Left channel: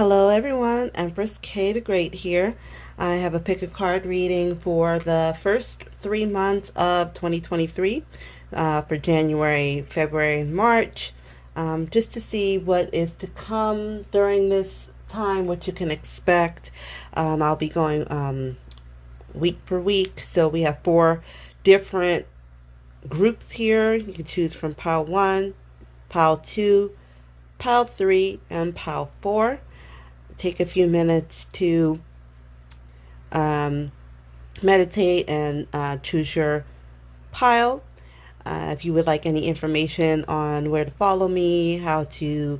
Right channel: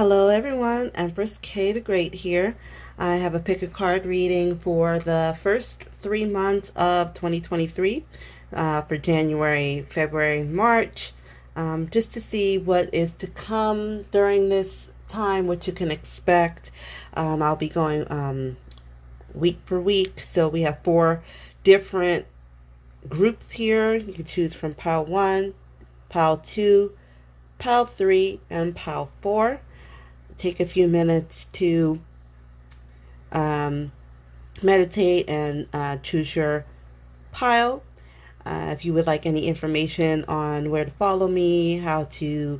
Hello everyone, Empress Kay the Great here. I have a pick a card reading for the first 3 months of 2023 for January, February, and March, just to see what is to come during this time, what you can expect. I'll be going week per week, so we have 4 different groups here. You can choose from pile 1, pile 2, pile 3, and pile 4. Take a few minutes to meditate and choose your pile. If you would like any information on where to follow me, how to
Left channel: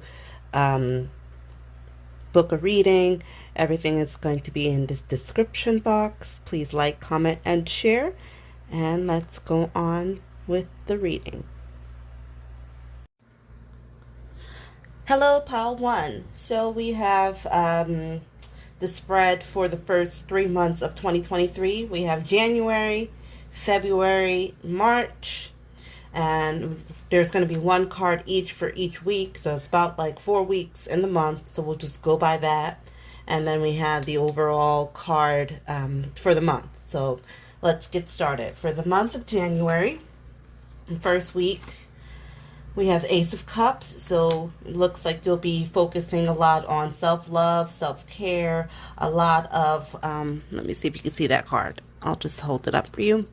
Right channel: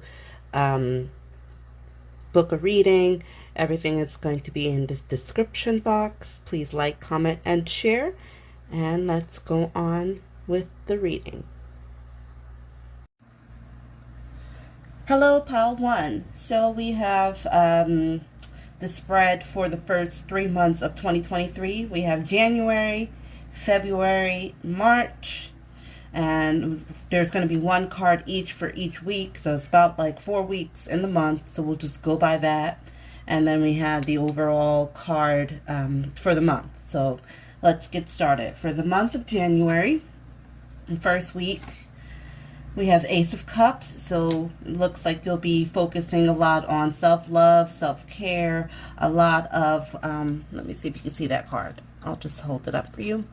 book a reading, everything is going to be in this description box. Please like, comment, and share. And let's go on with the reading. Hello, pile 1. So we have the spread for the first 3 months of 2023. We have January, February, March, and there's going to be 1 card each for each week. So it's about like 4 weeks in the month. So we'll just go by that. And then we have the overall card for the month. So let's get started. For the month of January, the first week, we have Ace of Cups, so it looks like you'll be focusing a lot on self-love, self-care, a lot of, let me see if you can see that card. I'll just hold it up for you.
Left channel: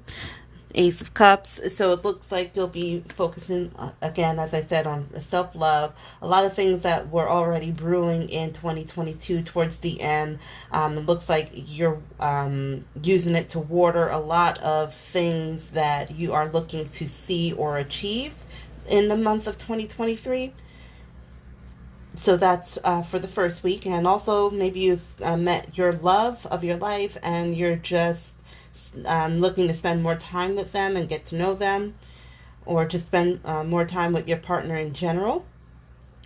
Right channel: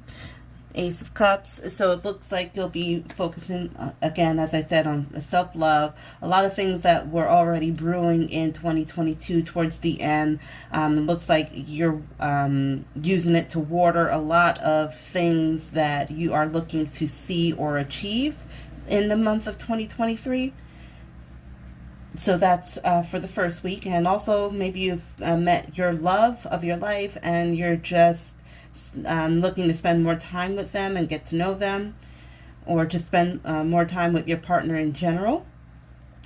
Ace of Cups, so it looks like you'll be focusing, again, as I said, on self-love. A lot of things that were already brewing in 2022 towards the end. It looks like you're using it to water a lot of things that you are looking to see or achieve in the month of 2023. So that's for the first week. And also maybe you've met your love of your life and you're just looking to spend more time with them and get to know them, or to spend more time with your partner in general.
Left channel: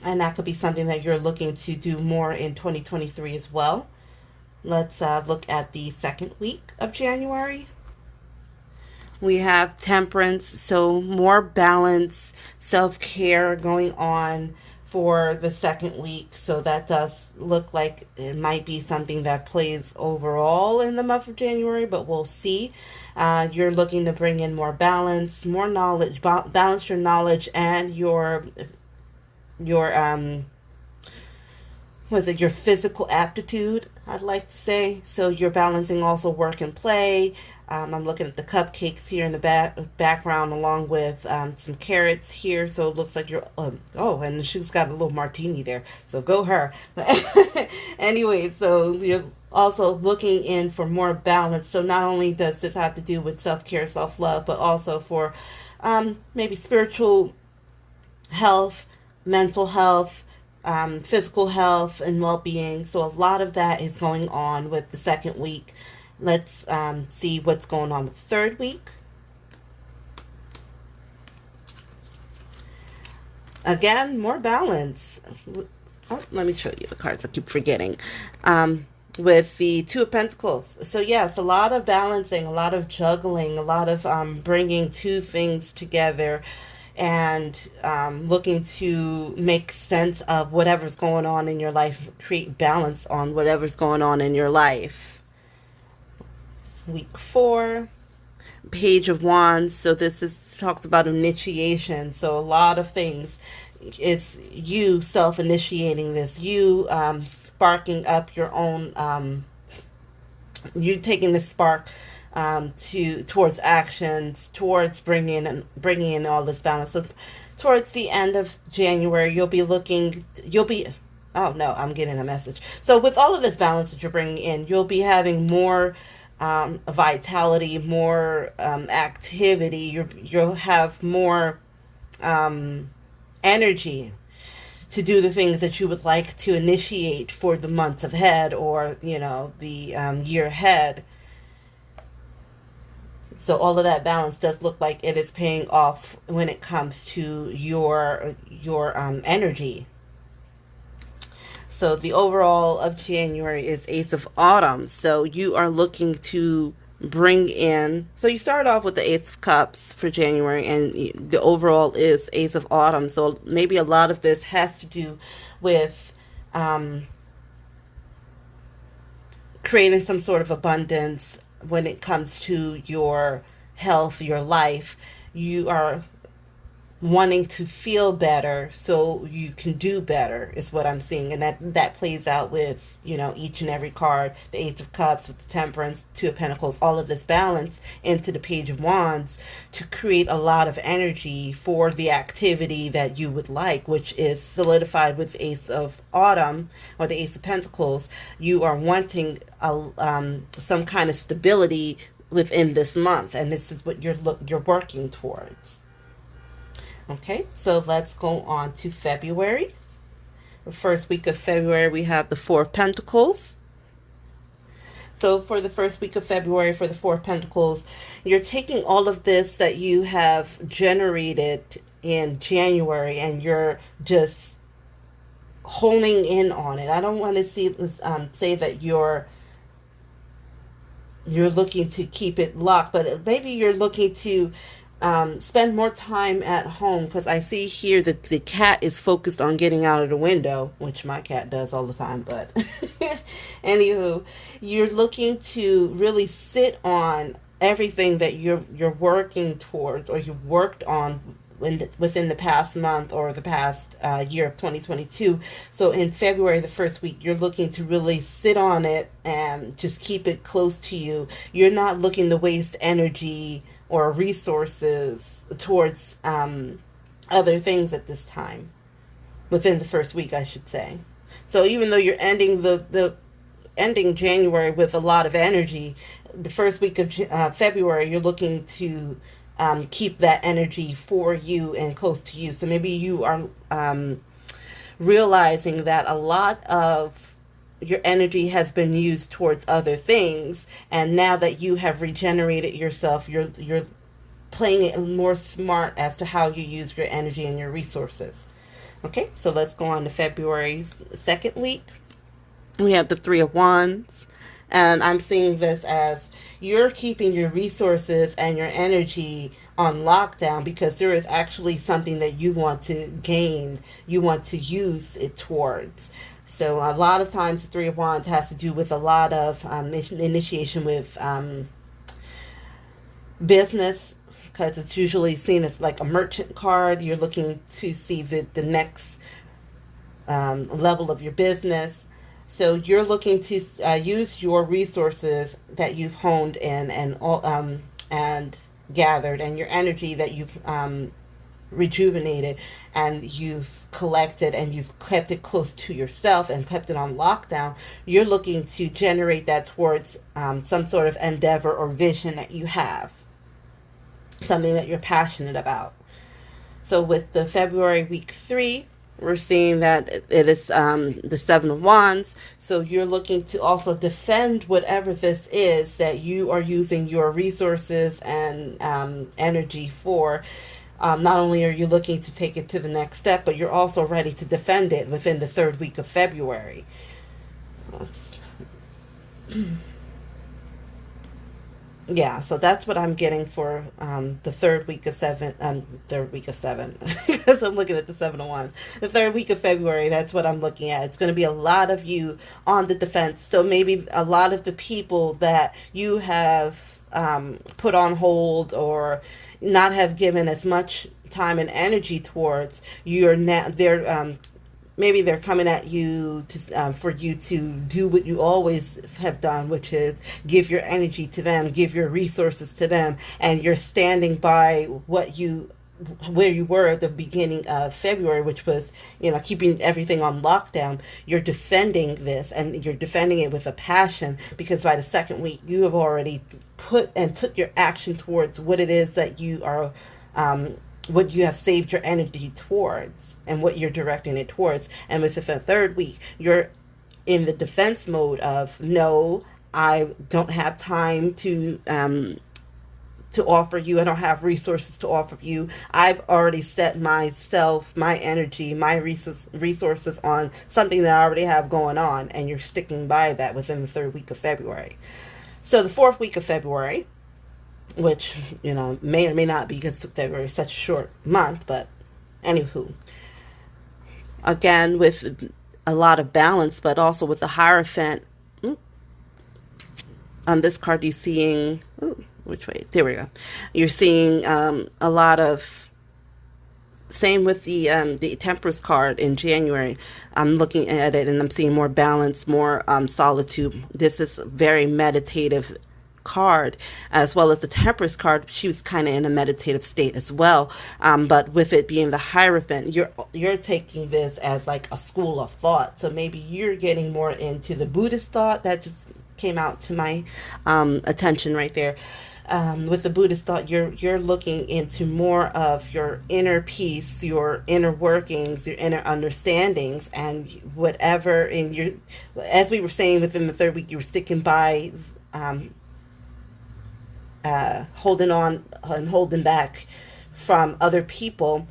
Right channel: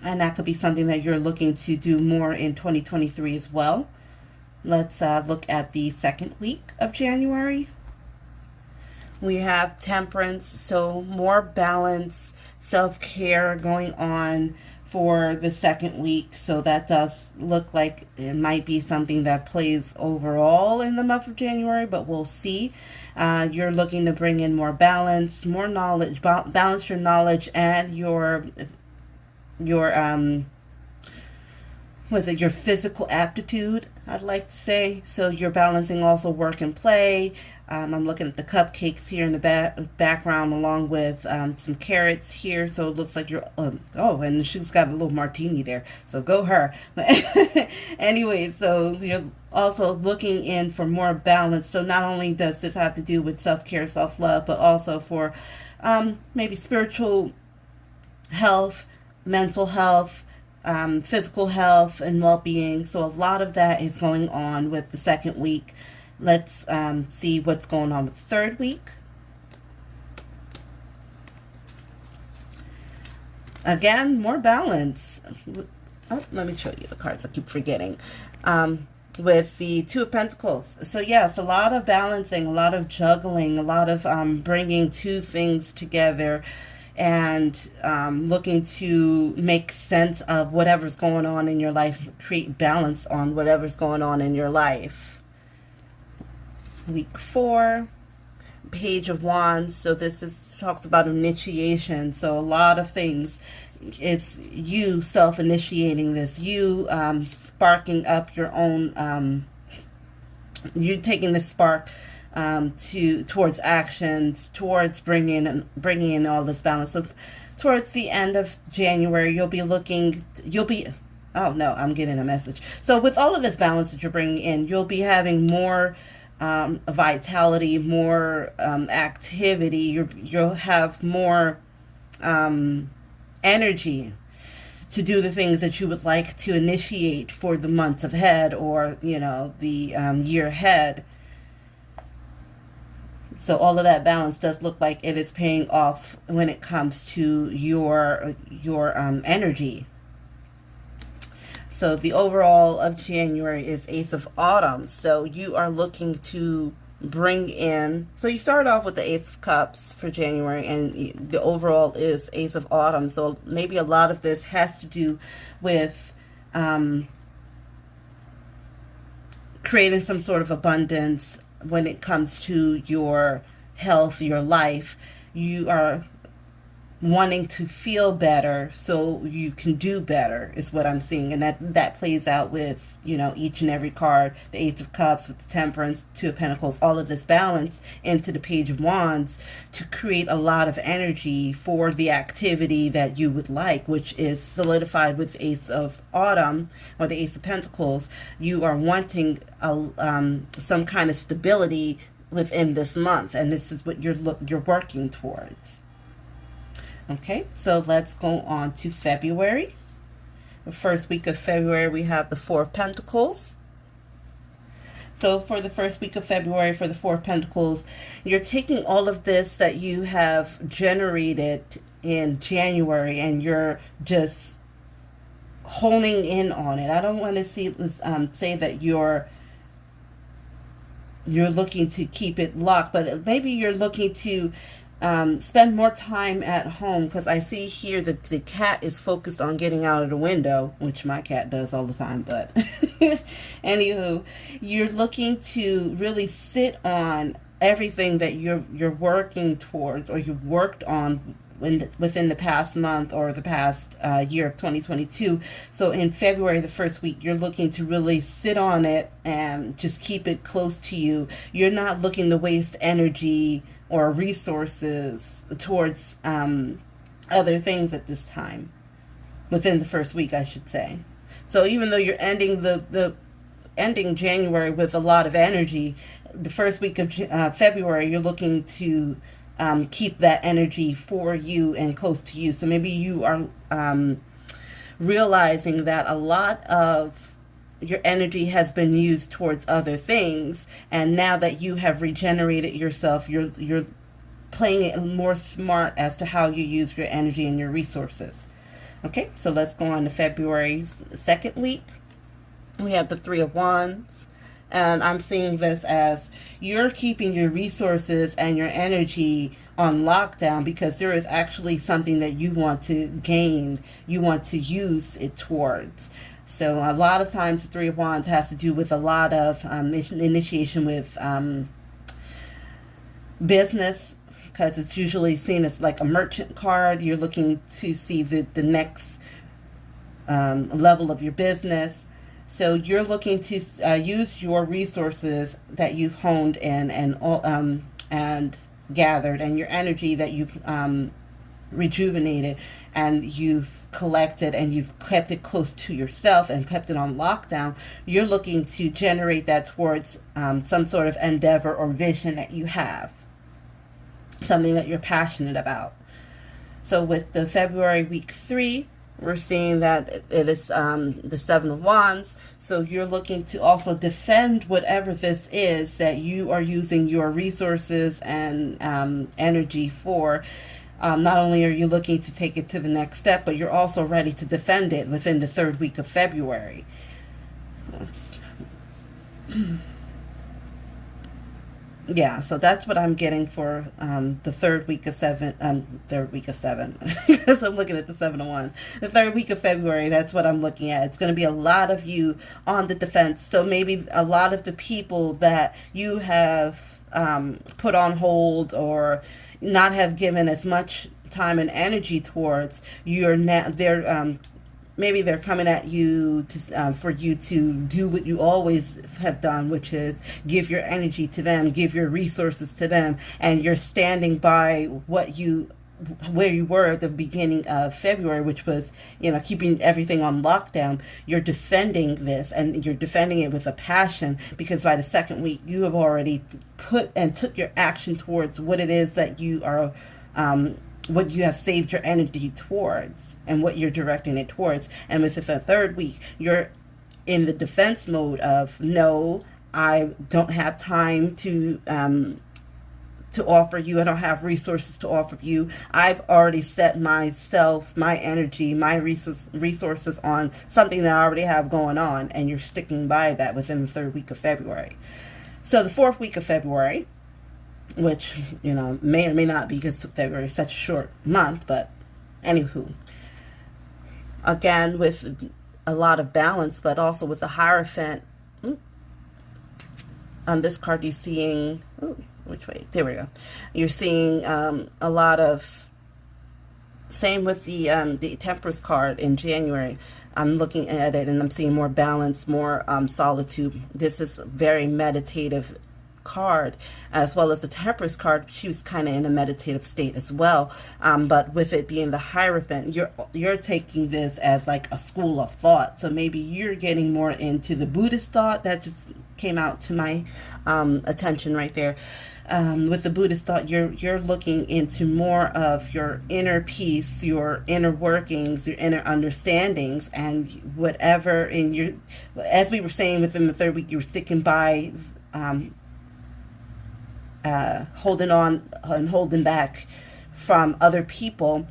And that could be something that you're looking to do more in 2023 as well. Let's look at the second week of January. We have Temperance, so more balance, self-care going on for the second week. So that does look like it might be something that plays overall in the month of January, but we'll see. You're looking to bring in more balance, more knowledge, balance your knowledge and your your physical aptitude, I'd like to say. So you're balancing also work and play. I'm looking at the cupcakes here in the background, along with some carrots here. So it looks like you're, oh, and she's got a little martini there. So go her. Anyway, so you're also looking in for more balance. So not only does this have to do with self-care, self-love, but also for maybe spiritual health, mental health, physical health, and well-being. So a lot of that is going on with the second week. Let's see what's going on with the third week. Again, more balance. Oh, let me show you the cards. I keep forgetting. With the Two of Pentacles. So yes, a lot of balancing, a lot of juggling, a lot of bringing two things together, and looking to make sense of whatever's going on in your life, create balance on whatever's going on in your life. Week 4, Page of Wands. So this talks about initiation. So a lot of things. It's you self-initiating this. You sparking up your own. You taking the spark towards actions, towards bringing in all this balance. So towards the end of January, oh no, I'm getting a message. So with all of this balance that you're bringing in, you'll be having more vitality, more activity. You'll have more energy to do the things that you would like to initiate for the months ahead, or the year ahead. So all of that balance does look like it is paying off when it comes to your energy. So the overall of January is Ace of Autumn. So you are looking to bring in, so you start off with the Ace of Cups for January, and the overall is Ace of Autumn. So maybe a lot of this has to do with creating some sort of abundance when it comes to your health, your life. You are wanting to feel better so you can do better is what I'm seeing. And that plays out with, each and every card. The Ace of Cups with the Temperance, Two of Pentacles, all of this balance into the Page of Wands to create a lot of energy for the activity that you would like, which is solidified with the Ace of Autumn or the Ace of Pentacles. You are wanting some kind of stability within this month, and this is what you're working towards. Okay, so let's go on to February. The first week of February, we have the Four of Pentacles. So for the first week of February, for the Four of Pentacles, you're taking all of this that you have generated in January and you're just honing in on it. I don't want to say that you're looking to keep it locked, but maybe you're looking to spend more time at home, because I see here that the cat is focused on getting out of the window, which my cat does all the time, but anywho, you're looking to really sit on everything that you're working towards or you worked on within the past month or the past year of 2022. So in February, the first week, you're looking to really sit on it and just keep it close to you. You're not looking to waste energy or resources towards other things at this time, within the first week, I should say. So even though you're ending ending January with a lot of energy, the first week of February, you're looking to keep that energy for you and close to you. So maybe you are realizing that a lot of your energy has been used towards other things, and now that you have regenerated yourself, you're playing it more smart as to how you use your energy and your resources. Okay, so let's go on to February 2nd week. We have the Three of Wands, and I'm seeing this as you're keeping your resources and your energy on lockdown because there is actually something that you want to gain, you want to use it towards. So a lot of times the Three of Wands has to do with a lot of initiation with business, because it's usually seen as like a merchant card. You're looking to see the next level of your business. So you're looking to use your resources that you've honed in and gathered, and your energy that you've rejuvenated and you've collected and you've kept it close to yourself and kept it on lockdown. You're looking to generate that towards some sort of endeavor or vision that you have, something that you're passionate about. So with the February week 3, we're seeing that it is the Seven of Wands. So you're looking to also defend whatever this is that you are using your resources and energy for. Not only are you looking to take it to the next step, but you're also ready to defend it within the 3rd week of February. Yeah, so that's what I'm getting for the 3rd week of 7, because I'm looking at the 7 of Wands. The 3rd week of February, that's what I'm looking at. It's going to be a lot of you on the defense. So maybe a lot of the people that you have put on hold or not have given as much time and energy towards, maybe they're coming at you to for you to do what you always have done, which is give your energy to them, give your resources to them, and you're standing by where you were at the beginning of February, which was, keeping everything on lockdown. You're defending this, and you're defending it with a passion, because by the 2nd week, you have already put and took your action towards what it is that you are, what you have saved your energy towards, and what you're directing it towards. And with the 3rd week, you're in the defense mode of, no, I don't have time to offer you. I don't have resources to offer you. I've already set myself, my energy, my resources on something that I already have going on, and you're sticking by that within the 3rd week of February. So the 4th week of February, which, may or may not be, because February is such a short month, but anywho, again, with a lot of balance, but also with the Hierophant, on this card, you're seeing, ooh, which way? There we go. You're seeing a lot of, same with the Temperance card in January. I'm looking at it and I'm seeing more balance, more solitude. This is a very meditative card, as well as the Temperance card. She was kind of in a meditative state as well. But with it being the Hierophant, you're taking this as like a school of thought. So maybe you're getting more into the Buddhist thought. That just came out to my attention right there. With the Buddhist thought, you're looking into more of your inner peace, your inner workings, your inner understandings, and whatever in your, as we were saying within the third week, you were sticking by, holding on and holding back from other people.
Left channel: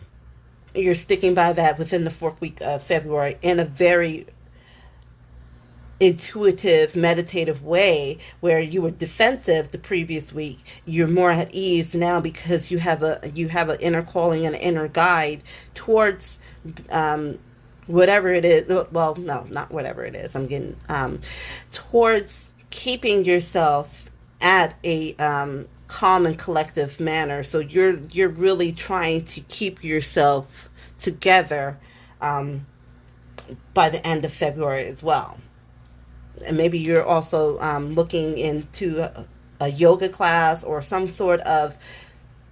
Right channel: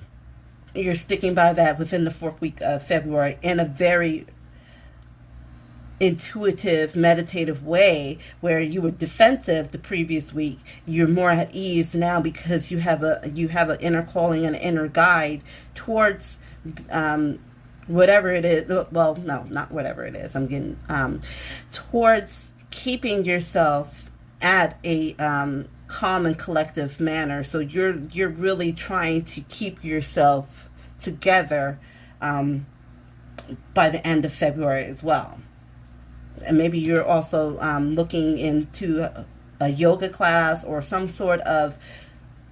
You're sticking by that within the fourth week of February in a very intuitive, meditative way, where you were defensive the previous week. You're more at ease now because you have an inner calling and an inner guide towards whatever it is. Well, no, not whatever it is. I'm getting towards keeping yourself at a calm and collective manner. So you're really trying to keep yourself together by the end of February as well. And maybe you're also looking into a yoga class or some sort of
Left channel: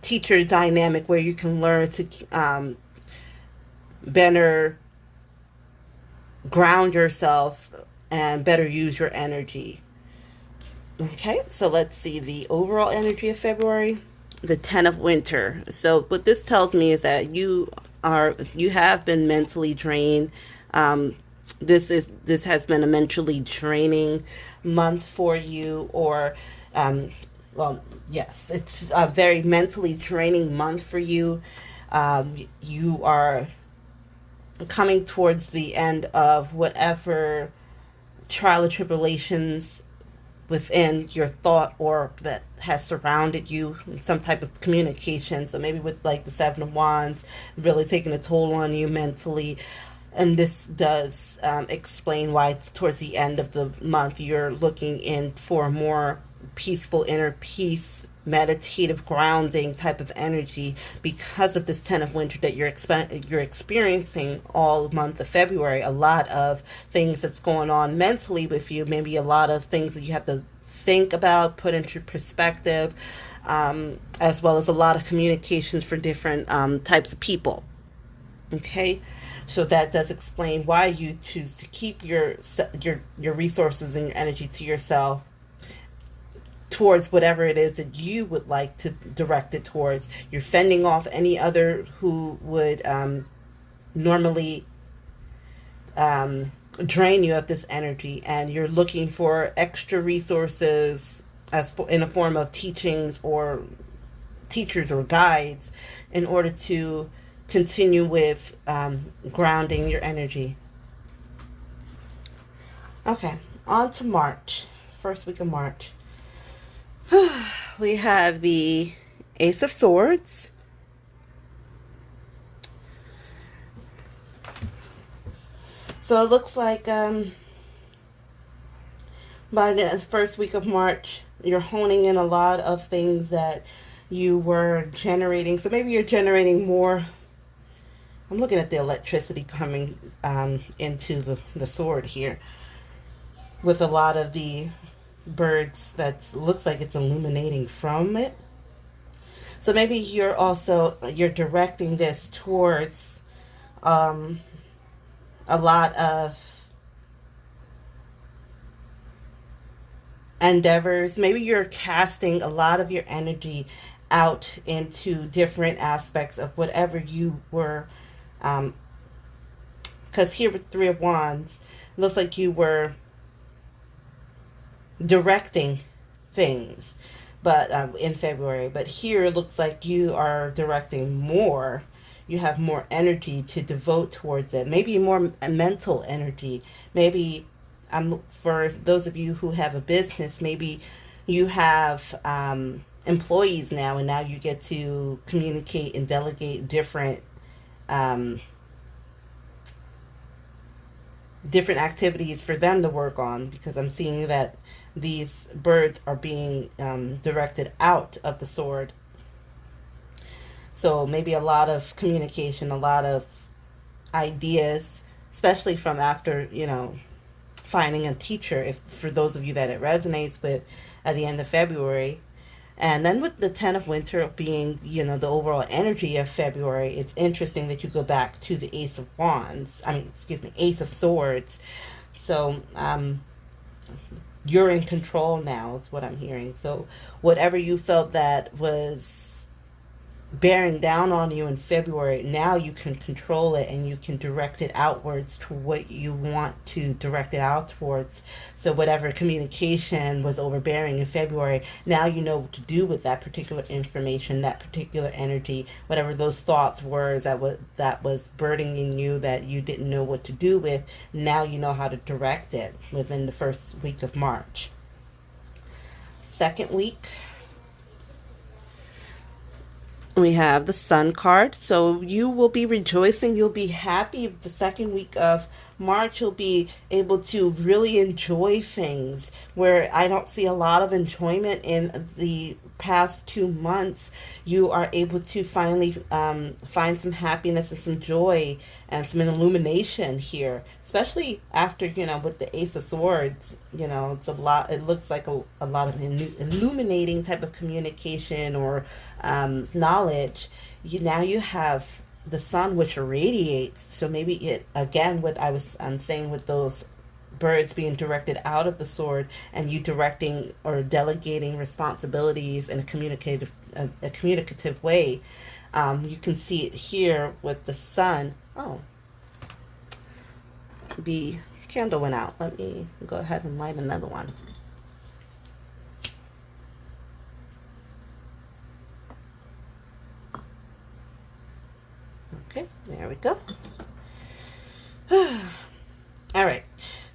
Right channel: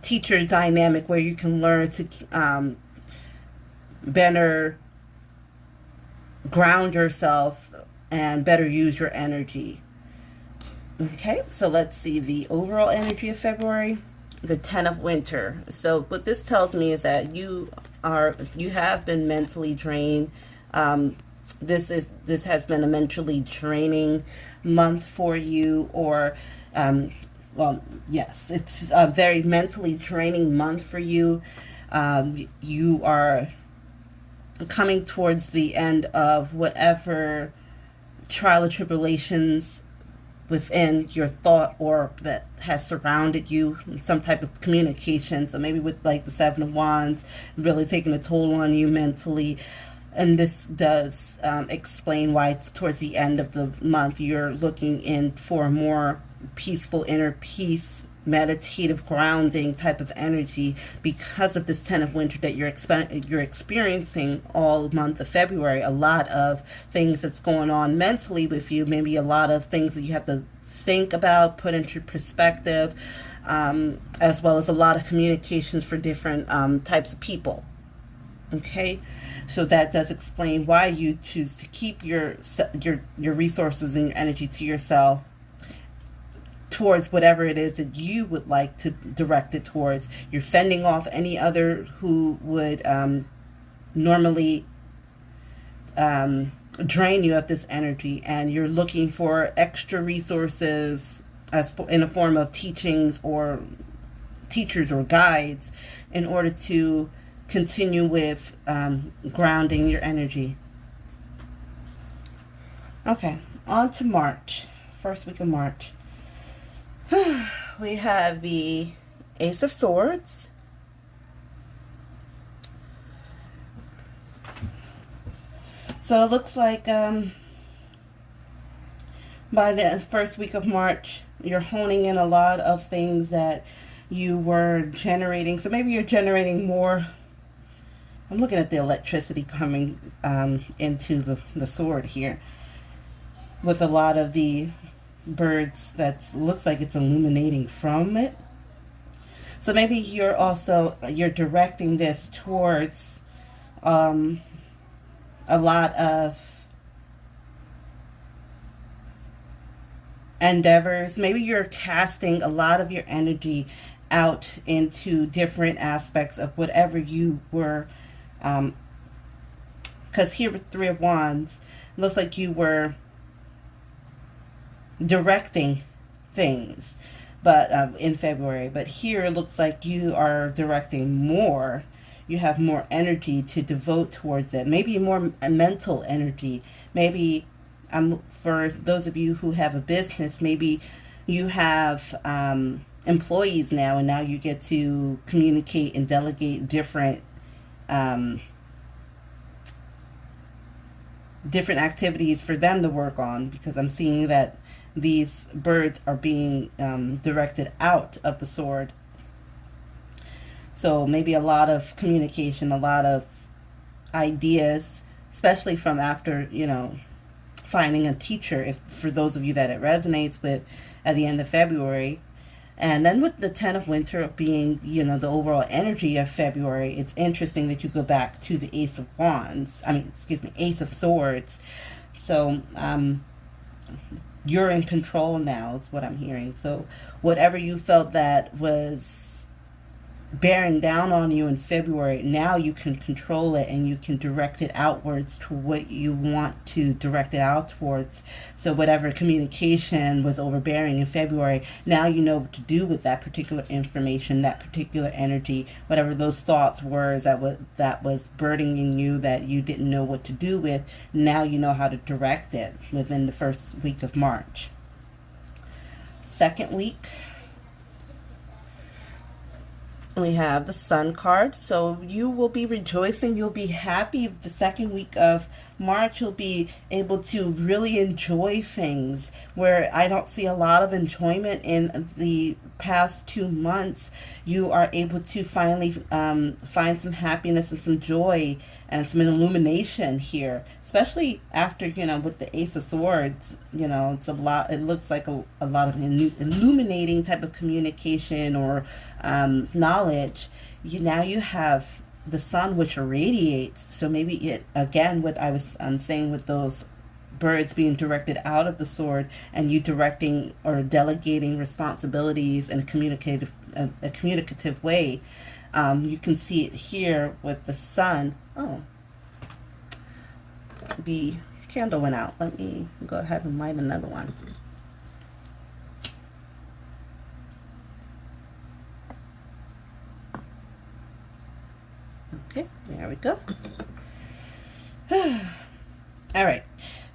teacher dynamic where you can learn to better ground yourself and better use your energy. Okay, so let's see the overall energy of February. The 10 of Winter. So what this tells me is that you have been mentally drained. This has been a mentally draining month for you, or well, yes, it's a very mentally draining month for you. You are coming towards the end of whatever trial or tribulations within your thought or that has surrounded you, some type of communication. So maybe with like the Seven of Wands really taking a toll on you mentally. And this does explain why it's towards the end of the month you're looking in for more peaceful inner peace, meditative grounding type of energy, because of this 10 of Winter that you're experiencing all month of February. A lot of things that's going on mentally with you, maybe a lot of things that you have to think about, put into perspective, as well as a lot of communications for different types of people. Okay, so that does explain why you choose to keep your resources and your energy to yourself towards whatever it is that you would like to direct it towards. You're fending off any other who would normally drain you of this energy, and you're looking for extra resources in a form of teachings or teachers or guides in order to continue with grounding your energy. Okay, on to March, first week of March. We have the Ace of Swords. So it looks like by the first week of March, you're honing in a lot of things that you were generating. So maybe you're generating more. I'm looking at the electricity coming into the sword here, with a lot of the birds that looks like it's illuminating from it. So maybe you're directing this towards a lot of endeavors. Maybe you're casting a lot of your energy out into different aspects of whatever you were, because here with Three of Wands, it looks like you were directing things, but in February, but here it looks like you are directing more. You have more energy to devote towards it, maybe more mental energy. Maybe for those of you who have a business, maybe you have employees now, and now you get to communicate and delegate different different activities for them to work on, because I'm seeing that these birds are being directed out of the sword. So maybe a lot of communication, a lot of ideas, especially from after, finding a teacher, if for those of you that it resonates with, at the end of February. And then with the 10 of Winter being, the overall energy of February, it's interesting that you go back to the Ace of Wands. Ace of Swords. So, you're in control now, is what I'm hearing. So, whatever you felt that was bearing down on you in February, now you can control it and you can direct it outwards to what you want to direct it out towards. So whatever communication was overbearing in February, now you know what to do with that particular information, that particular energy, whatever those thoughts were that was burdening you, that you didn't know what to do with. Now you know how to direct it within the first week of March. Second week, we have the Sun card. So you will be rejoicing. You'll be happy. The second week of March, you'll be able to really enjoy things where I don't see a lot of enjoyment in the past 2 months. You are able to finally find some happiness and some joy and some illumination here, especially after, with the Ace of Swords. It's a lot. It looks like a lot of illuminating type of communication or knowledge. Now you have the sun, which irradiates. So maybe it, again, what I was saying with those birds being directed out of the sword, and you directing or delegating responsibilities in a communicative way. You can see it here with the sun. Oh, the candle went out. Let me go ahead and light another one. Okay, there we go. All right.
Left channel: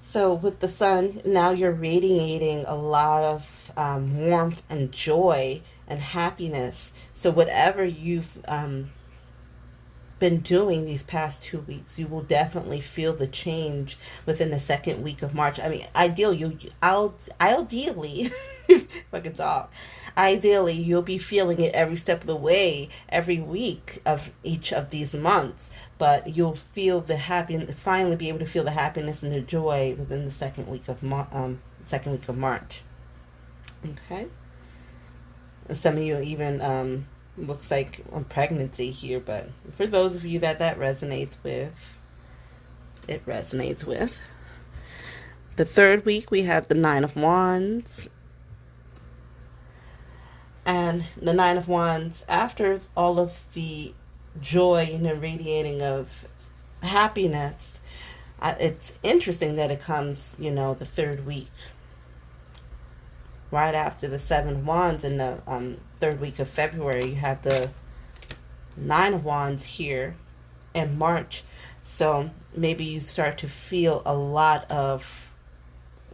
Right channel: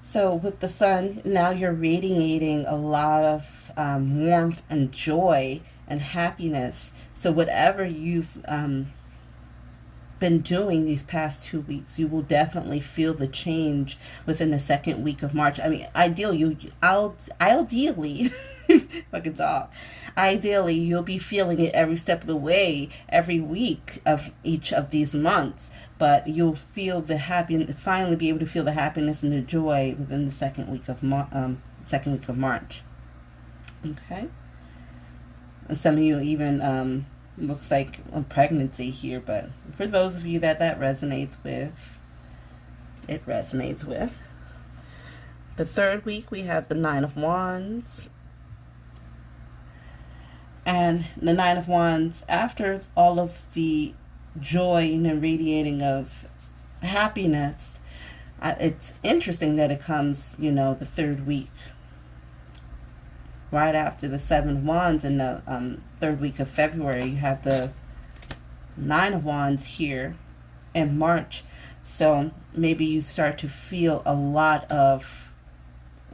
So with the sun, now you're radiating a lot of warmth and joy and happiness. So whatever you've been doing these past 2 weeks, you will definitely feel the change within the second week of March. Ideally, if I can talk, ideally you'll be feeling it every step of the way, every week of each of these months. But you'll feel the finally be able to feel the happiness and the joy within the second week of March. Okay. Some of you even looks like a pregnancy here, but for those of you that resonates with, it resonates with. The third week we have the Nine of Wands. And the Nine of Wands, after all of the joy and the radiating of happiness, it's interesting that it comes, the third week, right after the Seven of Wands. In the third week of February, you have the Nine of Wands here in March. So maybe you start to feel a lot of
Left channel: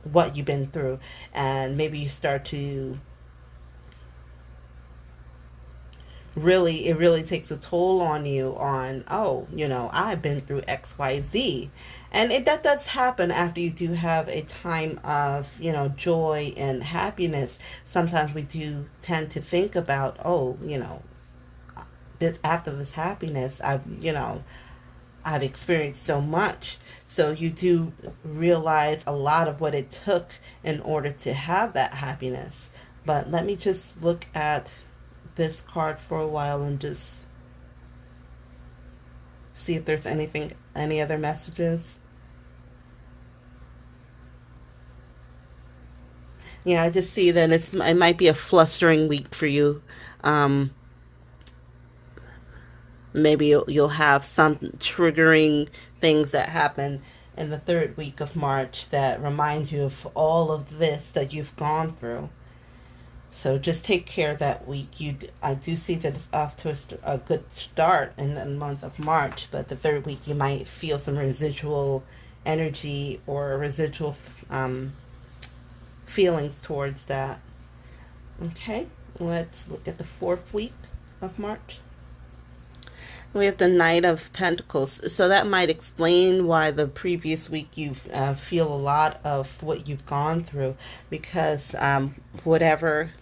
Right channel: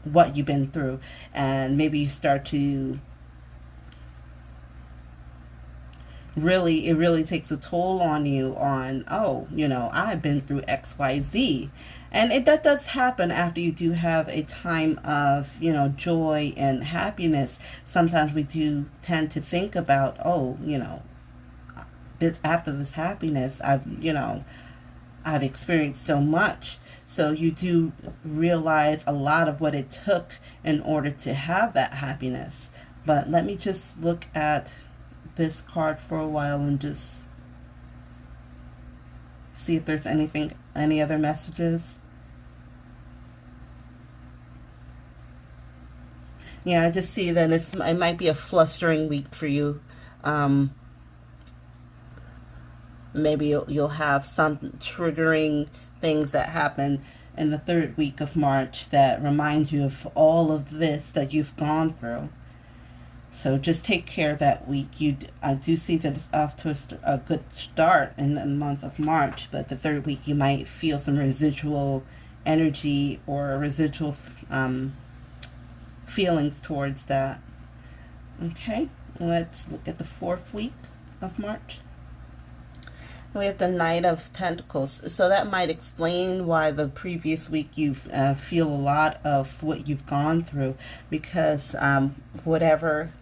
what you've been through, and maybe you start to it really takes a toll on you on, I've been through XYZ. And that does happen after you do have a time of, joy and happiness. Sometimes we do tend to think about, after this happiness, I've experienced so much. So you do realize a lot of what it took in order to have that happiness. But let me just look at this card for a while and just see if there's any other messages. Yeah, I just see that it might be a flustering week for you. Maybe you'll have some triggering things that happen in the third week of March that remind you of all of this that you've gone through. So just take care that week. I do see that it's off to a good start in the month of March, but the third week you might feel some residual energy or residual feelings towards that. Okay, let's look at the fourth week of March. We have the Knight of Pentacles. So that might explain why the previous week you feel a lot of what you've gone through, because whatever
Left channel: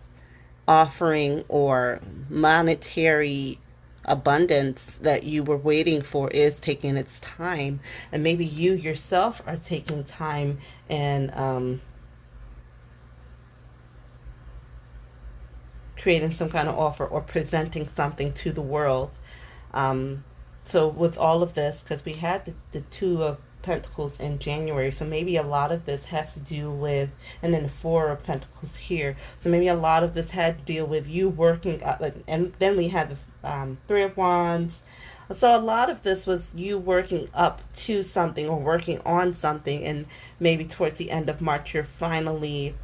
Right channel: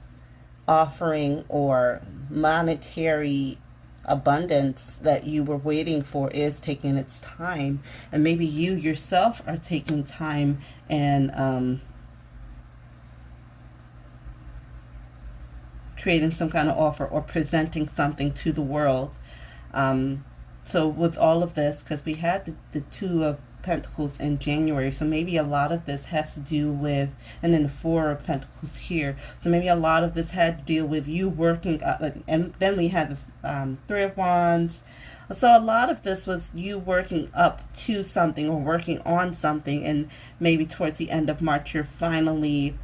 offering or monetary abundance that you were waiting for is taking its time. And maybe you yourself are taking time and creating some kind of offer or presenting something to the world. So with all of this, because we had the Two of Pentacles in January, so maybe a lot of this has to do with, and then the Four of Pentacles here, so maybe a lot of this had to deal with you working, and then we had the Three of Wands. So a lot of this was you working up to something or working on something, and maybe towards the end of March you're finally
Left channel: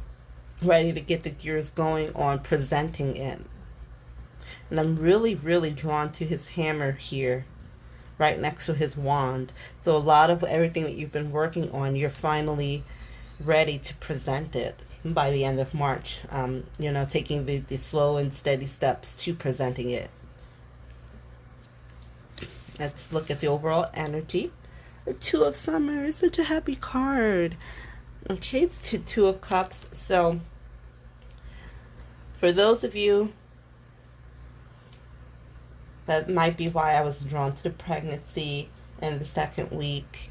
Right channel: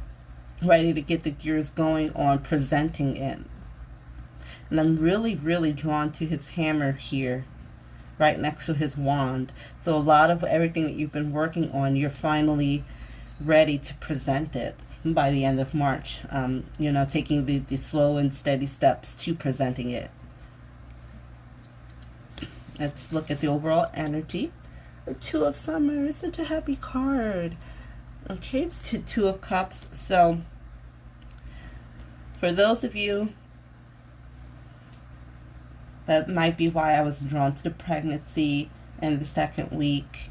ready to get the gears going on presenting it. And I'm really, really drawn to his hammer here, right next to his wand. So a lot of everything that you've been working on, you're finally ready to present it by the end of March. You know, taking the slow and steady steps to presenting it. Let's look at the overall energy. The Two of Summer is such a happy card. Okay, it's the Two of Cups. So for those of you, that might be why I was drawn to the pregnancy in the second week.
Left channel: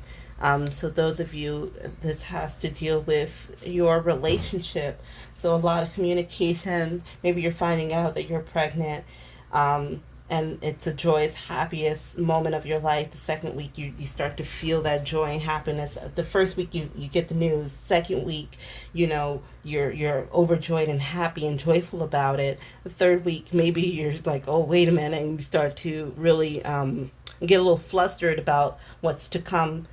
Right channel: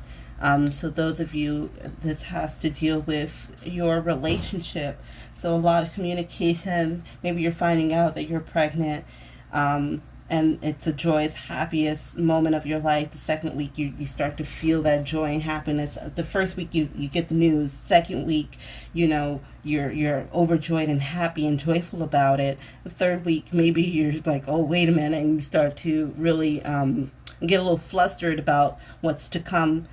So those of you, this has to deal with your relationship. So a lot of communication. Maybe you're finding out that you're pregnant, and it's a joyous, happiest moment of your life. The second week, you start to feel that joy and happiness. The first week, you get the news. Second week, you know, you're overjoyed and happy and joyful about it. The third week, maybe you're like, oh, wait a minute, and you start to really get a little flustered about what's to come.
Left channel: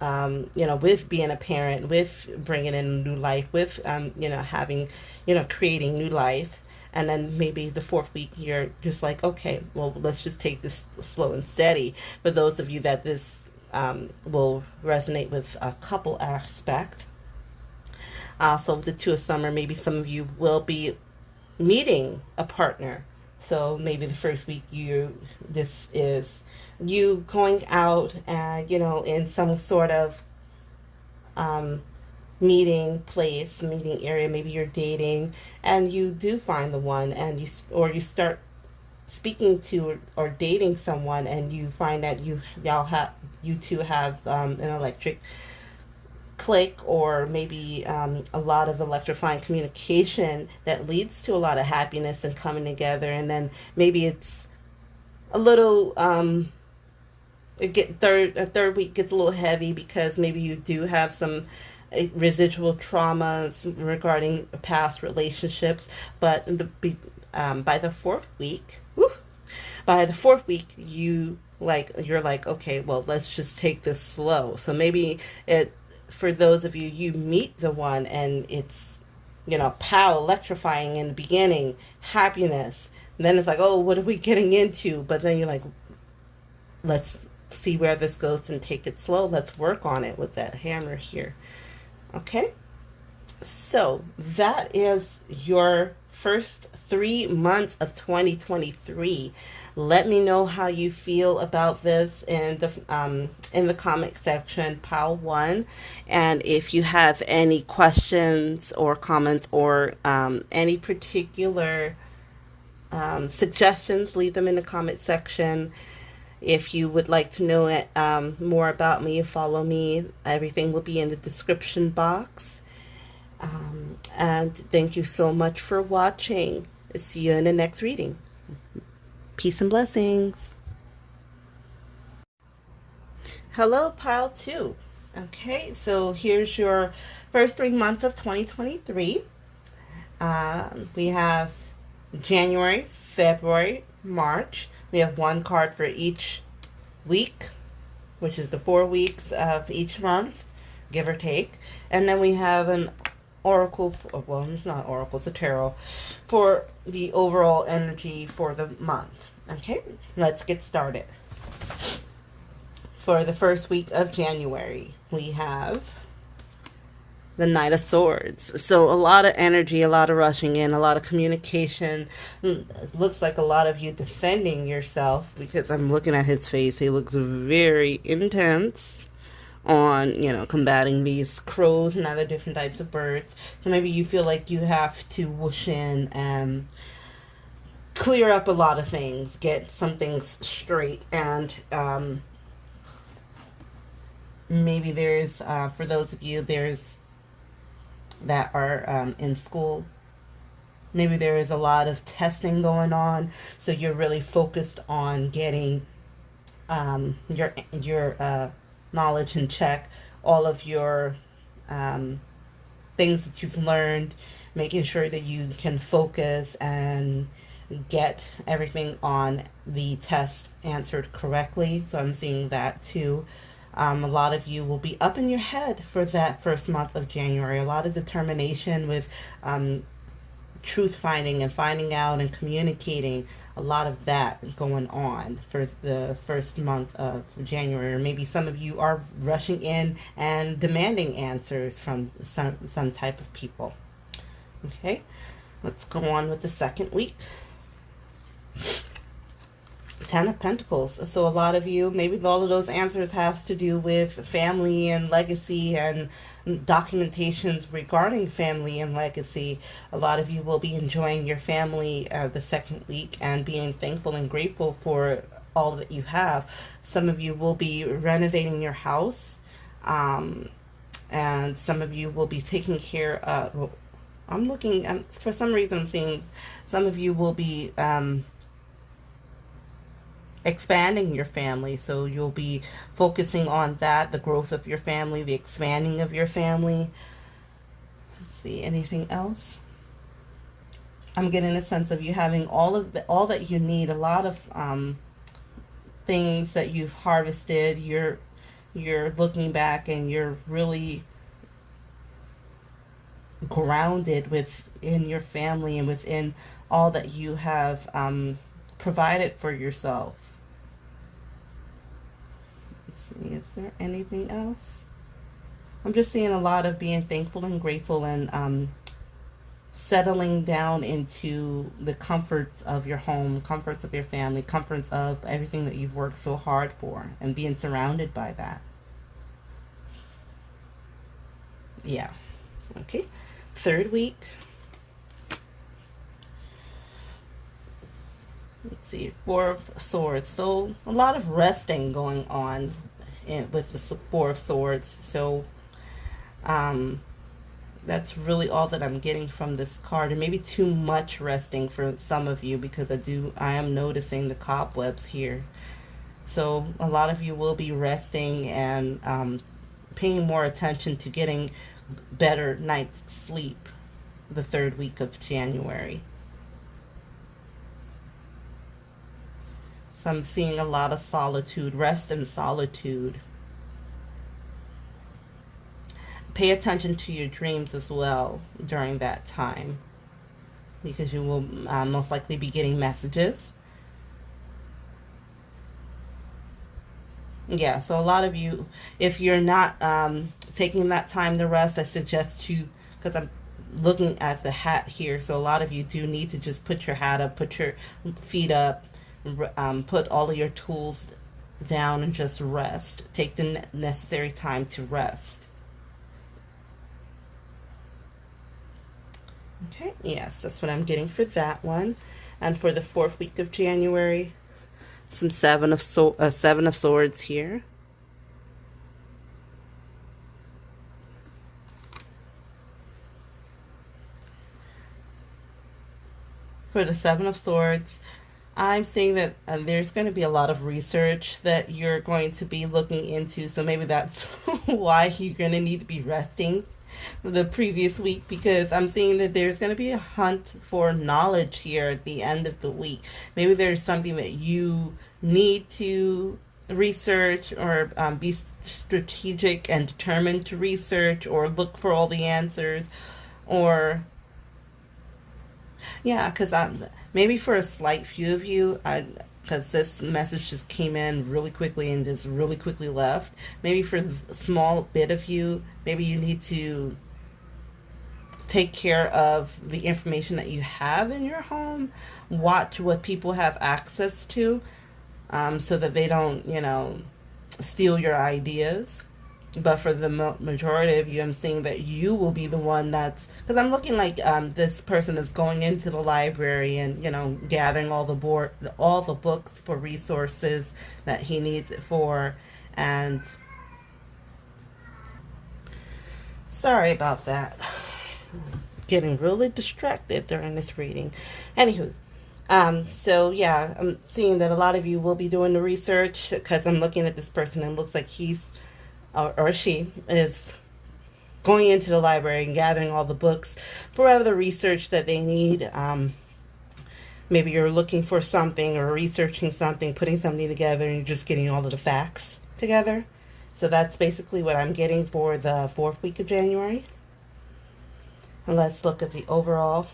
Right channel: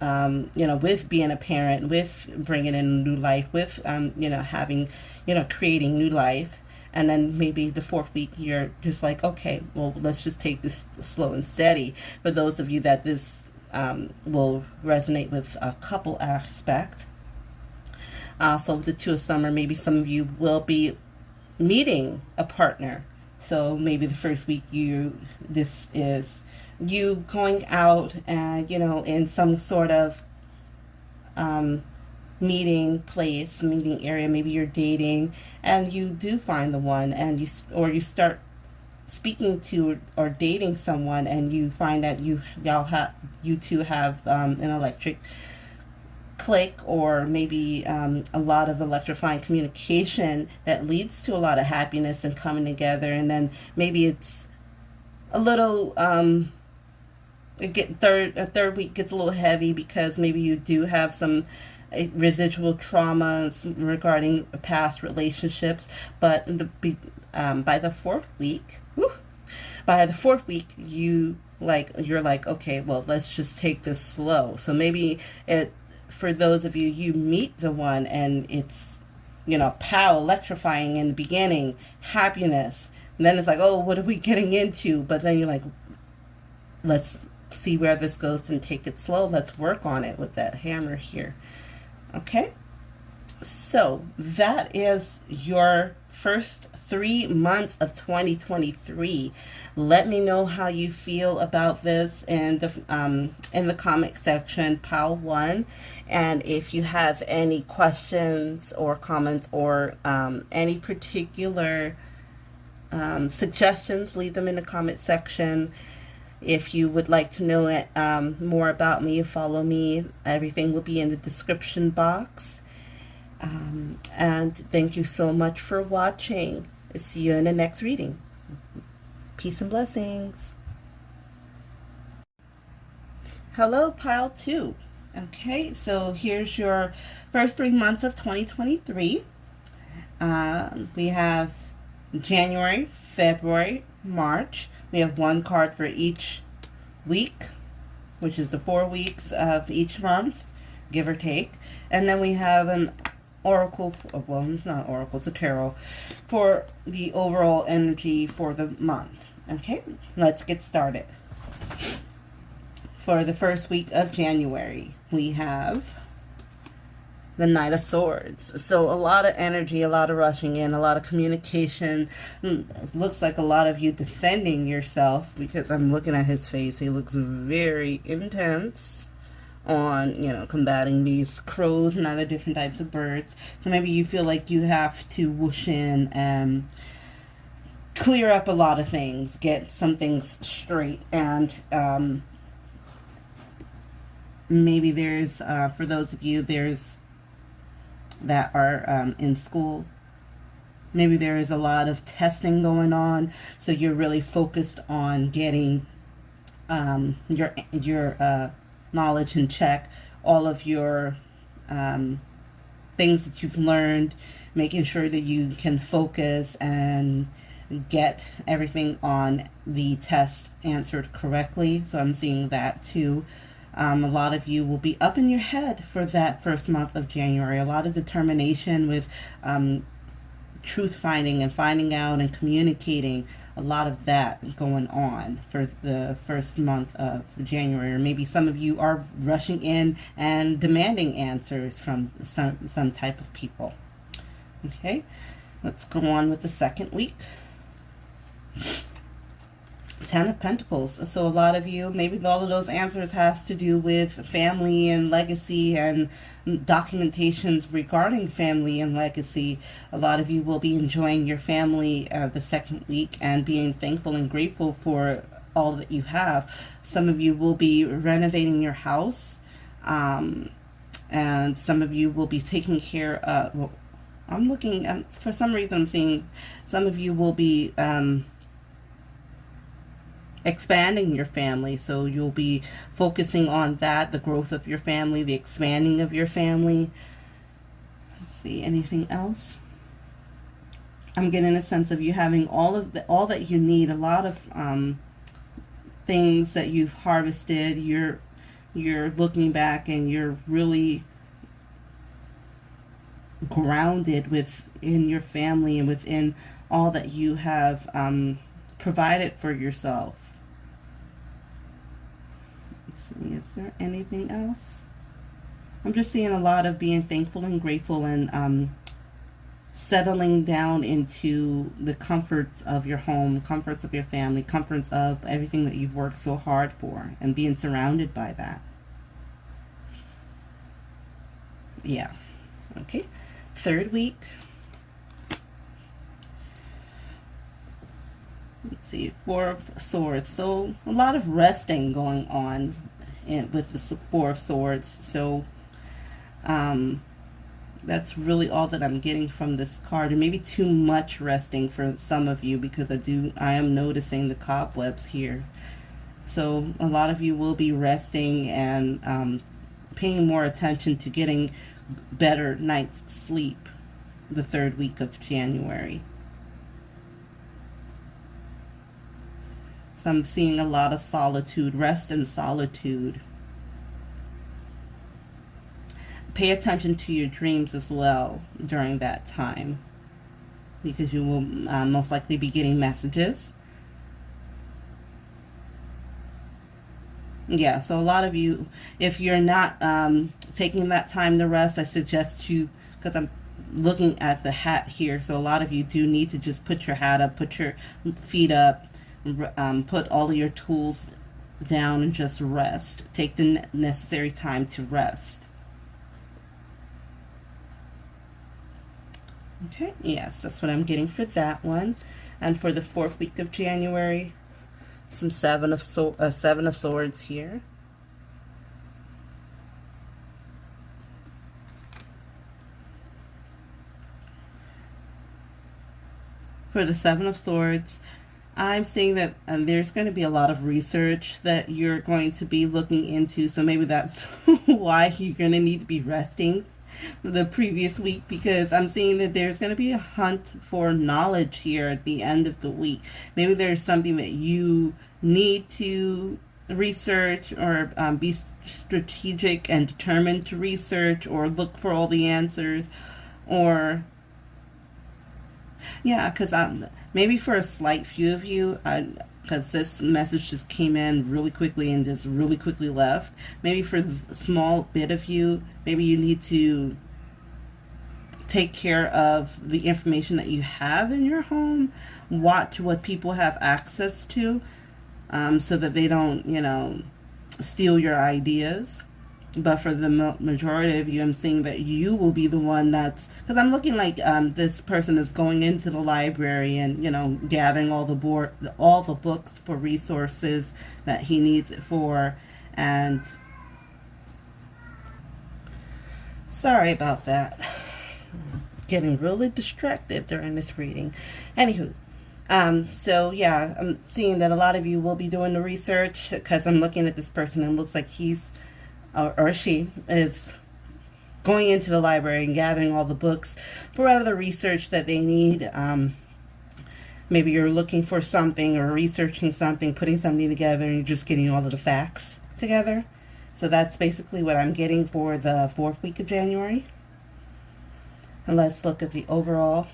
You know, with being a parent, with bringing in a new life, with you know, having, you know, creating new life. And then maybe the fourth week, you're just like, okay, well, let's just take this slow and steady. For those of you that this will resonate with a couple aspect. Also, with the Two of Summer, maybe some of you will be meeting a partner. So maybe the first week, this is you going out and, you know, in some sort of meeting place, meeting area. Maybe you're dating and you do find the one, and you start speaking to or dating someone, and you find that you two have an electric click, or maybe a lot of electrifying communication that leads to a lot of happiness and coming together. And then maybe it's a little third week gets a little heavy, because maybe you do have some residual traumas regarding past relationships. But by the fourth week, you're like, okay, well, let's just take this slow. So maybe for those of you, you meet the one and it's, you know, pow, electrifying in the beginning, happiness. And then it's like, oh, what are we getting into? But then you're like, let's see where this goes and take it slow. Let's work on it with that hammer here. Okay, so that is your first 3 months of 2023. Let me know how you feel about this in the comment section, pile 1. And if you have any questions or comments or any particular suggestions, leave them in the comment section. If you would like to know more about me, follow me. Everything will be in the description box. And thank you so much for watching. See you in the next reading. Peace and blessings. Hello, pile 2. Okay, so here's your first 3 months of 2023. We have January, February, March. We have one card for each week, which is the 4 weeks of each month, give or take. And then we have an oracle, well, it's not oracle, it's a tarot, for the overall energy for the month. Okay, let's get started. For the first week of January, we have the Knight of Swords. So a lot of energy, a lot of rushing in, a lot of communication. It looks like a lot of you defending yourself, because I'm looking at his face. He looks very intense on, combating these crows and other different types of birds. So maybe you feel like you have to whoosh in and clear up a lot of things, get some things straight, and maybe there's, for those of you that are in school, maybe there is a lot of testing going on, so you're really focused on getting your knowledge in check, all of your things that you've learned, making sure that you can focus and get everything on the test answered correctly. So I'm seeing that too. A lot of you will be up in your head for that first month of January. A lot of determination with truth finding and finding out and communicating. A lot of that going on for the first month of January. Or maybe some of you are rushing in and demanding answers from some type of people. Okay, let's go on with the second week. Ten of Pentacles. So a lot of you, maybe all of those answers have to do with family and legacy and documentations regarding family and legacy. A lot of you will be enjoying your family the second week and being thankful and grateful for all that you have. Some of you will be renovating your house, and some of you will be taking care of, well, I'm looking, for some reason I'm seeing some of you will be expanding your family, so you'll be focusing on that, the growth of your family, the expanding of your family. Let's see, anything else? I'm getting a sense of you having all that you need, a lot of things that you've harvested. You're looking back and you're really grounded within your family and within all that you have provided for yourself. Is there anything else? I'm just seeing a lot of being thankful and grateful and settling down into the comforts of your home, comforts of your family, comforts of everything that you've worked so hard for, and being surrounded by that. Yeah. Okay. Third week. Let's see, Four of Swords. So a lot of resting going on with the Four of Swords. So that's really all that I'm getting from this card, and maybe too much resting for some of you, because I am noticing the cobwebs here. So a lot of you will be resting and paying more attention to getting better night's sleep the third week of January. So I'm seeing a lot of solitude, rest and solitude. Pay attention to your dreams as well during that time, because you will most likely be getting messages. Yeah, so a lot of you, if you're not taking that time to rest, I suggest you, because I'm looking at the hat here, so a lot of you do need to just put your hat up, put your feet up, put all of your tools down and just rest. Take the necessary time to rest. Okay, yes, that's what I'm getting for that one. And for the fourth week of January, some Seven of Swords here. For the Seven of Swords, I'm seeing that there's going to be a lot of research that you're going to be looking into. So maybe that's why you're going to need to be resting the previous week, because I'm seeing that there's going to be a hunt for knowledge here at the end of the week. Maybe there's something that you need to research, or be strategic and determined to research, or look for all the answers, or yeah, because maybe for a slight few of you, because this message just came in really quickly and just really quickly left. Maybe for a small bit of you, maybe you need to take care of the information that you have in your home. Watch what people have access to, so that they don't, steal your ideas. But for the majority of you, I'm seeing that you will be the one that's, because I'm looking like this person is going into the library and gathering all the books for resources that he needs it for. And sorry about that, getting really distracted during this reading. Anywho, so yeah, I'm seeing that a lot of you will be doing the research, because I'm looking at this person and it looks like he's or she is going into the library and gathering all the books for whatever the research that they need. Maybe you're looking for something or researching something, putting something together, and you're just getting all of the facts together. So that's basically what I'm getting for the 4th week of January. And let's look at the overall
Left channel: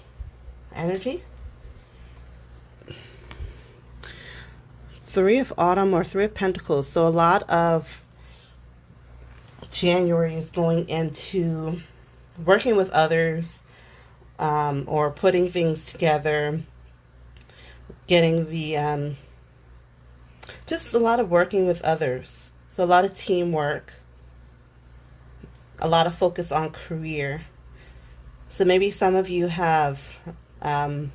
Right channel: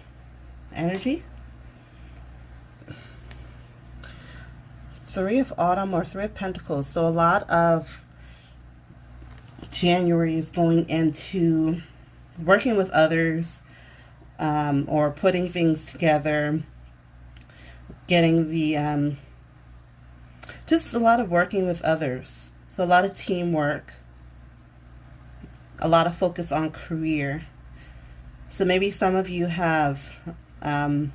energy. 3 of Autumn or 3 of Pentacles. So a lot of January is going into working with others, or putting things together, getting the just a lot of working with others. So a lot of teamwork, a lot of focus on career. So maybe some of you have some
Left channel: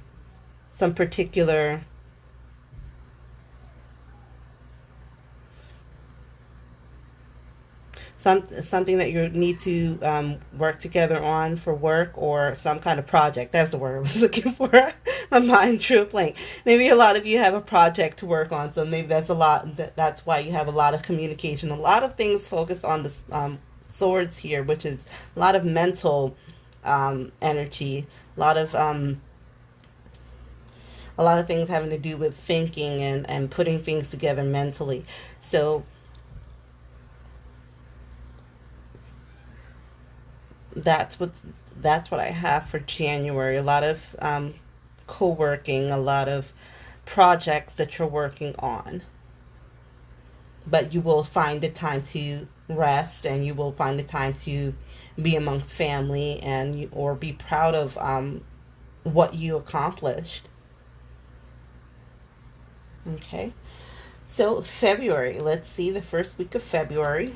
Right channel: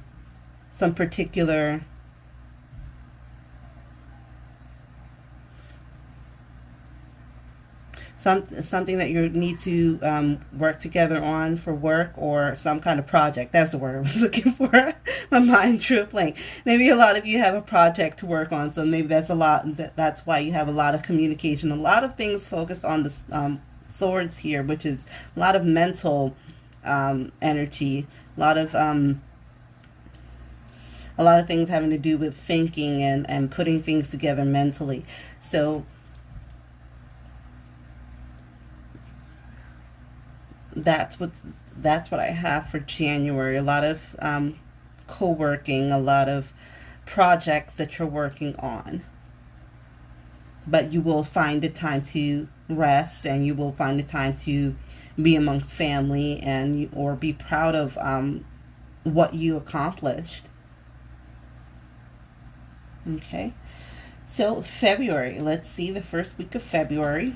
particular something that you need to work together on for work, or some kind of project. That's the word I was looking for. My mind drew a blank. Maybe a lot of you have a project to work on, so maybe that's a lot. That's why you have a lot of communication. A lot of things focused on the swords here, which is a lot of mental energy. A lot of things having to do with thinking and putting things together mentally. So that's what I have for January. A lot of co-working, a lot of projects that you're working on. But you will find the time to rest, and you will find the time to be amongst family, and or be proud of what you accomplished. Okay, so February. Let's see the 1st week of February.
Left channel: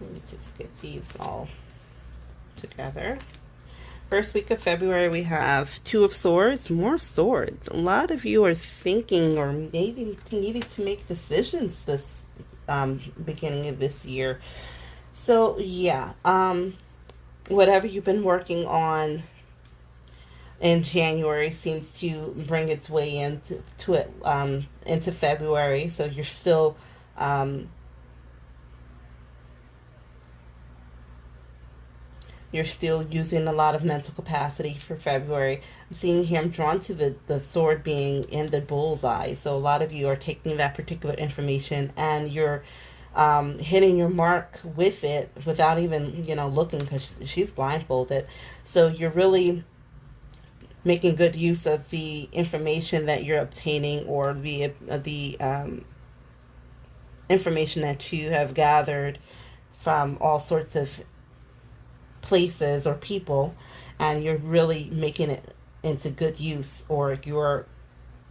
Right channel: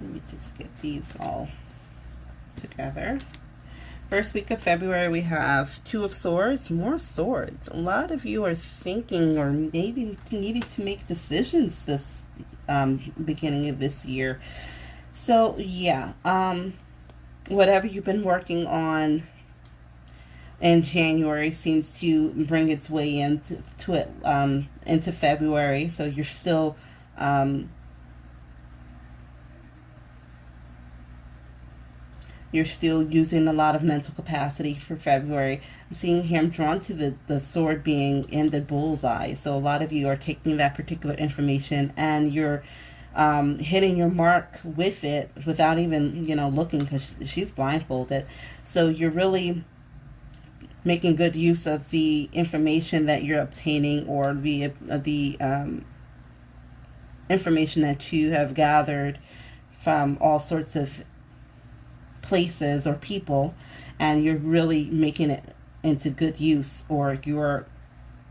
Let me just get these all together. 1st week of February, we have 2 of Swords, more swords. A lot of you are thinking or maybe needing to make decisions this beginning of this year. So yeah, whatever you've been working on in January seems to bring its way into February. So you're still using a lot of mental capacity for February. I'm seeing here, I'm drawn to the sword being in the bullseye. So a lot of you are taking that particular information and you're hitting your mark with it without even, looking, because she's blindfolded. So you're really making good use of the information that you're obtaining, or the information that you have gathered from all sorts of places or people, and you're really making it into good use, or you're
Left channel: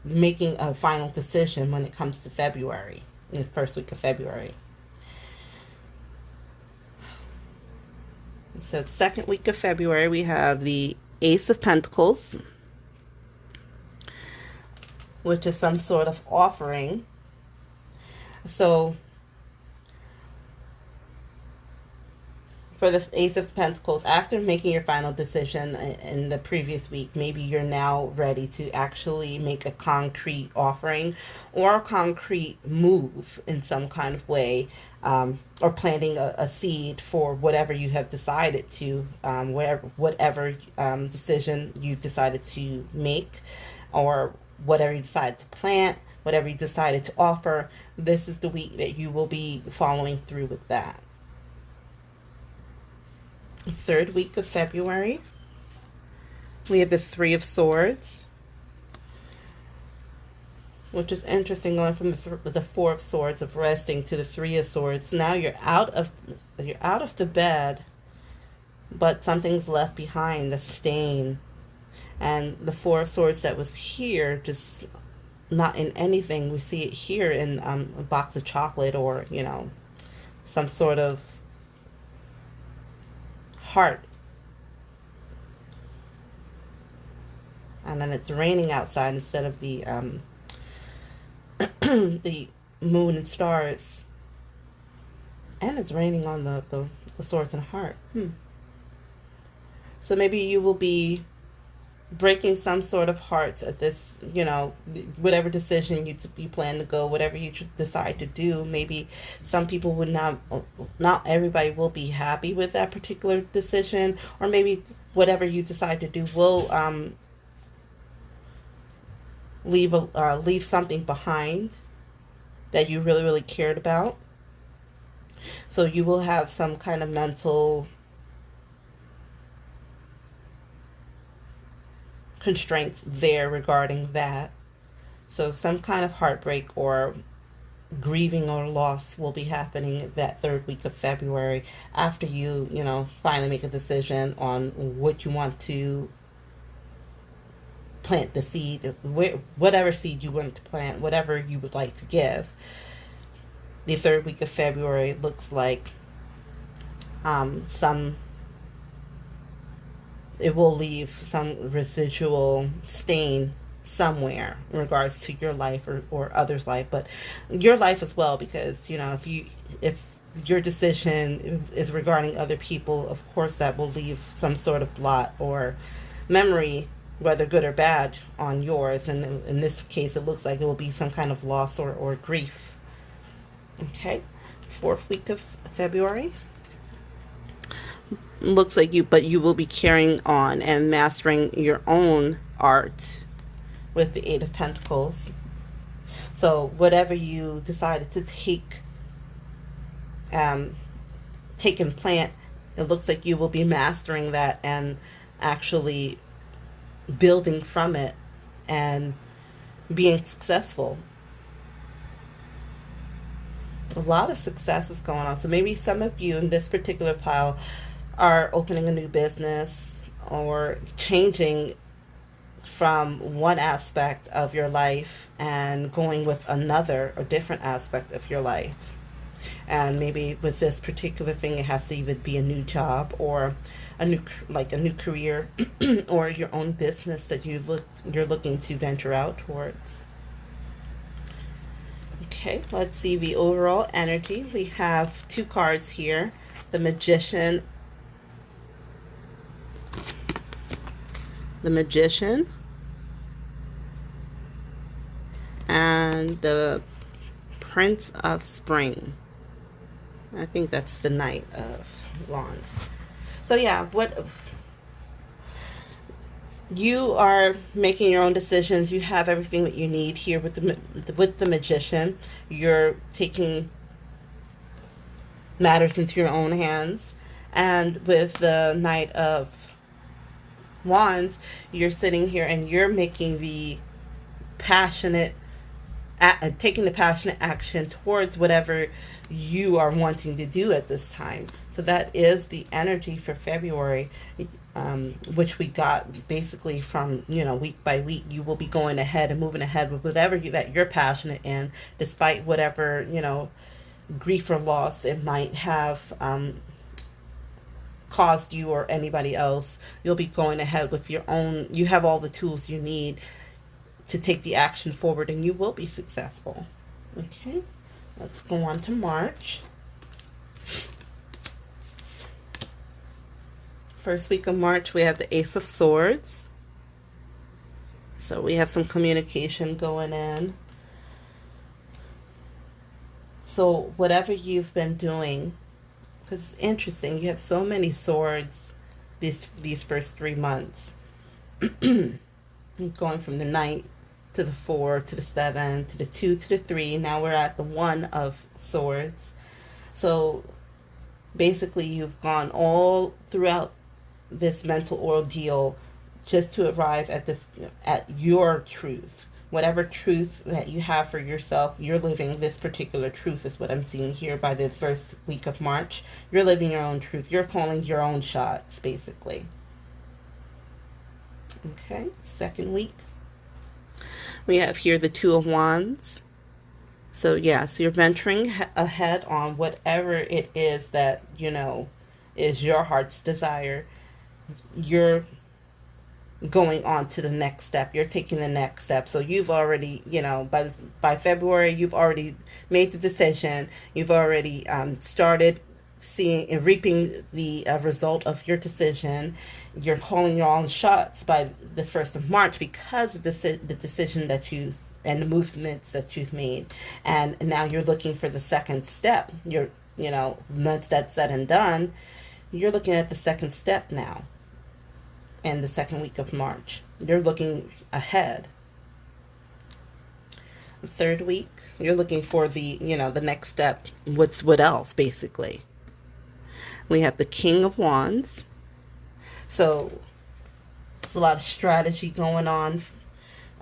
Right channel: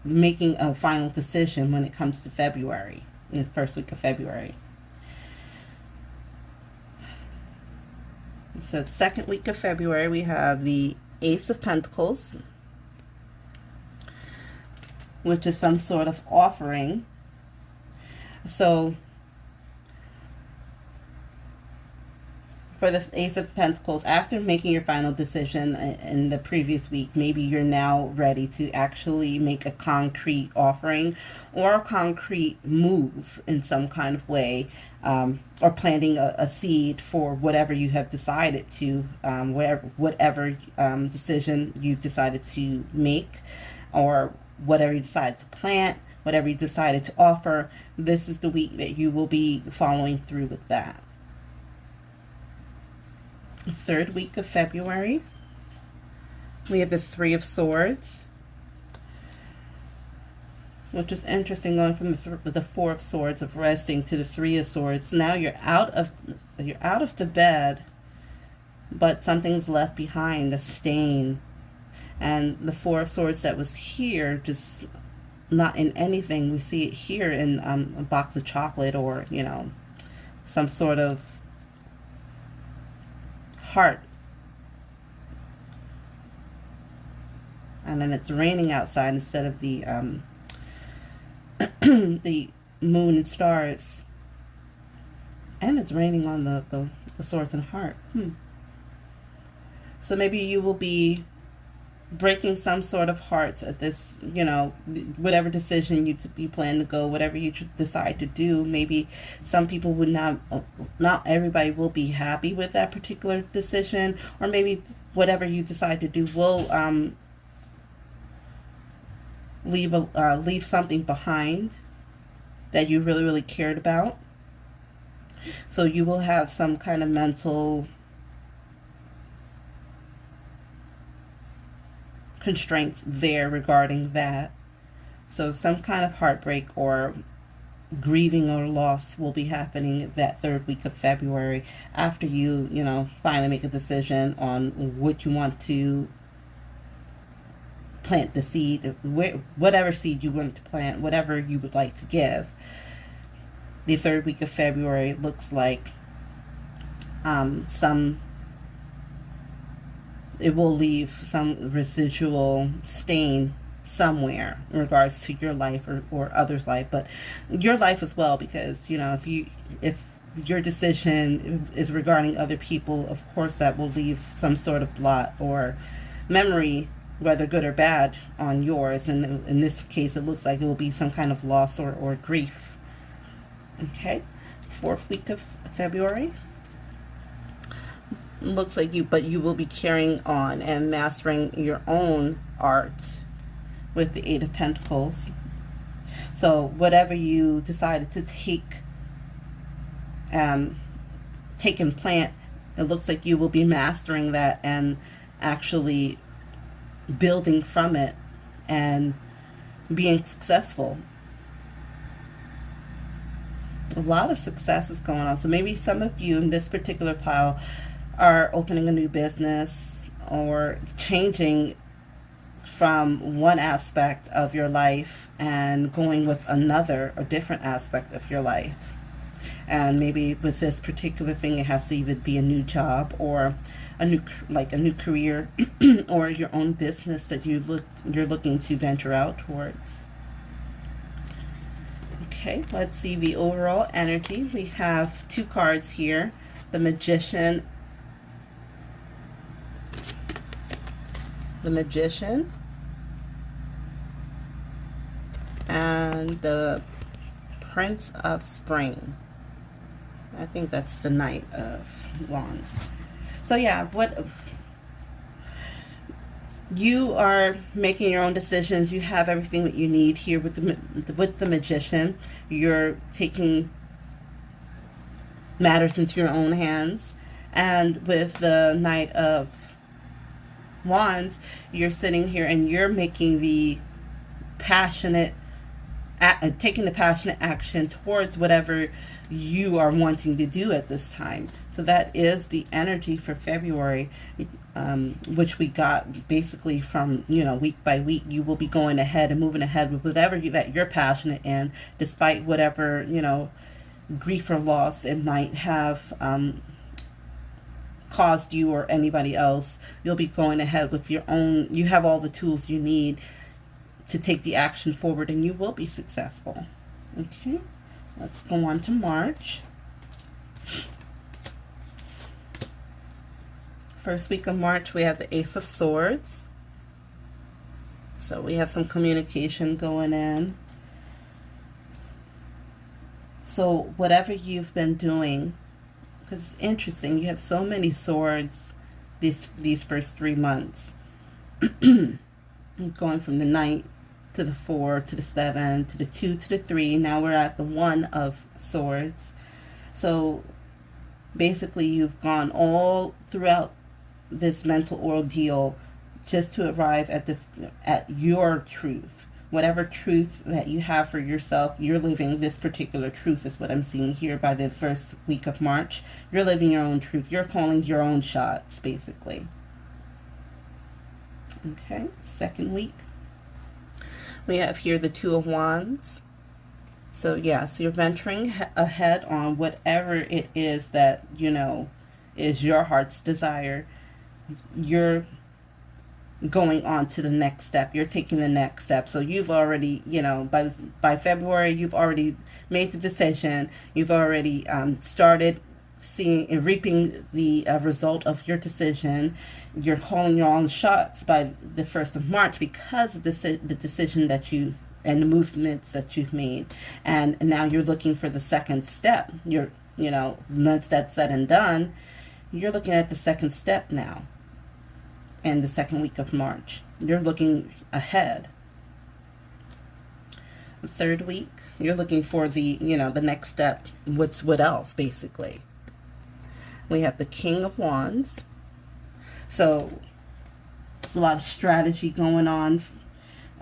making a final decision when it comes to February, in the 1st week of February. So the 2nd week of February, we have the Ace of Pentacles, which is some sort of offering. So for the Ace of Pentacles, after making your final decision in the previous week, maybe you're now ready to actually make a concrete offering or a concrete move in some kind of way, or planting a seed for whatever you have decided to, whatever decision you decided to make, or whatever you decided to plant, whatever you decided to offer. This is the week that you will be following through with that. 3rd week of February, we have the 3 of Swords, which is interesting, going from the 4 of Swords of resting to the 3 of Swords. Now you're out of the bed, but something's left behind, the stain. And the Four of Swords that was here, just not in anything. We see it here in a box of chocolate, or, you know, some sort of heart. And then it's raining outside instead of the the moon and stars. And it's raining on the swords and heart. So maybe you will be breaking some sort of hearts at this, you know, whatever decision you plan to go, whatever you decide to do. Maybe some people would not everybody will be happy with that particular decision, or maybe whatever you decide to do will leave something behind that you really, really cared about. So you will have some kind of mental constraints there regarding that. So some kind of heartbreak or grieving or loss will be happening that third week of February, after you know, finally make a decision on what you want to plant, the seed, whatever seed you want to plant, whatever you would like to give. The third week of February looks like it will leave some residual stain somewhere in regards to your life or others' life, but your life as well, because, you know, if your decision is regarding other people, of course that will leave some sort of blot or memory, whether good or bad, on yours. And in this case, it looks like it will be some kind of loss or grief. Okay, fourth week of February. Looks like you will be carrying on and mastering your own art with the Eight of Pentacles. So whatever you decided to take and plant, it looks like you will be mastering that and actually building from it and being successful. A lot of success is going on. So maybe some of you in this particular pile are opening a new business or changing from one aspect of your life and going with another or different aspect of your life. And maybe with this particular thing, it has to even be a new job or a new career or your own business that you're looking to venture out towards. Okay, let's see the overall energy. We have two cards here, the Magician, and the Prince of Spring. I think that's the Knight of Wands. So yeah, what you are making your own decisions. You have everything that you need here with the Magician. You're taking matters into your own hands, and with the Knight of Wands, you're sitting here and you're making the passionate, taking the passionate action towards whatever you are wanting to do at this time. So that is the energy for February, which we got basically from, you know, week by week. You will be going ahead and moving ahead with whatever that you're passionate in, despite whatever, you know, grief or loss it might have caused you or anybody else. You'll be going ahead with your own, you have all the tools you need to take the action forward, and you will be successful. Okay, let's go on to March. First week of March, we have the Ace of Swords. So we have some communication going in. So whatever you've been doing, because it's interesting, you have so many swords these first 3 months. Going from the Knight to the 4 to the 7 to the 2 to the 3. Now we're at the 1 of Swords. So basically you've gone all throughout this mental ordeal just to arrive at your truth, whatever truth that you have for yourself, you're living this particular truth is what I'm seeing here by the first week of March. You're living your own truth. You're calling your own shots, basically. Okay, second week. We have here the Two of Wands. So yes, you're venturing ahead on whatever it is that, you know, is your heart's desire. You're going on to the next step. You're taking the next step. So you've already, you know, by February, you've already made the decision. You've already started seeing and reaping the result of your decision. You're calling your own shots by the 1st of March because of the decision that you and the movements that you've made. And now you're looking for the second step. You're, you know, once that's said and done, you're looking at the second step now. In the second week of March, you're looking ahead. The third week, you're looking for the, you know, the next step. What else, basically? We have the King of Wands. So there's a lot of strategy going on.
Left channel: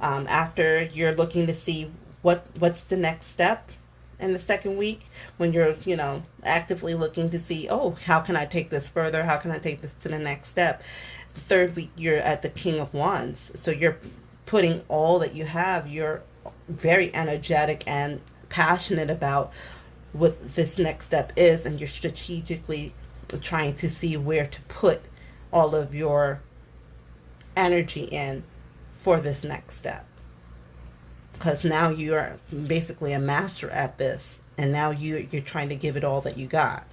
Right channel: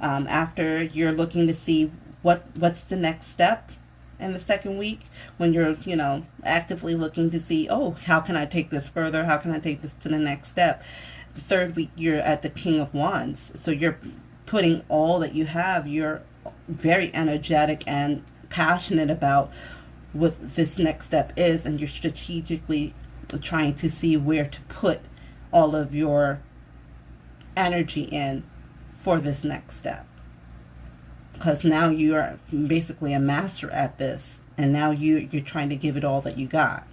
After you're looking to see what's the next step in the second week, when you're, you know, actively looking to see, oh, how can I take this further? How can I take this to the next step? The third week, you're at the King of Wands. So you're putting all that you have. You're very energetic and passionate about what this next step is, and you're strategically trying to see where to put all of your energy in for this next step. Because now you're basically a master at this, and now you're trying to give it all that you got.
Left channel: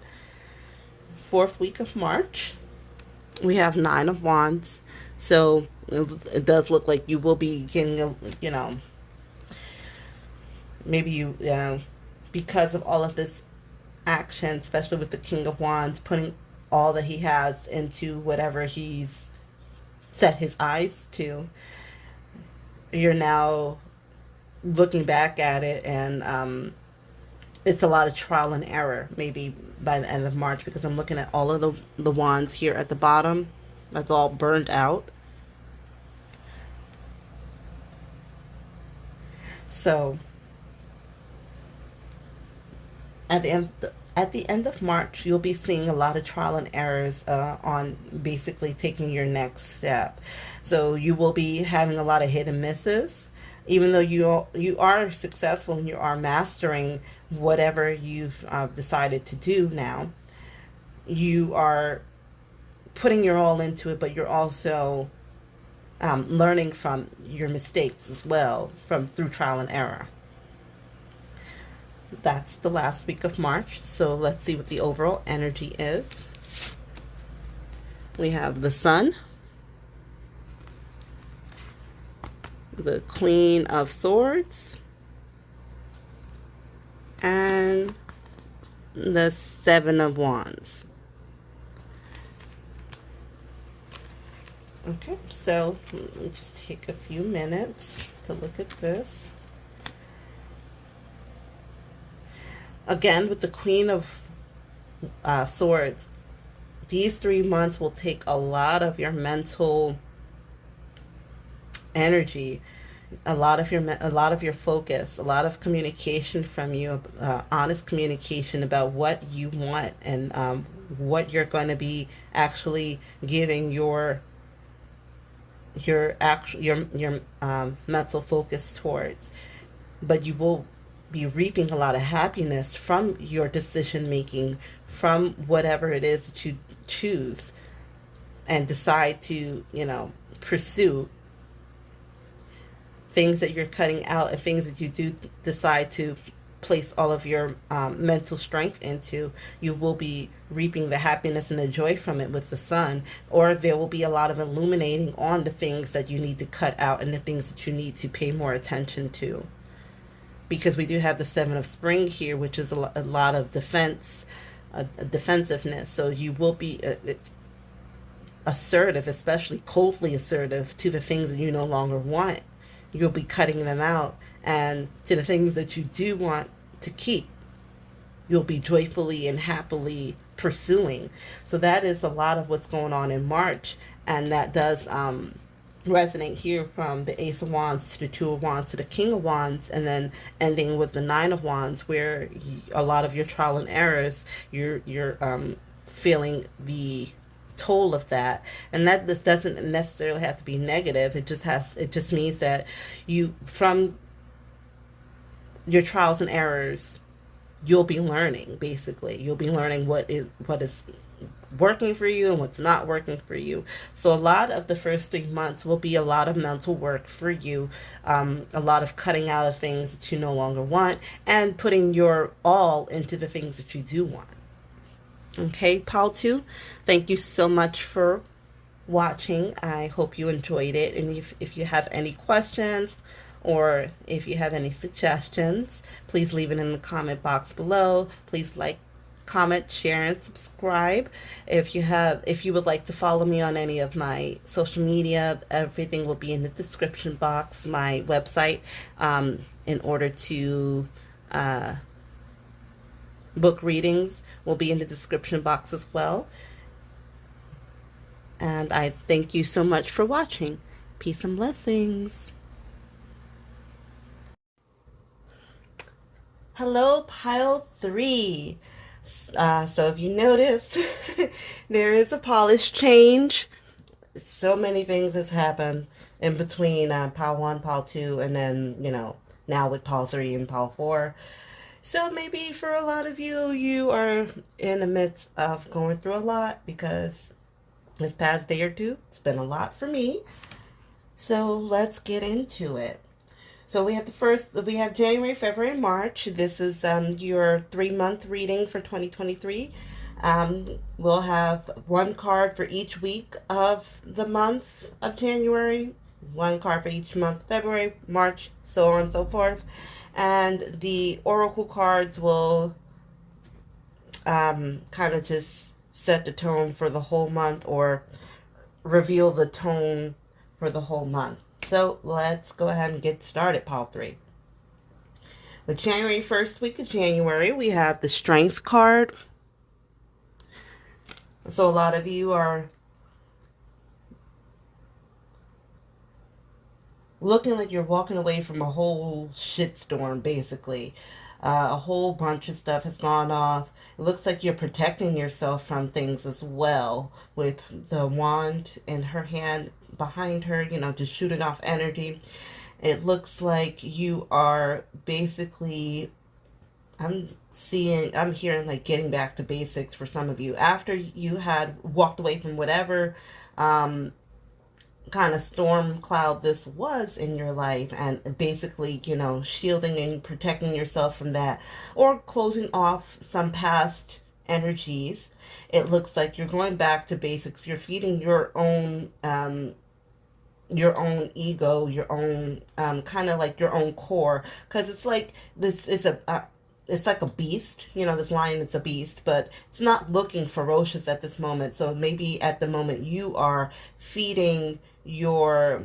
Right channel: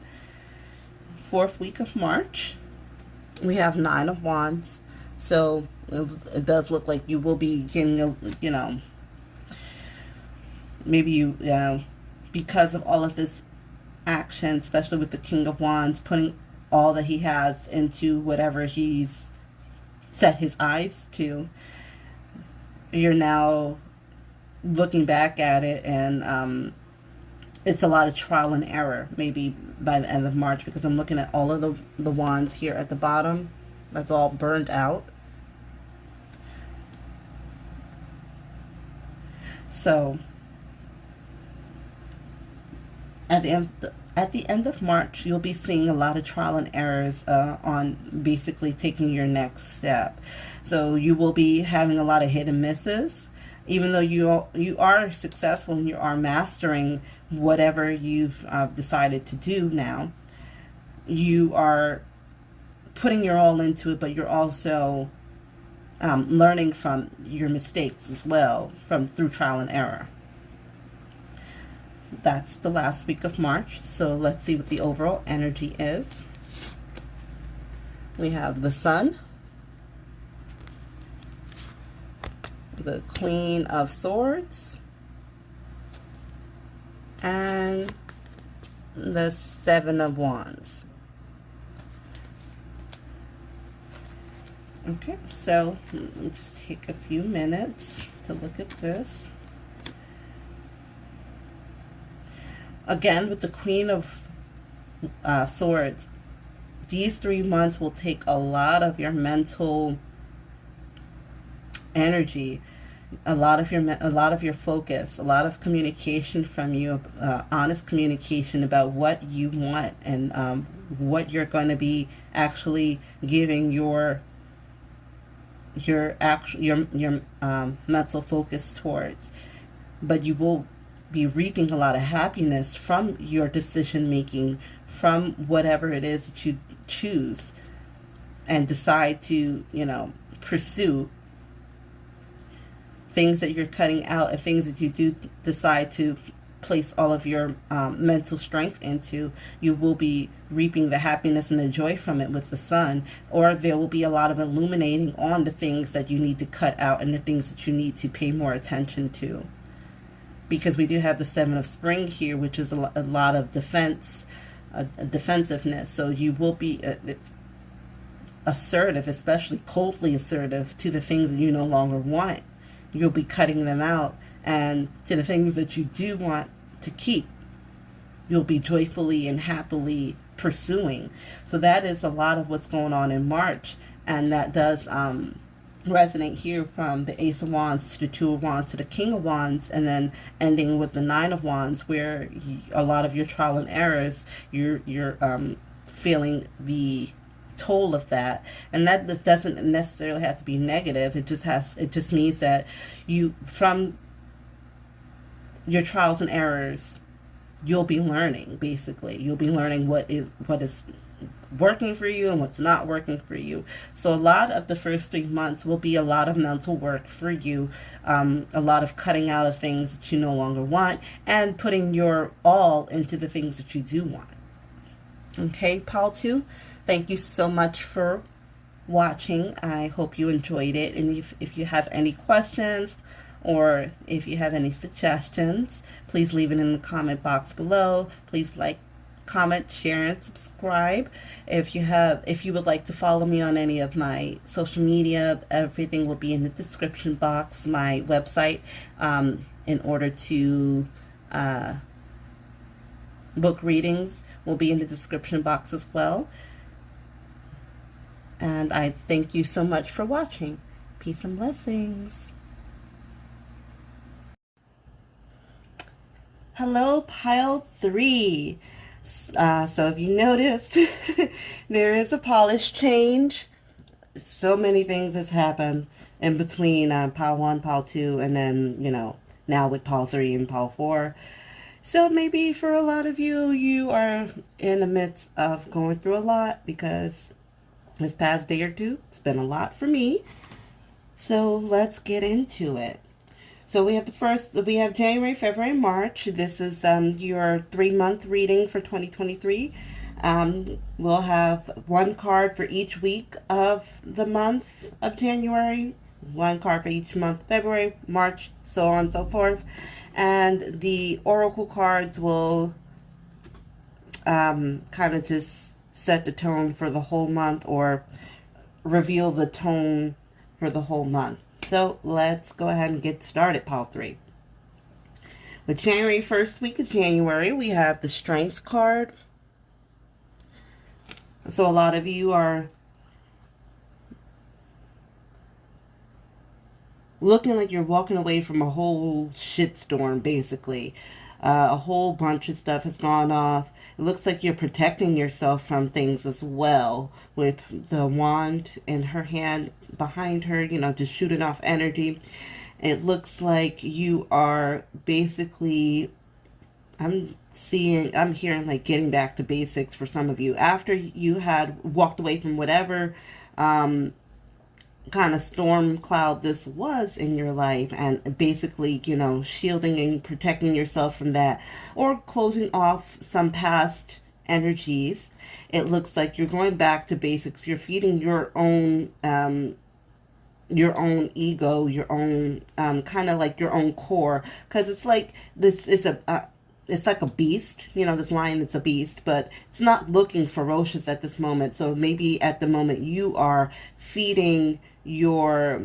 Fourth week of March, we have Nine of Wands. So it does look like you will be getting, you know, maybe you, because of all of this action, especially with the King of Wands, putting all that he has into whatever he's set his eyes to, you're now looking back at it, and it's a lot of trial and error, maybe by the end of March, because I'm looking at all of the wands here at the bottom. That's all burned out. So at the end of March, you'll be seeing a lot of trial and errors on basically taking your next step. So you will be having a lot of hit and misses. Even though you are successful and you are mastering whatever you've decided to do now, you are putting your all into it, but you're also learning from your mistakes as well, through trial and error. That's the last week of March. So let's see what the overall energy is. We have the Sun, the Queen of Swords, and the Seven of Wands. Okay, so let's just take a few minutes to look at this. Again, with the Queen of Swords, these 3 months will take a lot of your mental energy, a lot of your focus, a lot of communication from you, honest communication about what you want, and what you're going to be actually giving your mental focus towards. But you will be reaping a lot of happiness from your decision making, from whatever it is that you choose and decide to, you know, pursue. Things that you're cutting out, and things that you do decide to place all of your mental strength into, you will be reaping the happiness and the joy from it with the Sun. Or there will be a lot of illuminating on the things that you need to cut out and the things that you need to pay more attention to. Because we do have the Seven of Spring here, which is a lot of defensiveness. So you will be assertive, especially coldly assertive, to the things that you no longer want. You'll be cutting them out, and to the things that you do want to keep, you'll be joyfully and happily pursuing. So that is a lot of what's going on in March, and that does resonate here from the Ace of Wands to the Two of Wands to the King of Wands, and then ending with the Nine of Wands, where a lot of your trial and errors, you're feeling the toll of that. And that this doesn't necessarily have to be negative. It just means that you, from your trials and errors, you'll be learning. Basically, you'll be learning what is working for you and what's not working for you. So a lot of the first 3 months will be a lot of mental work for you, a lot of cutting out of things that you no longer want and putting your all into the things that you do want. Okay, Pile 2, thank you so much for watching. I hope you enjoyed it, and if you have any questions or if you have any suggestions, please leave it in the comment box below. Please like, comment, share, and subscribe. If you would like to follow me on any of my social media, everything will be in the description box. My website, in order to book readings, will be in the description box as well. And I thank you so much for watching. Peace and blessings. Hello, Pile 3. So if you notice, there is a polish change. So many things has happened in between Pile 1, Pile 2, and then, now with Pile 3 and Pile 4. So maybe for a lot of you, you are in the midst of going through a lot, because this past day or two, it's been a lot for me. So let's get into it. So we have January, February, March. This is your 3-month reading for 2023. We'll have one card for each week of the month of January, one card for each month, February, March, so on and so forth. And the oracle cards will kind of just set the tone for the whole month, or reveal the tone for the whole month. So let's go ahead and get started, Pile 3. With January, first week of January, we have the Strength card. So a lot of you are looking like you're walking away from a whole shitstorm, basically. A whole bunch of stuff has gone off. It looks like you're protecting yourself from things as well, with the wand in her hand, behind her, just shooting off energy. It looks like you are basically, I'm hearing like getting back to basics for some of you. After you had walked away from whatever kind of storm cloud this was in your life, and basically, shielding and protecting yourself from that, or closing off some past energies. It looks like you're going back to basics. You're feeding your own ego, your own kind of like your own core, because it's like this is it's like a beast. This lion is a beast, but it's not looking ferocious at this moment. So maybe at the moment you are feeding your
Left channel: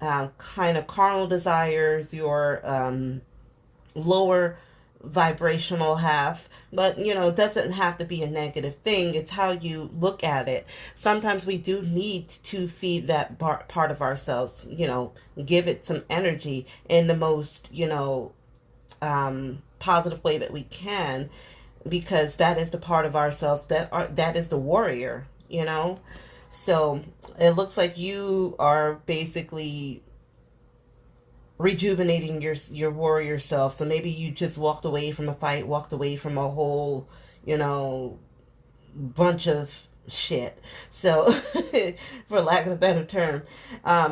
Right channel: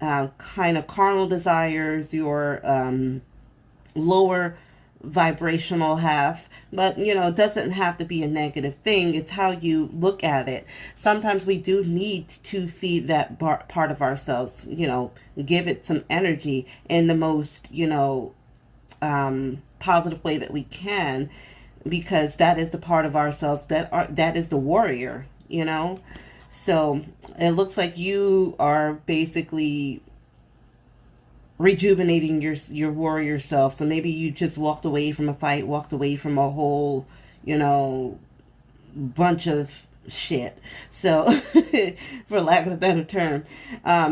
kind of carnal desires, your lower vibrational half. But it doesn't have to be a negative thing. It's how you look at it. Sometimes we do need to feed that part of ourselves, give it some energy in the most positive way that we can, because that is the part of ourselves that is the warrior. So it looks like you are basically rejuvenating your warrior self. So maybe you just walked away from a fight, walked away from a whole, bunch of shit. So, for lack of a better term.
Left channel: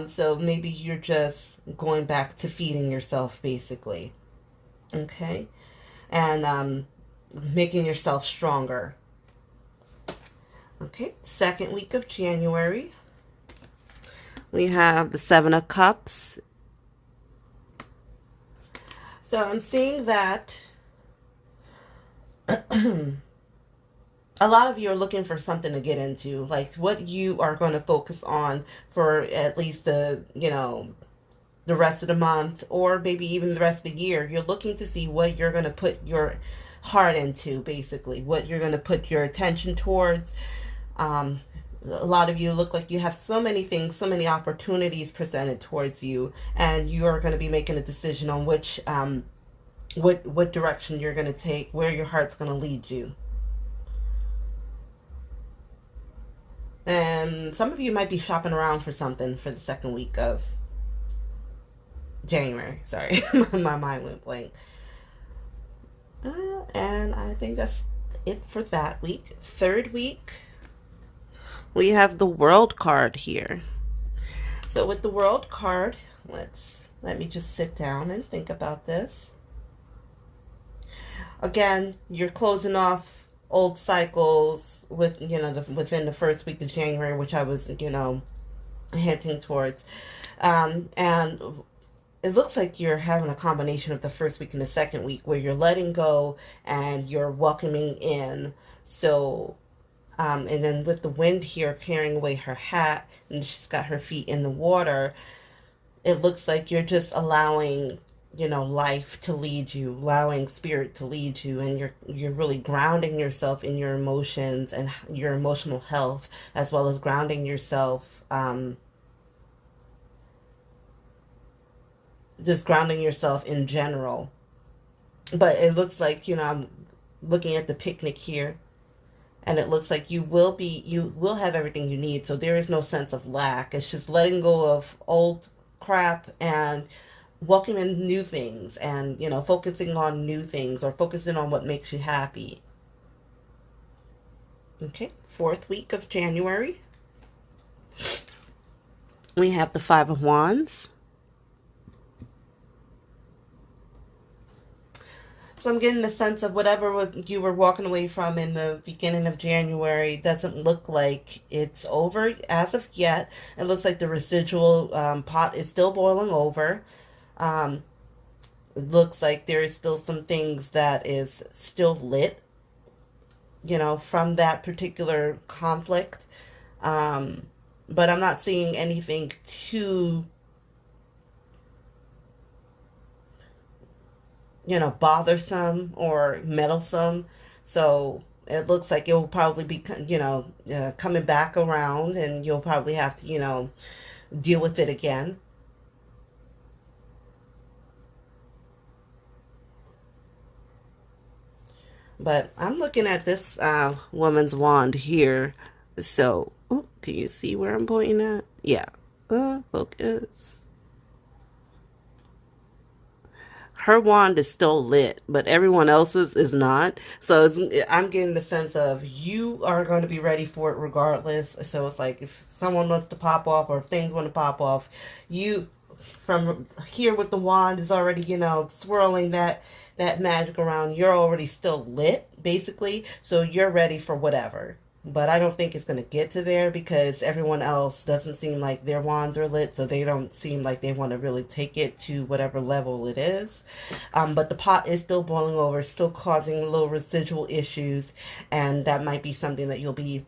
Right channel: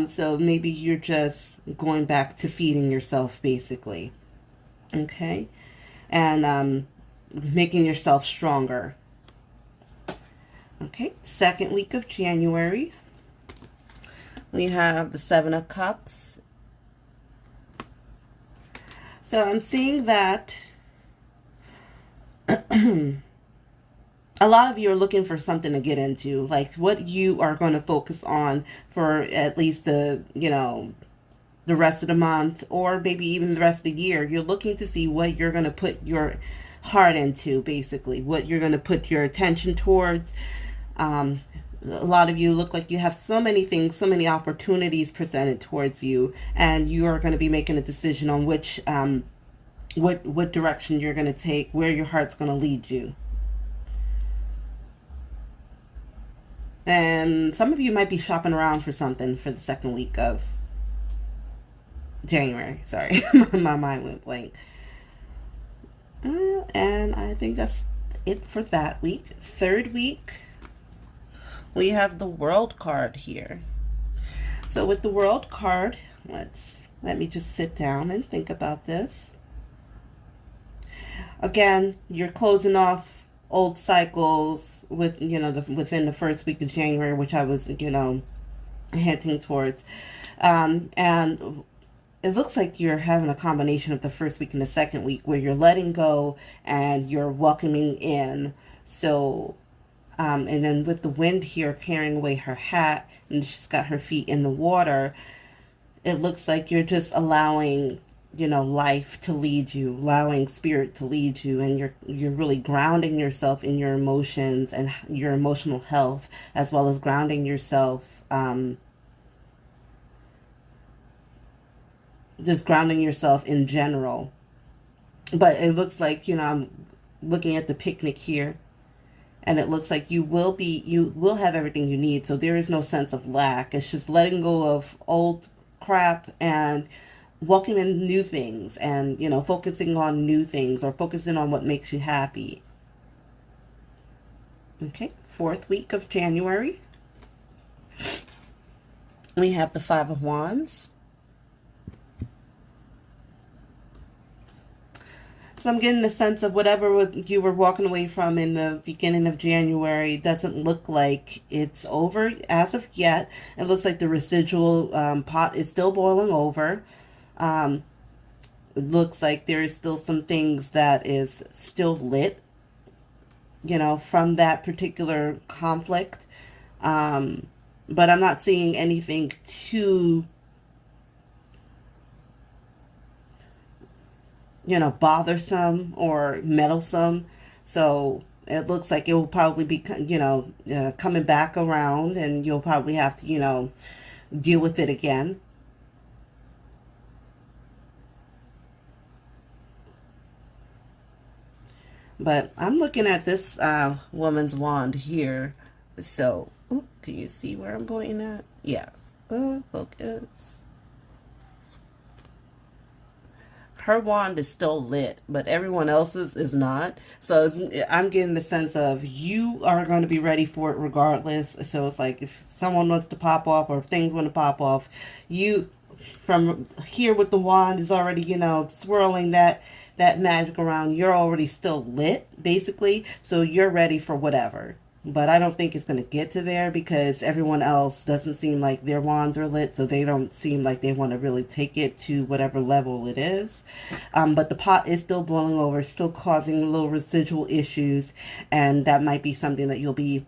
So maybe you're just going back to feeding yourself, basically. Okay? And making yourself stronger. Okay, second week of January. We have the Seven of Cups. So I'm seeing that a lot of you are looking for something to get into, like what you are going to focus on for at least the rest of the month, or maybe even the rest of the year. You're looking to see what you're going to put your heart into, basically, what you're going to put your attention towards. A lot of you look like you have so many things, so many opportunities presented towards you, and you are going to be making a decision on which what direction you're going to take, where your heart's going to lead you. And some of you might be shopping around for something for the second week of January. Sorry, my mind went blank. And I think that's it for that week. Third week, we have the World card here. So with the World card, let me just sit down and think about this. Again, you're closing off old cycles with, within the first week of January, which I was, hinting towards. And it looks like you're having a combination of the first week and the second week where you're letting go and you're welcoming in. So, and then with the wind here carrying away her hat and she's got her feet in the water, it looks like you're just allowing, life to lead you, allowing spirit to lead you, and you're really grounding yourself in your emotions and your emotional health, as well as grounding yourself, just grounding yourself in general. But it looks like, I'm looking at the picnic here, and it looks like you will have everything you need, so there is no sense of lack. It's just letting go of old crap and welcoming new things, and focusing on new things, or focusing on what makes you happy. Okay, fourth week of January, we have the Five of Wands. So I'm getting the sense of whatever you were walking away from in the beginning of January doesn't look like it's over as of yet. It looks like the residual pot is still boiling over. It looks like there is still some things that is still lit, from that particular conflict. But I'm not seeing anything too, bothersome or meddlesome. So it looks like it will probably be, coming back around, and you'll probably have to, deal with it again. But I'm looking at this woman's wand here. So, can you see where I'm pointing at? Yeah. Focus. Her wand is still lit, but everyone else's is not. So I'm getting the sense of you are going to be ready for it regardless. So it's like if someone wants to pop off, or if things want to pop off, you from here with the wand is already, swirling that magic around. You're already still lit, basically. So you're ready for whatever. But I don't think it's going to get to there, because everyone else doesn't seem like their wands are lit, so they don't seem like they want to really take it to whatever level it is. But the pot is still boiling over, still causing little residual issues, and that might be something that you'll be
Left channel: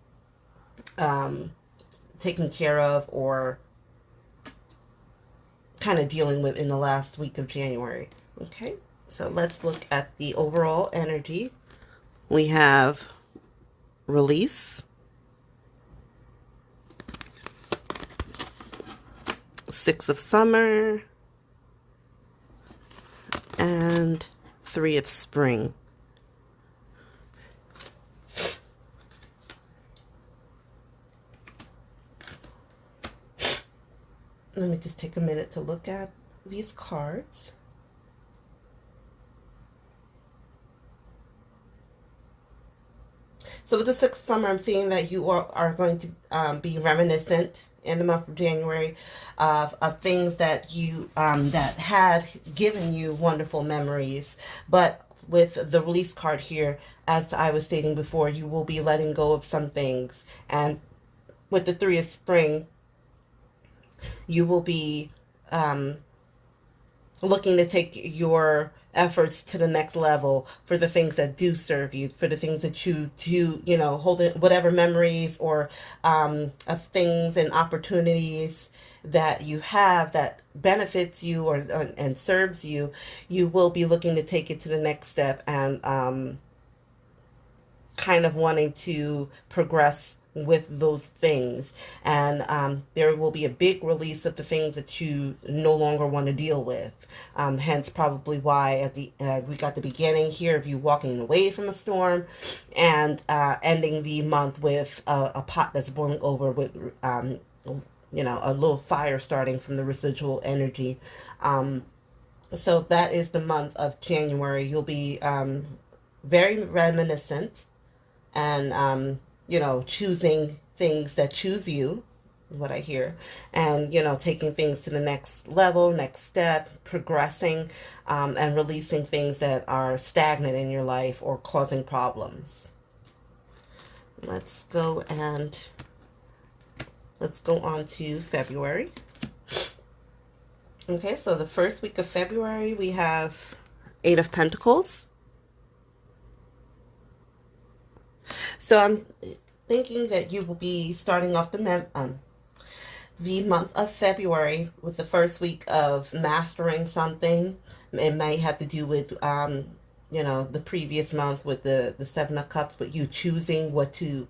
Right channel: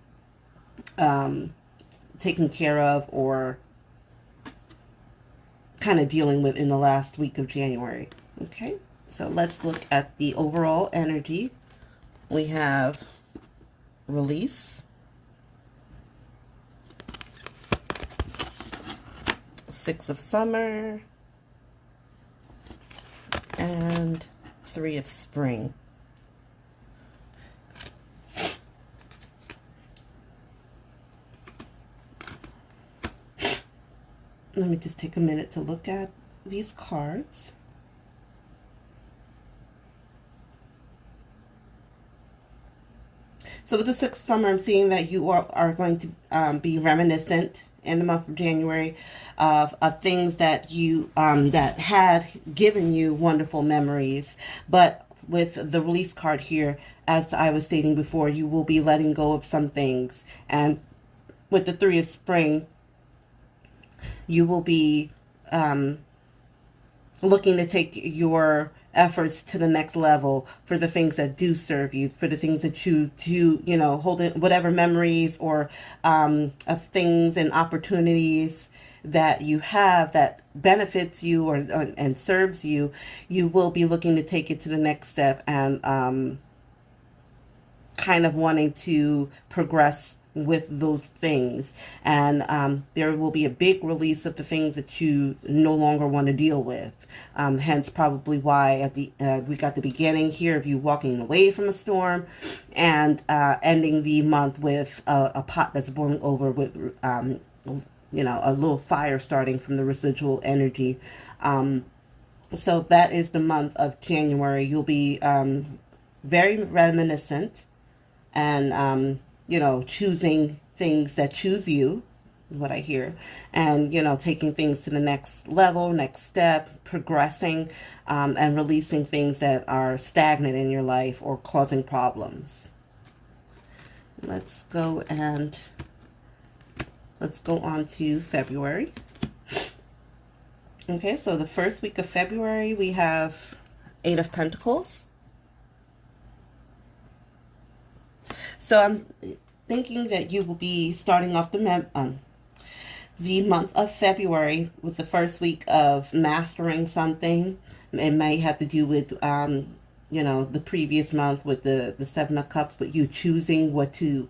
taking care of, or kind of dealing with in the last week of January. Okay, so let's look at the overall energy. We have release, Six of Summer, and Three of Spring. Let me just take a minute to look at these cards. So with the Sixth of Summer, I'm seeing that you are going to be reminiscent in the month of January of things that you that had given you wonderful memories. But with the release card here, as I was stating before, you will be letting go of some things. And with the Three of Spring, you will be looking to take your efforts to the next level for the things that do serve you, for the things that you do, hold in, whatever memories or of things and opportunities that you have that benefits you or and serves you. You will be looking to take it to the next step, and kind of wanting to progress with those things, and there will be a big release of the things that you no longer want to deal with. Hence, probably why at the we got the beginning here of you walking away from a storm, and ending the month with a pot that's boiling over with a little fire starting from the residual energy. So that is the month of January. You'll be very reminiscent, and choosing things that choose you, what I hear, and taking things to the next level, next step, progressing, and releasing things that are stagnant in your life or causing problems. Let's go on to February. Okay, so the first week of February, we have Eight of Pentacles. So I'm thinking that you will be starting off the month of February with the first week of mastering something. It might have to do with, the previous month with the Seven of Cups, but you choosing what to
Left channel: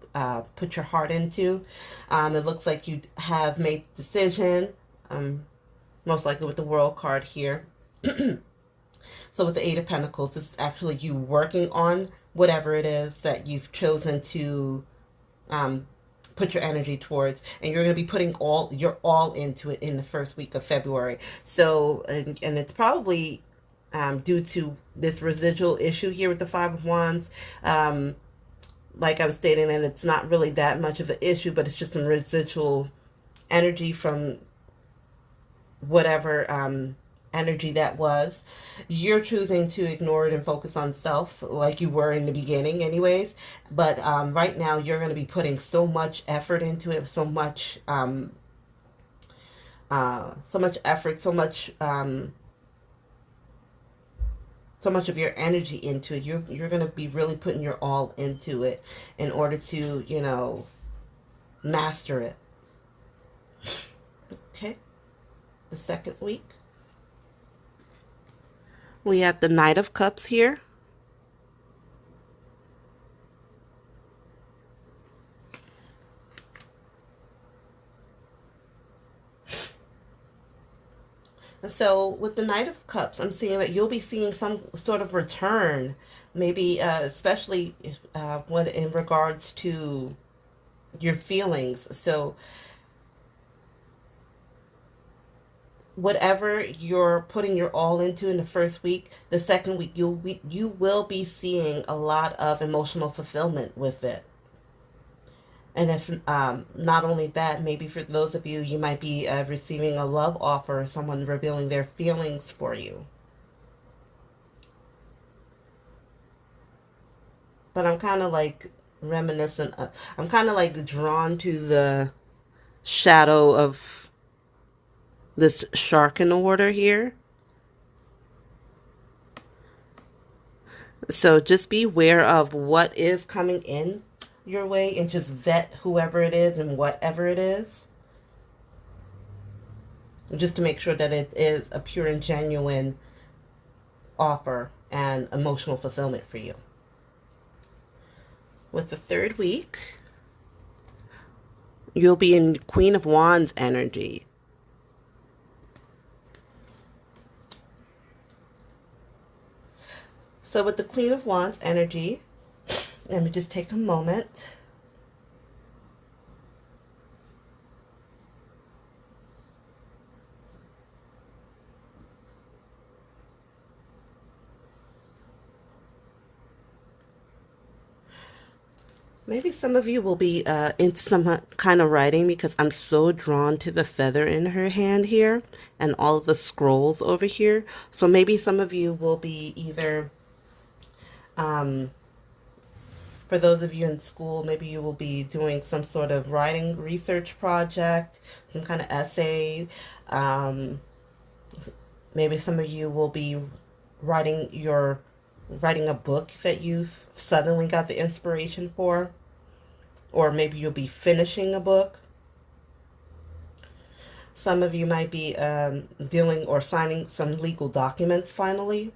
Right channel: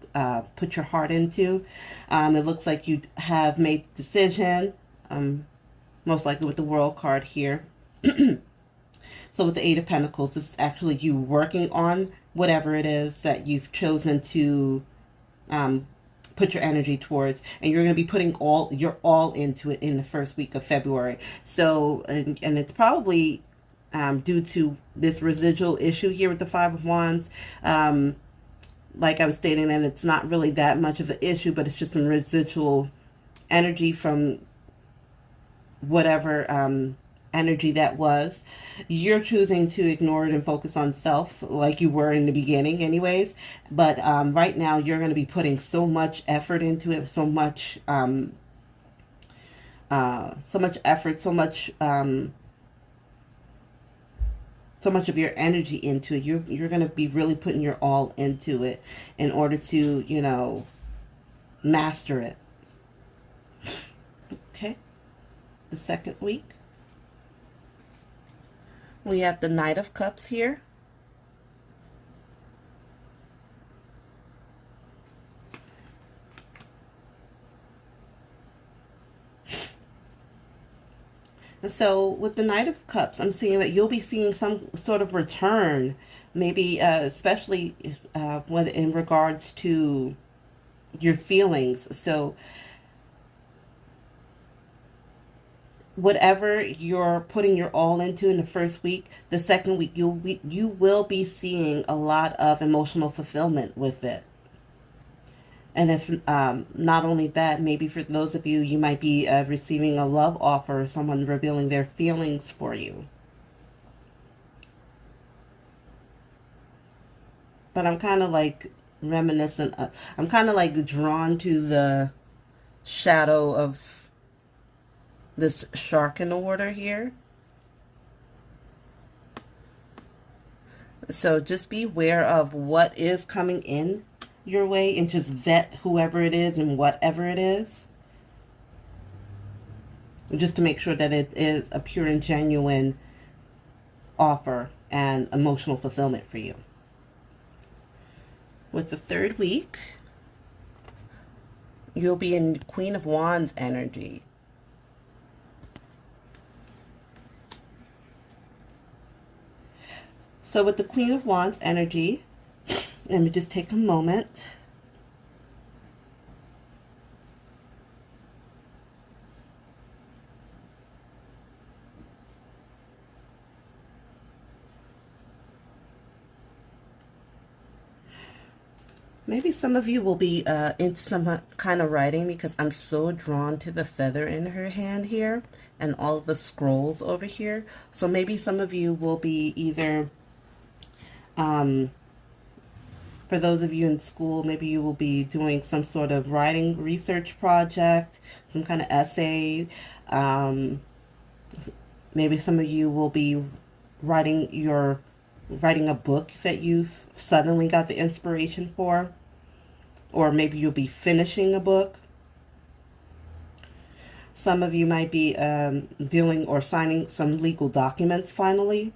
put your heart into. It looks like you have made the decision, most likely with the World card here. So with the Eight of Pentacles, this is actually you working on whatever it is that you've chosen to put your energy towards, and you're going to be putting your all into it in the first week of February. So, and it's probably due to this residual issue here with the Five of Wands. Like I was stating, and it's not really that much of an issue, but it's just some residual energy from whatever energy that was. You're choosing to ignore it and focus on self like you were in the beginning anyways, but right now you're going to be putting so much effort into it, so much effort, so much of your energy into it. You're going to be really putting your all into it in order to master it. Okay, the second week, we have the Knight of Cups here. So with the Knight of Cups, I'm seeing that you'll be seeing some sort of return, maybe especially when in regards to your feelings. So whatever you're putting your all into in the first week, the second week you will be seeing a lot of emotional fulfillment with it. And if not only that, maybe for those of you, you might be receiving a love offer or someone revealing their feelings for you. But I'm kind of like reminiscent. I'm kind of like drawn to the shadow of this shark in the water here. So just be aware of what is coming in your way and just vet whoever it is and whatever it is, just to make sure that it is a pure and genuine offer and emotional fulfillment for you. With the third week, you'll be in Queen of Wands energy. So with the Queen of Wands energy, let me just take a moment. Maybe some of you will be into some kind of writing, because I'm so drawn to the feather in her hand here and all of the scrolls over here. So maybe some of you will be either for those of you in school, maybe you will be doing some sort of writing research project, some kind of essay. Maybe some of you will be writing a book that you've suddenly got the inspiration for. Or maybe you'll be finishing a book. Some of you might be dealing or signing some legal documents finally.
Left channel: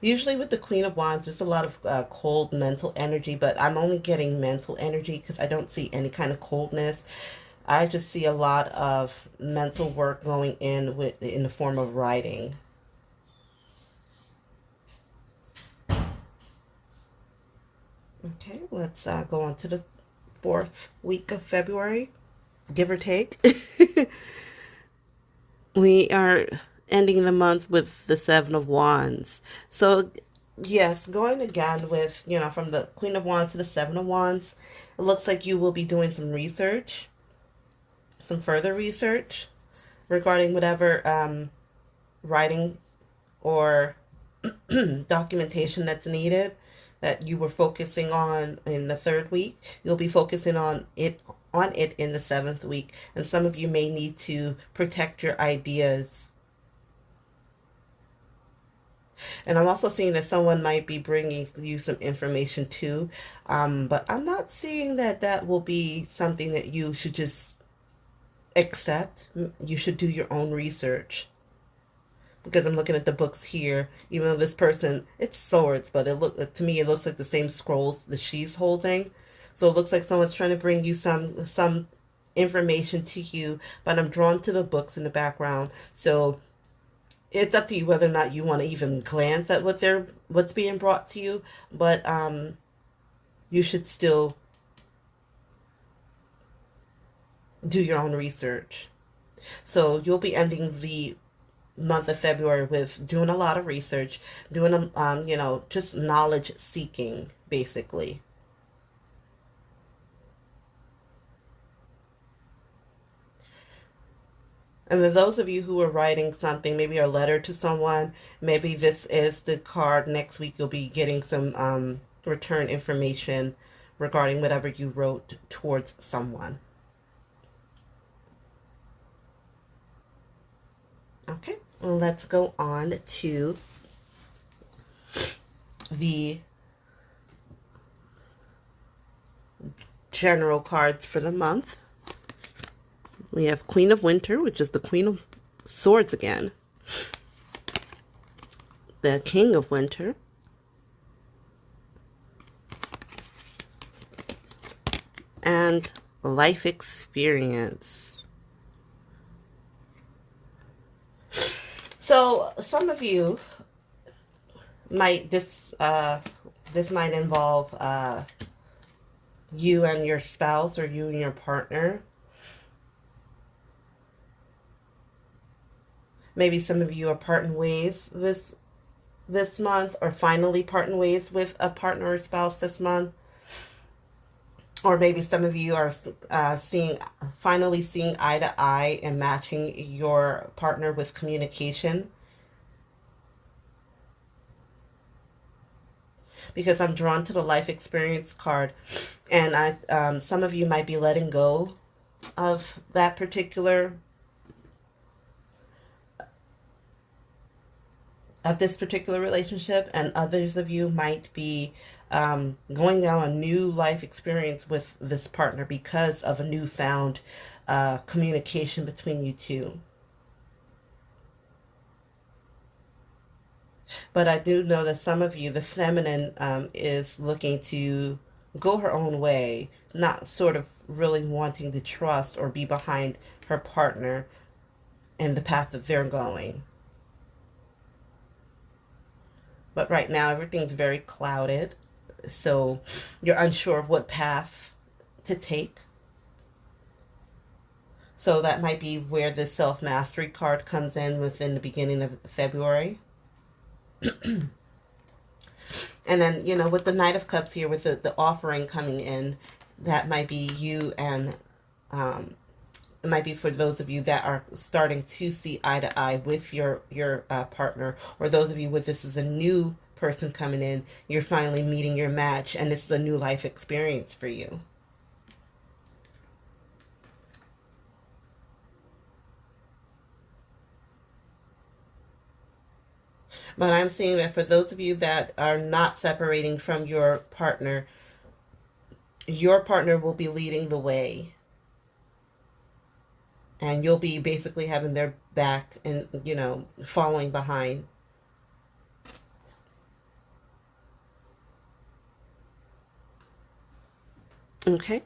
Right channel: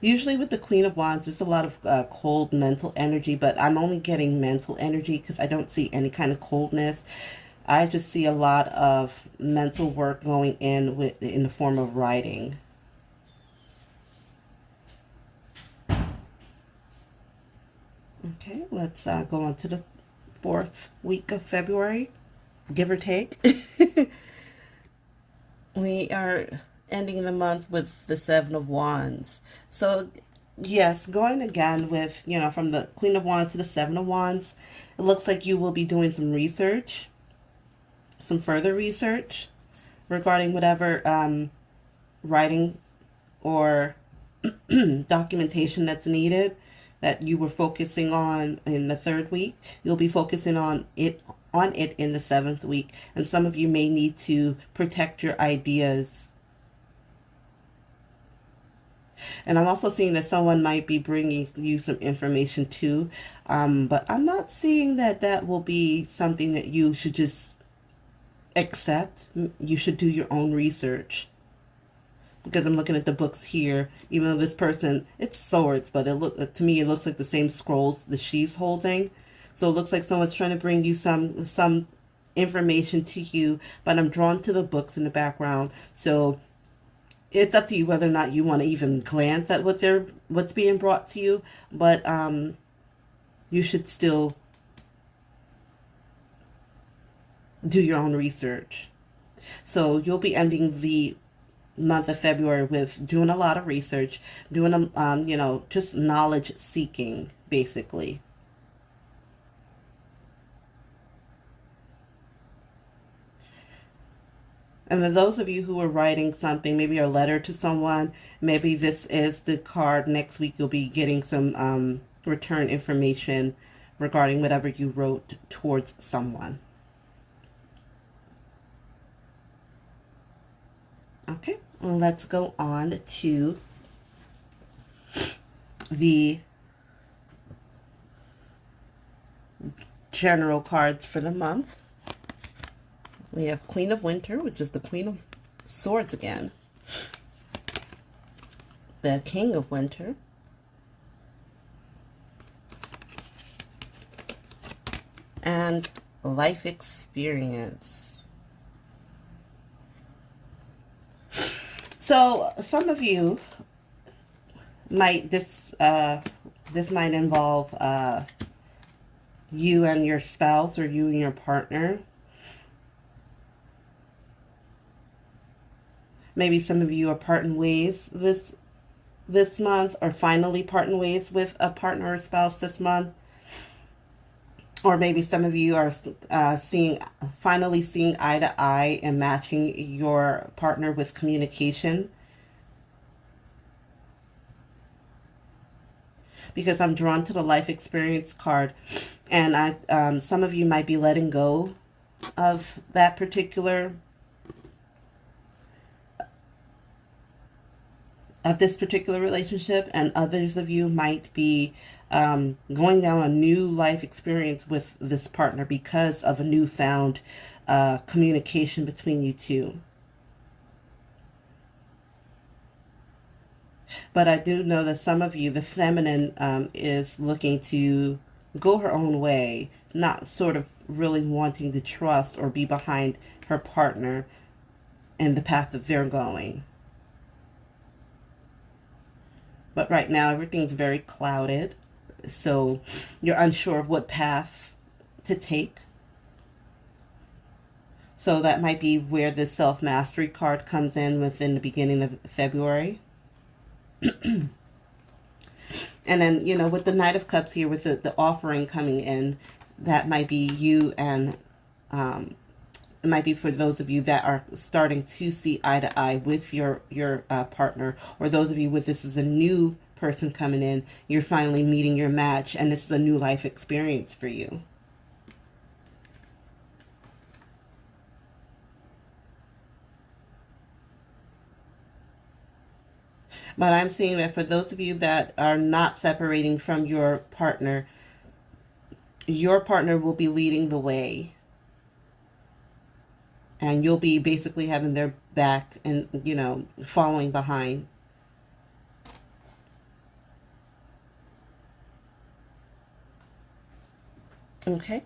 Usually with the Queen of Wands, it's a lot of cold mental energy, but I'm only getting mental energy because I don't see any kind of coldness. I just see a lot of mental work going in the form of writing. Okay, let's go on to the 4th week of February, give or take. We are ending the month with the Seven of Wands. So, yes, going again with, from the Queen of Wands to the Seven of Wands, it looks like you will be doing some research, some further research regarding whatever writing or documentation that's needed that you were focusing on in the 3rd week. You'll be focusing on it in the 7th week, and some of you may need to protect your ideas. And I'm also seeing that someone might be bringing you some information too, but I'm not seeing that that will be something that you should just accept. You should do your own research. Because I'm looking at the books here, even though this person, it's swords, but to me it looks like the same scrolls that she's holding. So it looks like someone's trying to bring you some information to you, but I'm drawn to the books in the background. So it's up to you whether or not you want to even glance at what's being brought to you, but you should still do your own research. So you'll be ending the month of February with doing a lot of research, doing just knowledge seeking, basically. And then those of you who are writing something, maybe a letter to someone, maybe this is the card. Next week you'll be getting some return information regarding whatever you wrote towards someone. Okay, well, let's go on to the general cards for the month. We have Queen of Winter, which is the Queen of Swords again. The King of Winter. And Life Experience. So some of you might, this might involve you and your spouse or you and your partner. Maybe some of you are parting ways this month, or finally parting ways with a partner or spouse this month. Or maybe some of you are finally seeing eye to eye and matching your partner with communication. Because I'm drawn to the Life Experience card, and some of you might be letting go of that particular this particular relationship, and others of you might be going down a new life experience with this partner because of a newfound communication between you two. But I do know that some of you, the feminine, is looking to go her own way, not sort of really wanting to trust or be behind her partner in the path that they're going. But right now, everything's very clouded, so you're unsure of what path to take. So that might be where the self-mastery card comes in within the beginning of February. And then, with the Knight of Cups here, with the offering coming in, that might be you, and it might be for those of you that are starting to see eye to eye with your partner, or those of you with this is a new person coming in, you're finally meeting your match, and this is a new life experience for you. But I'm seeing that for those of you that are not separating from your partner will be leading the way. And you'll be basically having their back and, following behind. Okay.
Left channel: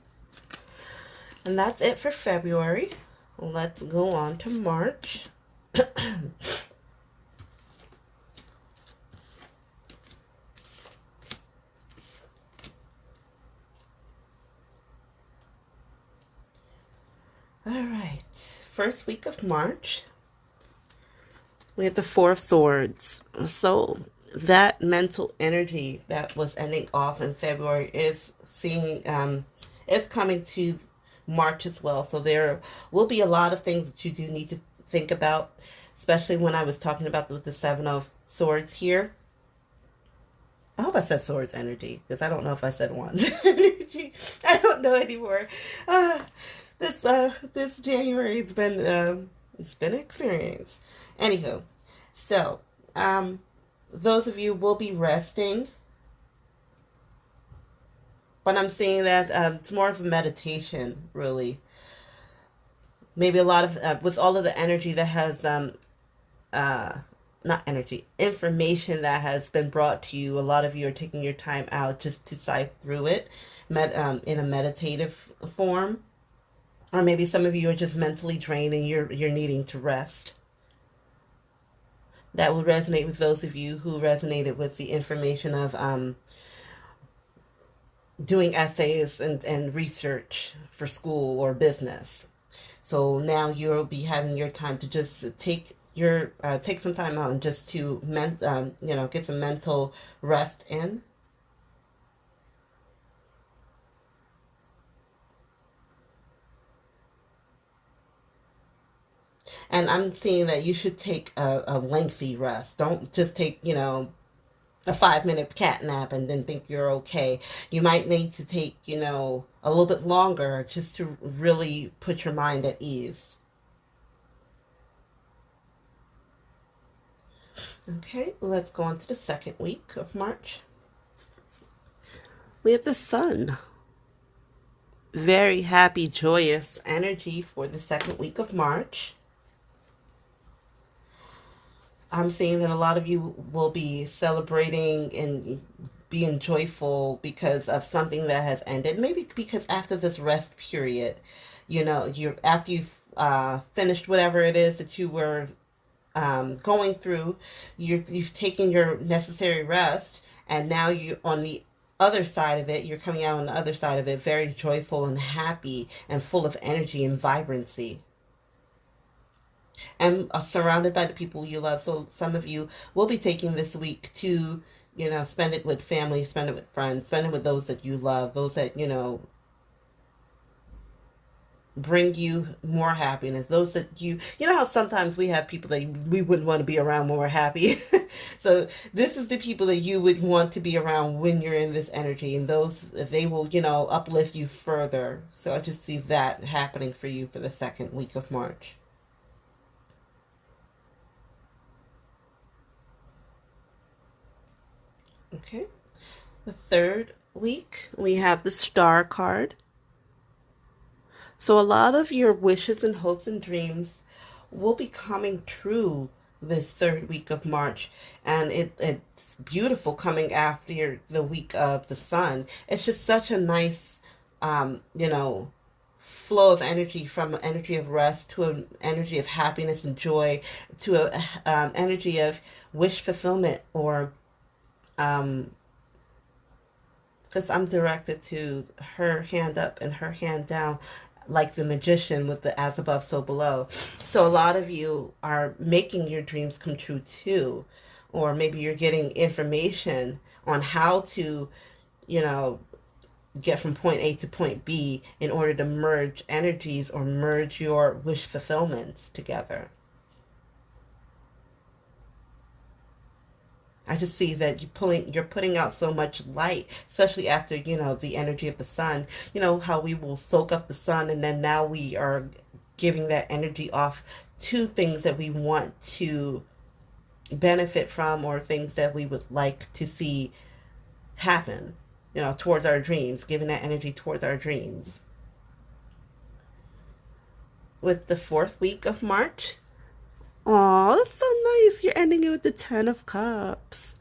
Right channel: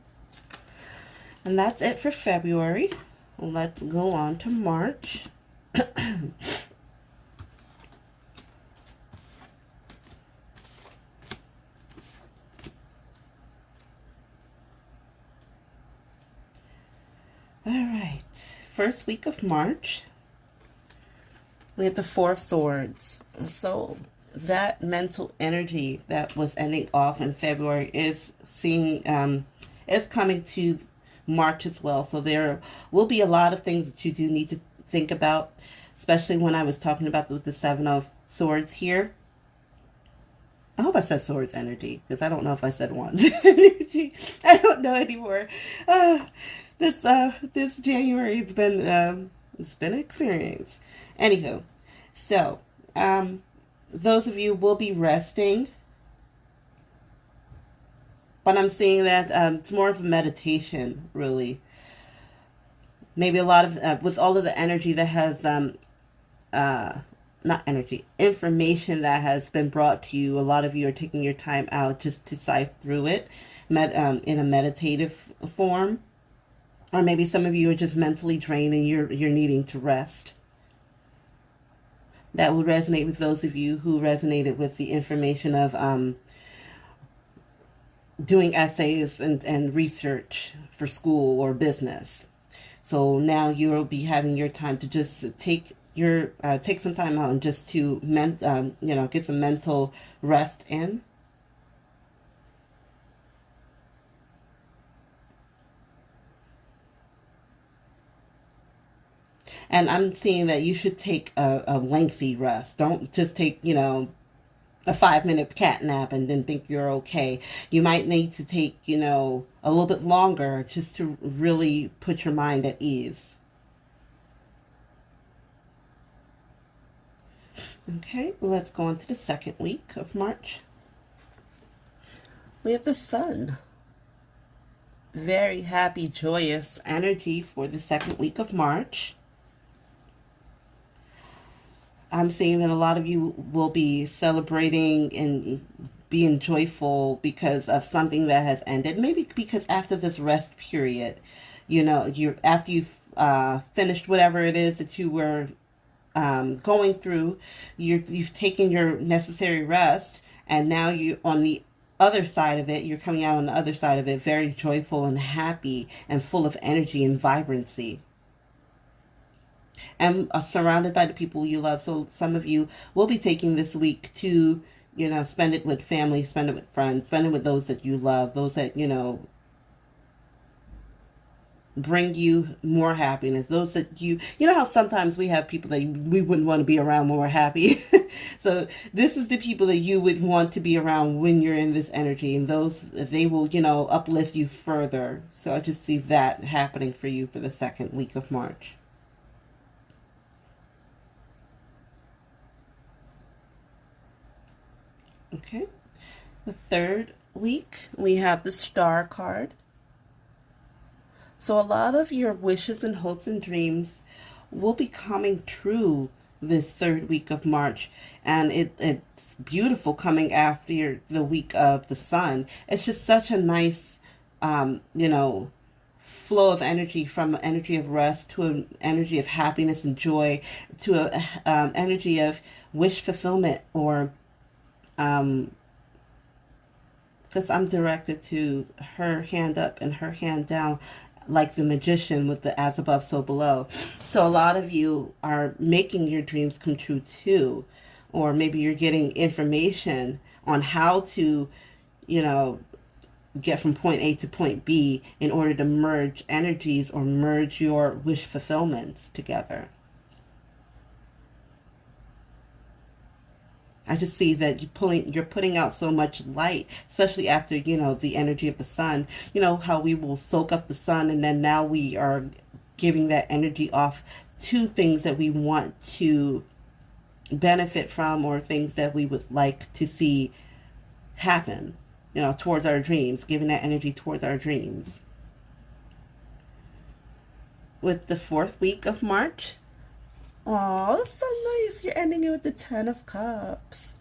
And that's it for February. Let's go on to March. All right. First week of March, we have the Four of Swords. So that mental energy that was ending off in February is is coming to March as well. So there will be a lot of things that you do need to think about, especially when I was talking about the Seven of Swords here. I hope I said swords energy, because I don't know if I said wands energy. I don't know anymore. This January it's been an experience. Anywho, so those of you will be resting, but I'm seeing that it's more of a meditation, really. Maybe a lot of with all of the energy that has not energy, information that has been brought to you. A lot of you are taking your time out just to sift through it, in a meditative form, or maybe some of you are just mentally drained and you're needing to rest. That would resonate with those of you who resonated with the information of doing essays and research for school or business. So now you'll be having your time to just take some time out and just to get some mental rest in. And I'm seeing that you should take a lengthy rest. Don't just take, a 5-minute cat nap and then think you're okay. You might need to take, a little bit longer just to really put your mind at ease. Okay, let's go on to the second week of March. We have the Sun. Very happy, joyous energy for the second week of March. I'm seeing that a lot of you will be celebrating and being joyful because of something that has ended. Maybe because after this rest period, after you've finished whatever it is that you were going through, you've taken your necessary rest, and now you on the other side of it, you're coming out on the other side of it very joyful and happy and full of energy and vibrancy. And surrounded by the people you love. So some of you will be taking this week to, spend it with family, spend it with friends, spend it with those that you love, those that, bring you more happiness, those that you know how sometimes we have people that we wouldn't want to be around when we're happy. So this is the people that you would want to be around when you're in this energy, and those, they will, uplift you further. So I just see that happening for you for the second week of March. Okay, the third week, we have the Star card. So a lot of your wishes and hopes and dreams will be coming true this third week of March. And it's beautiful coming after the week of the Sun. It's just such a nice, flow of energy, from an energy of rest to an energy of happiness and joy to an energy of wish fulfillment, or because I'm directed to her hand up and her hand down, like the magician with the as above, so below. So a lot of you are making your dreams come true too. Or maybe you're getting information on how to, get from point A to point B in order to merge energies or merge your wish fulfillments together. I just see that you're putting out so much light, especially after, the energy of the Sun. How we will soak up the Sun, and then now we are giving that energy off to things that we want to benefit from, or things that we would like to see happen, towards our dreams, giving that energy towards our dreams. With the fourth week of March, oh, that's so nice. You're ending it with the Ten of Cups.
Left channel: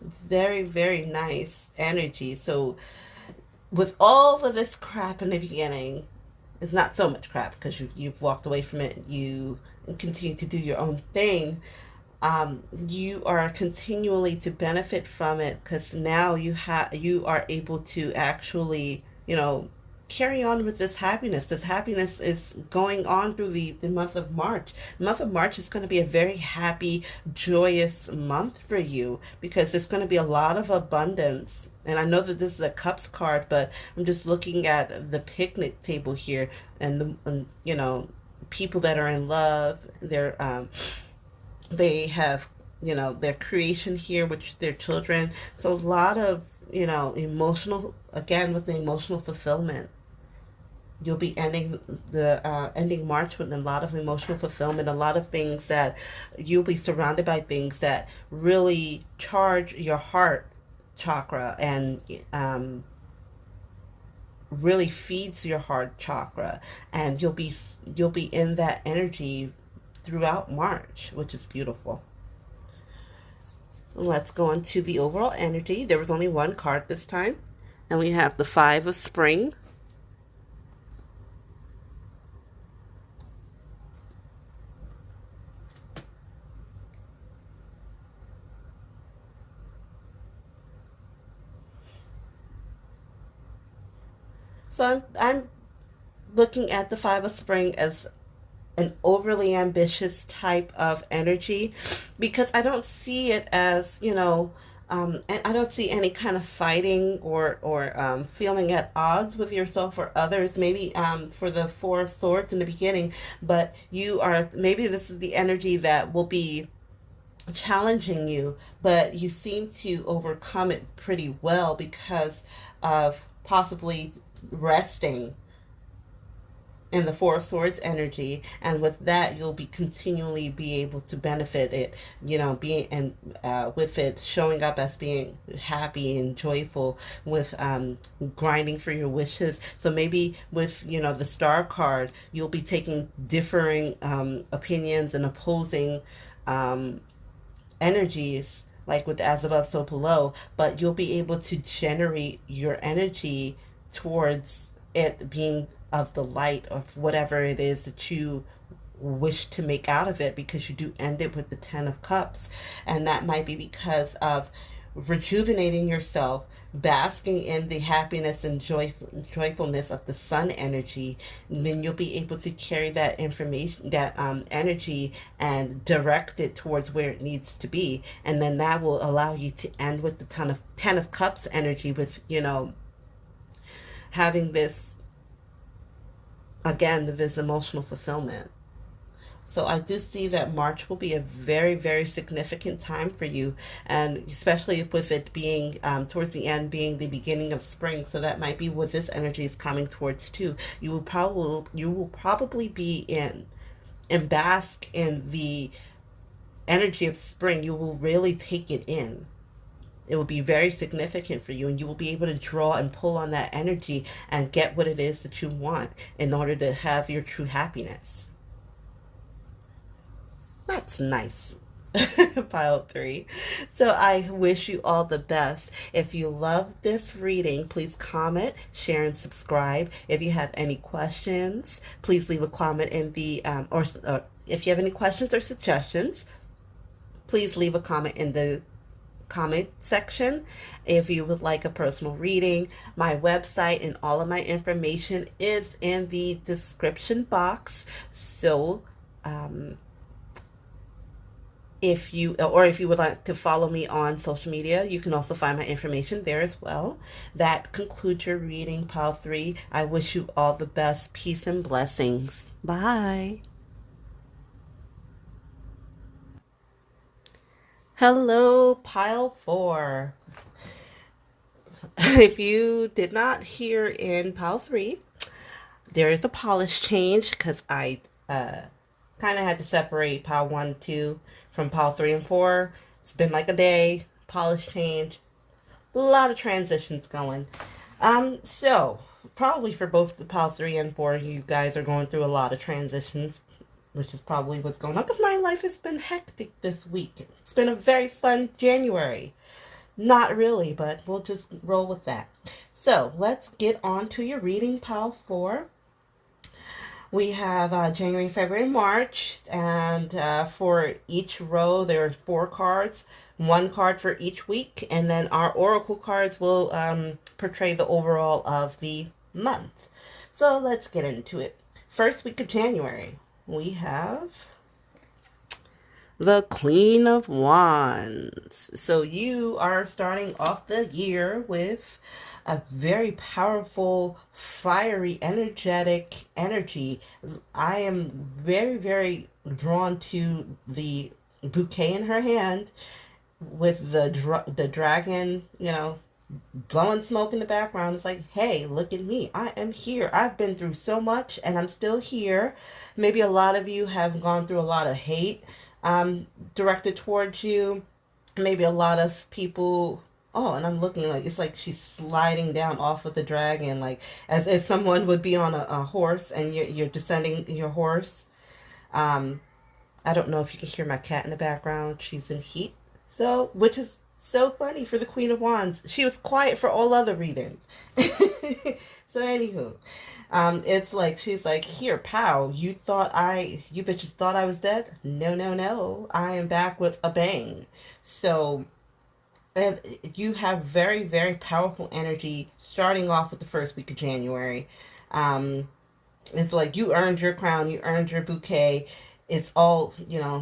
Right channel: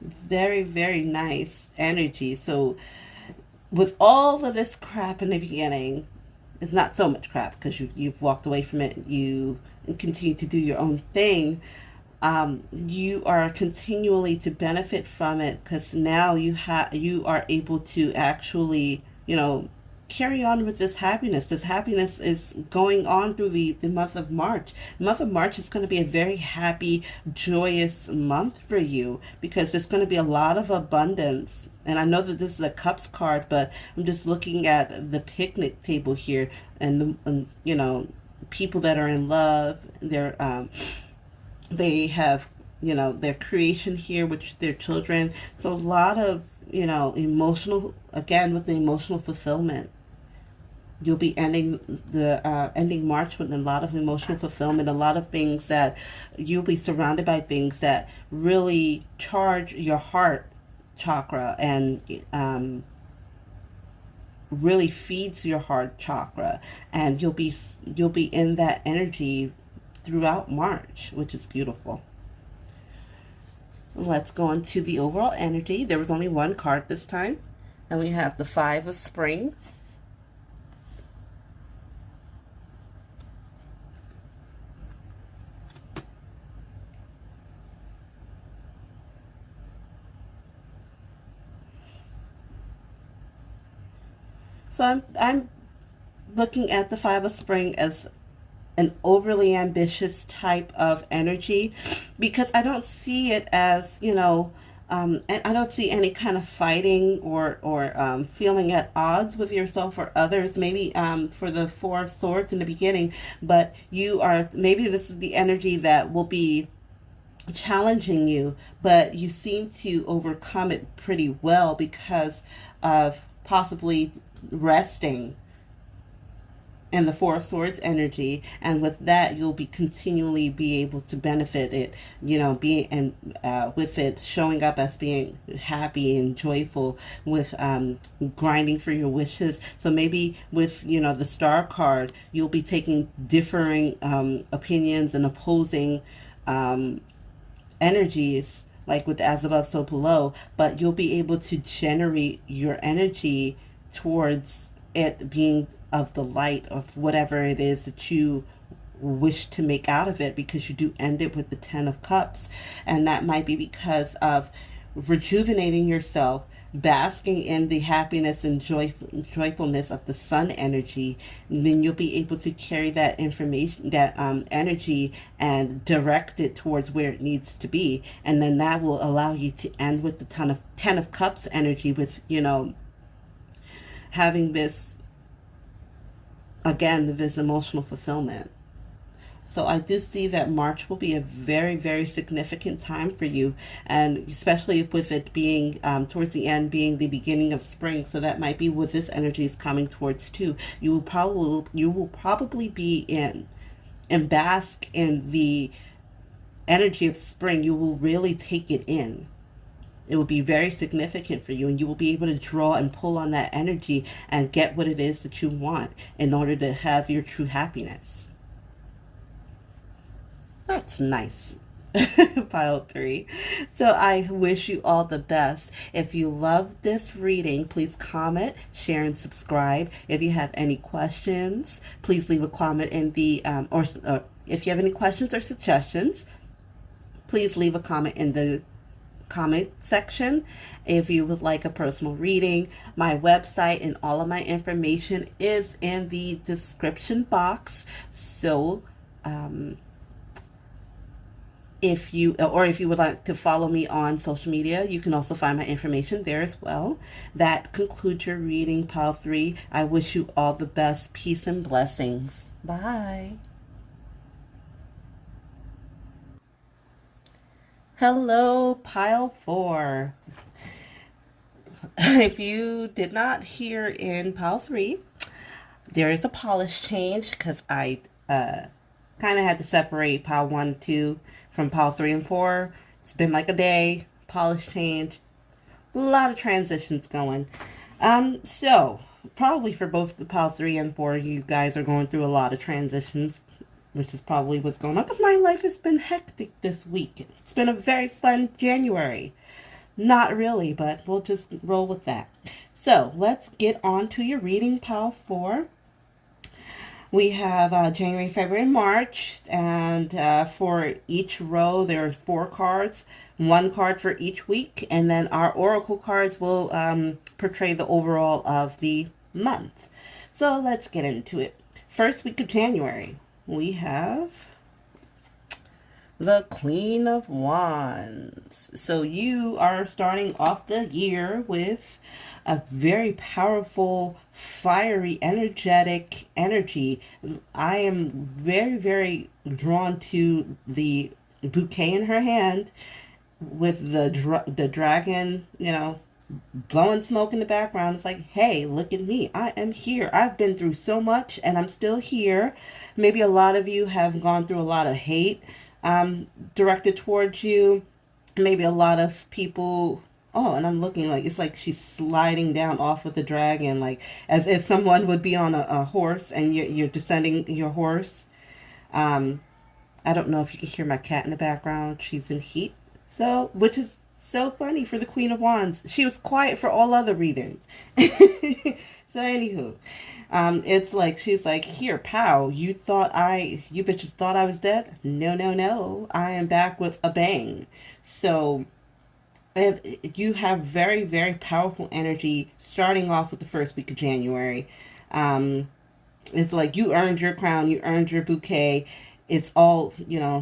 Very, very nice energy. So with all of this crap in the beginning, it's not so much crap because you've walked away from it. You continue to do your own thing. You are continually to benefit from it because now you are able to actually, carry on with this happiness. This happiness is going on through the month of March. The month of March is going to be a very happy, joyous month for you because there's going to be a lot of abundance. And I know that this is a cups card, but I'm just looking at the picnic table here and people that are in love. They have, their creation here, which their children. So a lot of, emotional, again, with the emotional fulfillment. You'll be ending March with a lot of emotional fulfillment, a lot of things that you'll be surrounded by things that really charge your heart chakra and really feeds your heart chakra, and you'll be in that energy throughout March, which is beautiful. Let's go into the overall energy. There was only one card this time, and we have the Five of Spring. So I'm looking at the Five of Spring as an overly ambitious type of energy because I don't see it as, and I don't see any kind of fighting or feeling at odds with yourself or others. Maybe for the Four of Swords in the beginning, but maybe this is the energy that will be challenging you, but you seem to overcome it pretty well because of possibly resting in the Four of Swords energy, and with that you'll be continually be able to benefit it, with it showing up as being happy and joyful, with grinding for your wishes. So maybe with the Star card, you'll be taking differing opinions and opposing energies, like with as above so below, but you'll be able to generate your energy towards it being of the light of whatever it is that you wish to make out of it, because you do end it with the Ten of Cups, and that might be because of rejuvenating yourself, basking in the happiness and joyfulness of the sun energy. And then you'll be able to carry that information, that energy, and direct it towards where it needs to be, and then that will allow you to end with the Ten of Cups energy, with having this, again, this emotional fulfillment. So I do see that March will be a very, very significant time for you, and especially with it being towards the end, being the beginning of spring. So that might be what this energy is coming towards too. You will probably be in and bask in the energy of spring. You will really take it in. It will be very significant for you, and you will be able to draw and pull on that energy and get what it is that you want in order to have your true happiness. That's nice. Pile 3. So I wish you all the best. If you love this reading, please comment, share, and subscribe. If you have any questions, please leave a comment in the, or if you have any questions or suggestions, please leave a comment in the comment section. If you would like a personal reading, my website and all of my information is in the description box. So if you would like to follow me on social media, you can also find my information there as well. That concludes your reading, Pile 3. I wish you all the best. Peace and blessings. Bye. Hello, Pile 4. If you did not hear in Pile 3, there is a polish change because I kind of had to separate Pile 1, 2 from Pile 3 and 4. It's been like a day. Polish change. A lot of transitions going. So, probably for both the Pile 3 and 4, you guys are going through a lot of transitions, which is probably what's going on, because my life has been hectic this week. It's been a very fun January. Not really, but we'll just roll with that. So let's get on to your reading, pile 4. We have January, February, March, and for each row there's 4 cards, 1 card for each week, and then our oracle cards will portray the overall of the month. So let's get into it. First week of January, we have the Queen of Wands. So you are starting off the year with a very powerful, fiery, energetic energy. I am very, very drawn to the bouquet in her hand with the dragon, blowing smoke in the background. It's like, hey, look at me. I am here. I've been through so much and I'm still here. Maybe a lot of you have gone through a lot of hate directed towards you. Maybe a lot of people. Oh, and I'm looking like it's like she's sliding down off of the dragon, like as if someone would be on a horse and you're descending your horse. I don't know if you can hear my cat in the background. She's in heat. So, which is so funny for the Queen of Wands. She was quiet for all other readings. So anywho, it's like, she's like, here, pow, you bitches thought I was dead? No, no, no. I am back with a bang. So, and you have very, very powerful energy starting off with the first week of January. It's like you earned your crown, you earned your bouquet. It's all,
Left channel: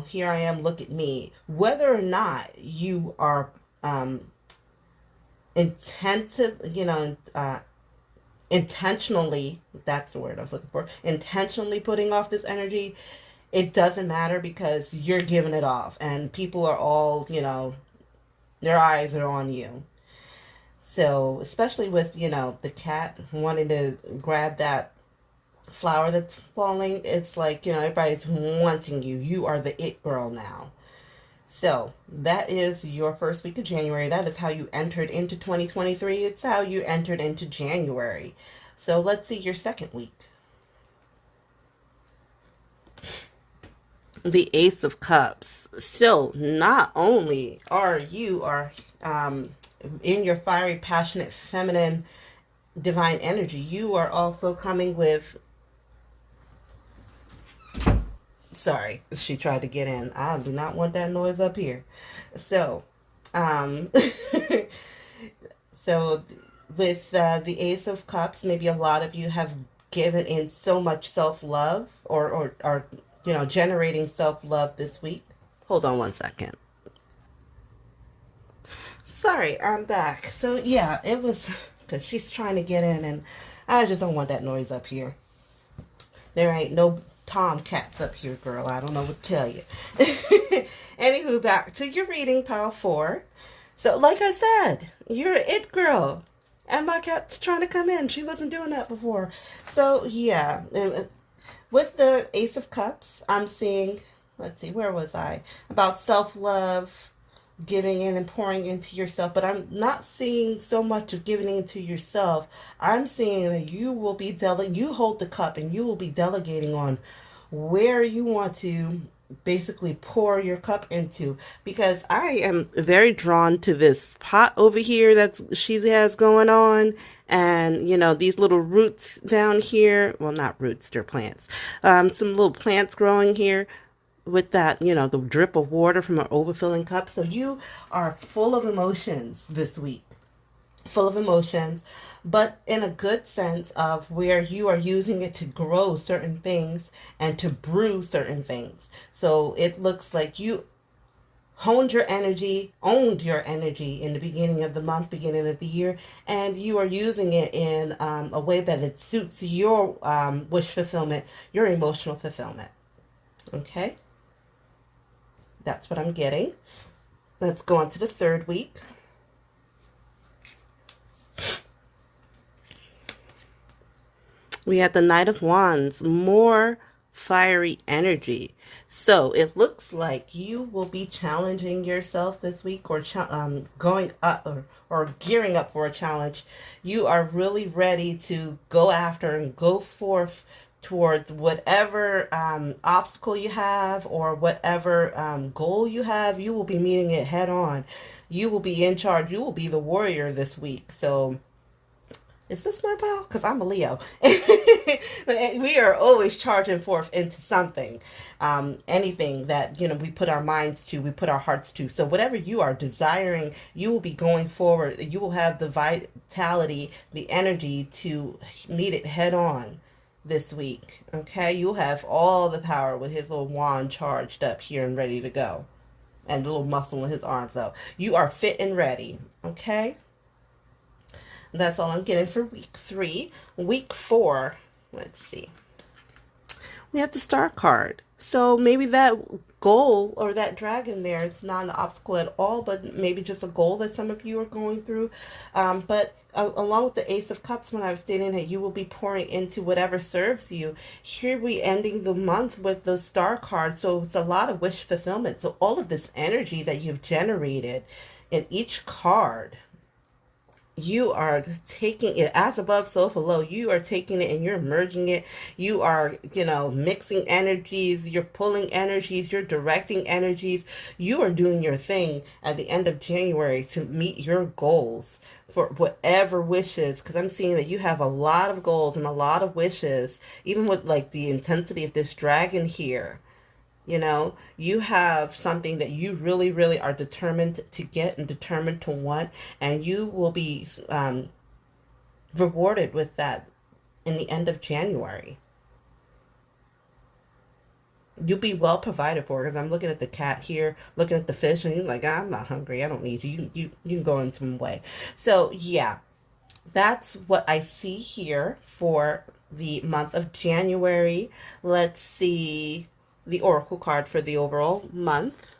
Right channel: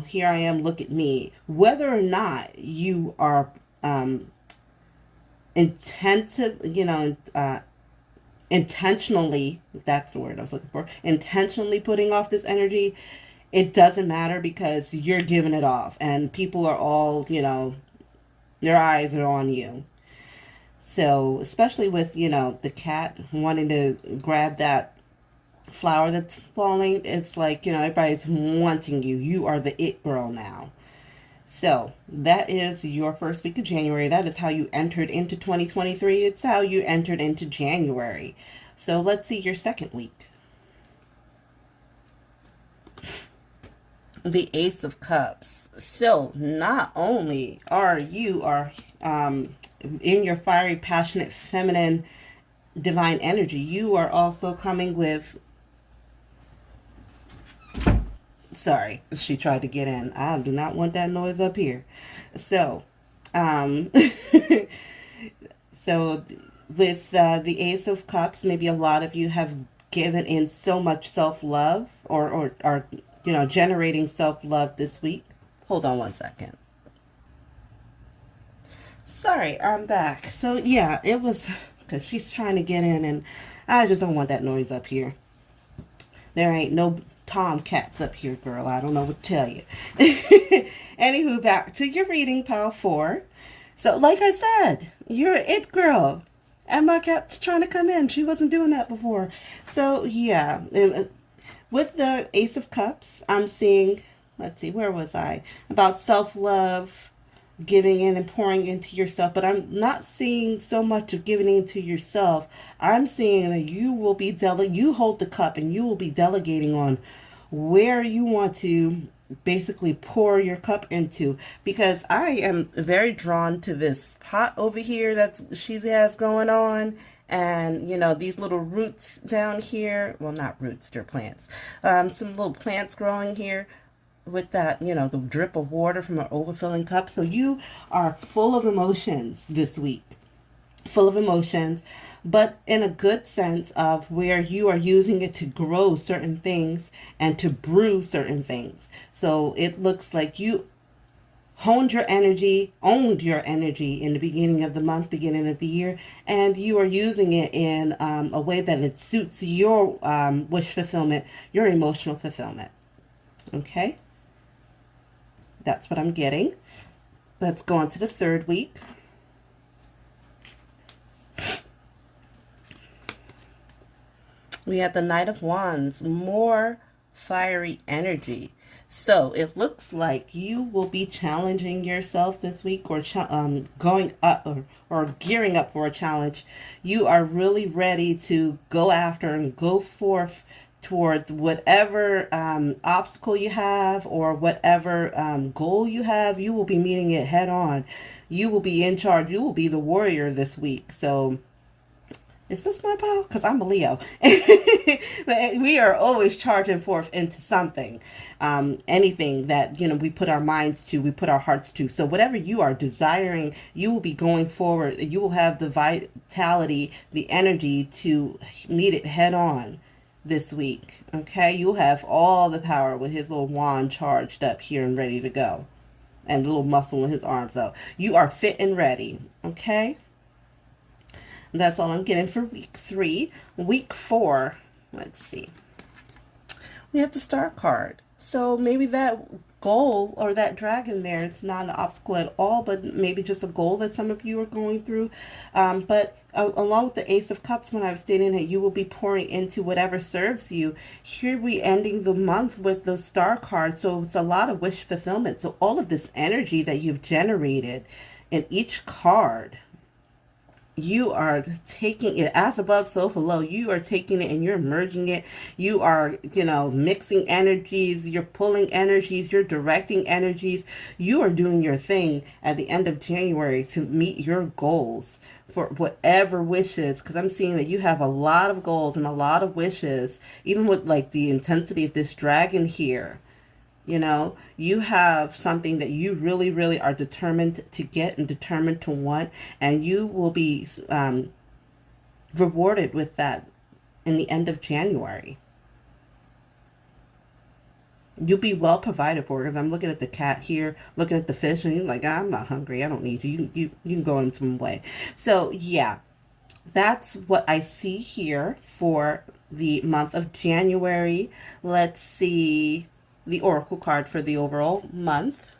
here I am, look at me. Whether or not you are intentionally, that's the word I was looking for, intentionally putting off this energy, it doesn't matter because you're giving it off. And people are all, their eyes are on you. So, especially with, the cat wanting to grab that flower that's falling, it's like, everybody's wanting you. You are the it girl now. So, that is your first week of January. That is how you entered into 2023. It's how you entered into January. So, let's see your second week. The Ace of Cups. So, not only are you in your fiery, passionate, feminine, divine energy, you are also coming with... Sorry, she tried to get in. I do not want that noise up here. So, so with the Ace of Cups, maybe a lot of you have given in so much self-love or generating self-love this week. Hold on one second. Sorry, I'm back. So, yeah, it was because she's trying to get in, and I just don't want that noise up here. There ain't no tomcats up here, girl. I don't know what to tell you. Anywho, back to your reading, pile 4. So, like I said, you're an it girl. And my cat's trying to come in. She wasn't doing that before. So, yeah. With the Ace of Cups, I'm seeing, let's see, where was I? About self-love, giving in and pouring into yourself. But I'm not seeing so much of giving into yourself. I'm seeing that you will be you hold the cup and you will be delegating on where you want to basically pour your cup into, because I am very drawn to this pot over here that she has going on, and these little roots down here, well, not roots, they're plants, some little plants growing here with that, the drip of water from an overfilling cup. So you are full of emotions this week, full of emotions, but in a good sense of where you are using it to grow certain things and to brew certain things. So it looks like you owned your energy in the beginning of the month, beginning of the year, and you are using it in a way that it suits your wish fulfillment, your emotional fulfillment. Okay? That's what I'm getting. Let's go on to the third week. We have the Knight of Wands, more fiery energy. So it looks like you will be challenging yourself this week, or going up or gearing up for a challenge. You are really ready to go after and go forth towards whatever obstacle you have or whatever goal you have. You will be meeting it head on. You will be in charge. You will be the warrior this week. So Is this my pal? Because I'm a Leo. We are always charging forth into something. Anything that, we put our minds to, we put our hearts to. So whatever you are desiring, you will be going forward. You will have the vitality, the energy to meet it head on this week. Okay? You'll have all the power with his little wand charged up here and ready to go. And a little muscle in his arms though. You are fit and ready. Okay? That's all I'm getting for week 3. Week 4, let's see. We have the star card. So maybe that goal or that dragon there, it's not an obstacle at all, but maybe just a goal that some of you are going through. But along with the Ace of Cups, when I was stating that you will be pouring into whatever serves you, here we ending the month with the star card. So it's a lot of wish fulfillment. So all of this energy that you've generated in each card, you are taking it as above, so below. You are taking it and you're merging it. You are, mixing energies. You're pulling energies. You're directing energies. You are doing your thing at the end of January to meet your goals for whatever wishes. Because I'm seeing that you have a lot of goals and a lot of wishes, even with like the intensity of this dragon here. You have something that you really, really are determined to get and determined to want, and you will be rewarded with that in the end of January. You'll be well provided for, because I'm looking at the cat here, looking at the fish, and you're like, I'm not hungry. I don't need you. You can go in some way. So, yeah, that's what I see here for the month of January. Let's see the oracle card for the overall month.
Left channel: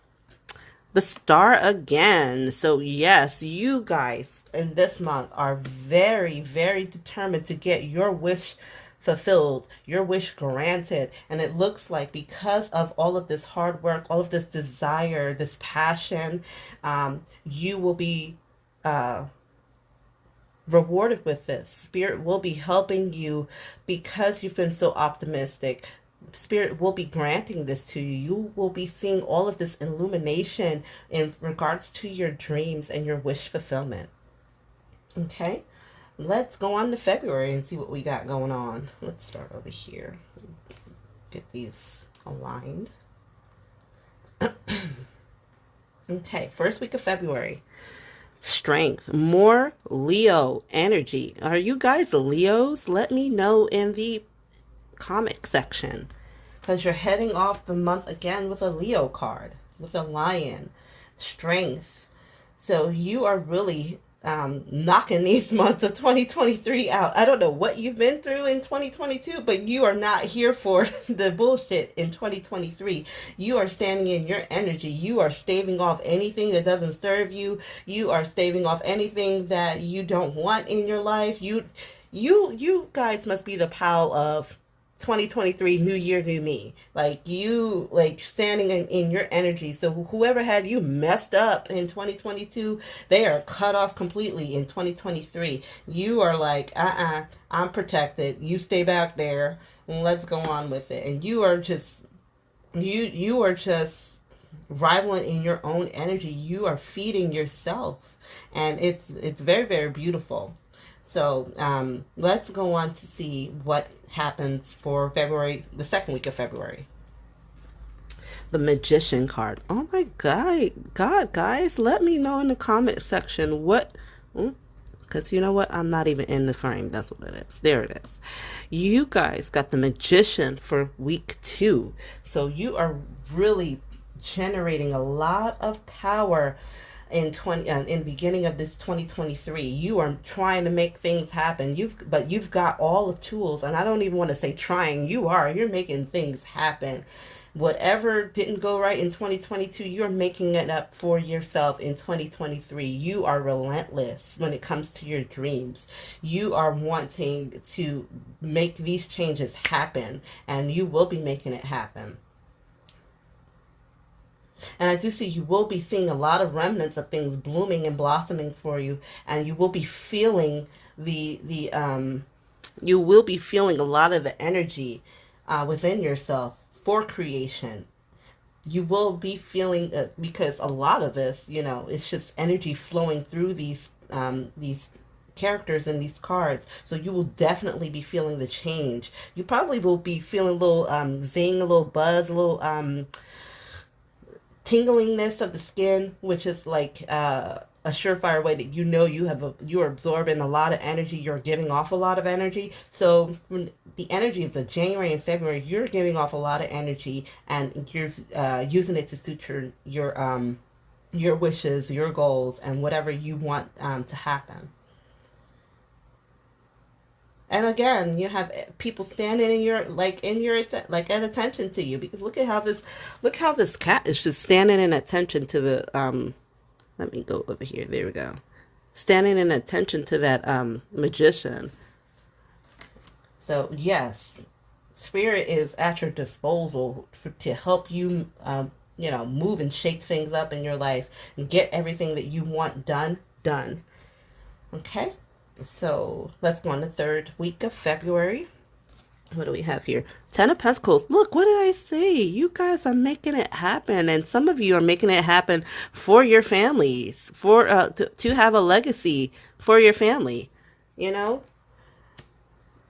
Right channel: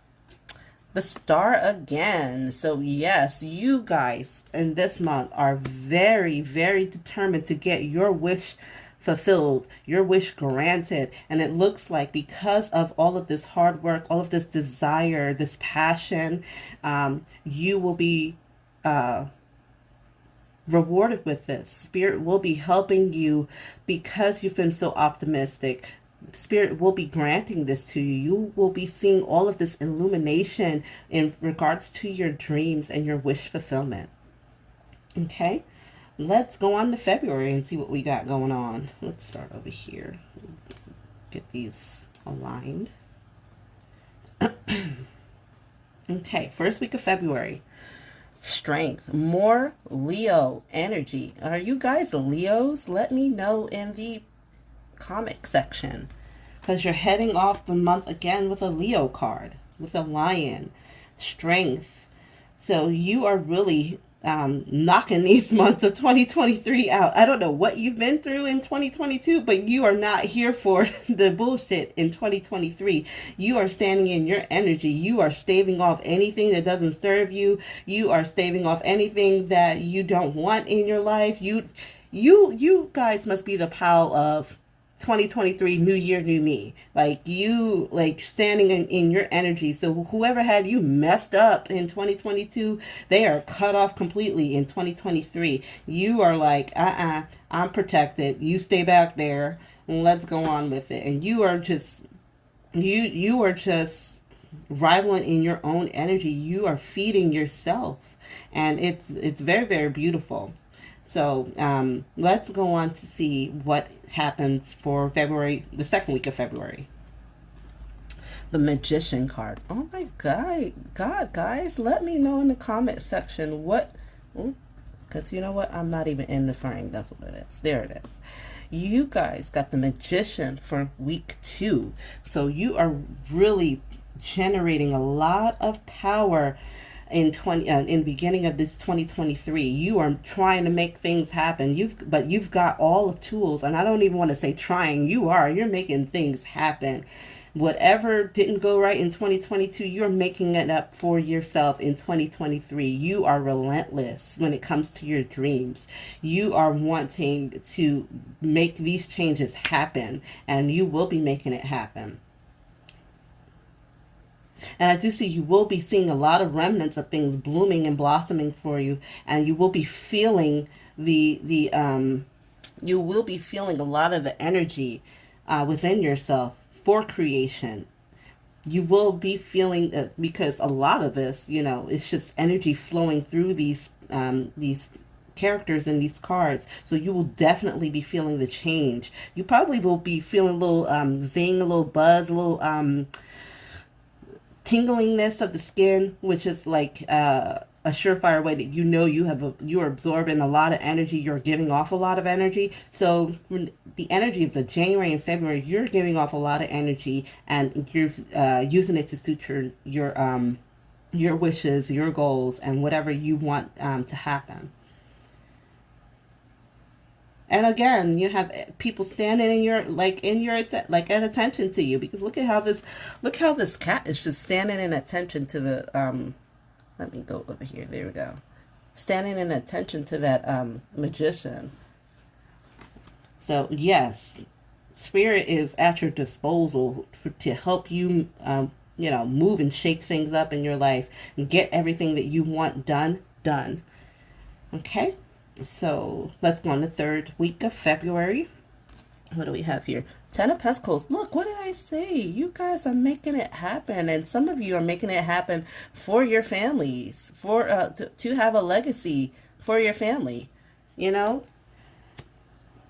The star again. So yes, you guys in this month are very, very determined to get your wish fulfilled, your wish granted. And it looks like because of all of this hard work, all of this desire, this passion, you will be rewarded with this. Spirit will be helping you because you've been so optimistic. Spirit will be granting this to you. You will be seeing all of this illumination in regards to your dreams and your wish fulfillment. Okay, let's go on to February and see what we got going on. Let's start over here. Get these aligned. Okay, first week of February. Strength, more Leo energy. Are you guys the Leos? Let me know in the comic section, because you're heading off the month again with a Leo card, with a lion. Strength. So you are really knocking these months of 2023 out. I don't know what you've been through in 2022, but you are not here for the bullshit in 2023. You are standing in your energy. You are staving off anything that doesn't serve you. You are staving off anything that you don't want in your life. You guys must be the pile of 2023, new year, new me. Like you, standing in your energy. So whoever had you messed up in 2022, they are cut off completely in 2023. You are like, I'm protected. You stay back there and let's go on with it. And you are just, you are just rivaling in your own energy. You are feeding yourself, and it's very, very beautiful. So let's go on to see what happens for February, the second week of February. The Magician card. Oh my God, guys, let me know in the comment section what, because you know what? I'm not even in the frame. That's what it is. There it is. You guys got the Magician for week 2. So you are really generating a lot of power in beginning of this 2023. You are trying to make things happen. You've got all the tools, and I don't even want to say trying. You're making things happen. Whatever didn't go right in 2022, you're making it up for yourself in 2023. You are relentless when it comes to your dreams. You are wanting to make these changes happen, and you will be making it happen. And I do see you will be seeing a lot of remnants of things blooming and blossoming for you, and you will be feeling you will be feeling a lot of the energy within yourself for creation. You will be feeling because a lot of this, it's just energy flowing through these characters in these cards. So you will definitely be feeling the change. You probably will be feeling a little zing, a little buzz, a little tinglingness of the skin, which is like a surefire way that you know you're absorbing a lot of energy, you're giving off a lot of energy. So the energy of the January and February, you're giving off a lot of energy, and you're using it to suit your wishes, your goals, and whatever you want to happen. And again, you have people standing in your at attention to you, because look how this cat is just standing in attention to the let me go over here. There we go. Standing in attention to that magician. So yes, spirit is at your disposal to help you move and shake things up in your life and get everything that you want done. Okay? So let's go on the third week of February. What do we have here? 10 of Pentacles. Look, what did I say? You guys are making it happen. And some of you are making it happen for your families, for to have a legacy for your family. You know,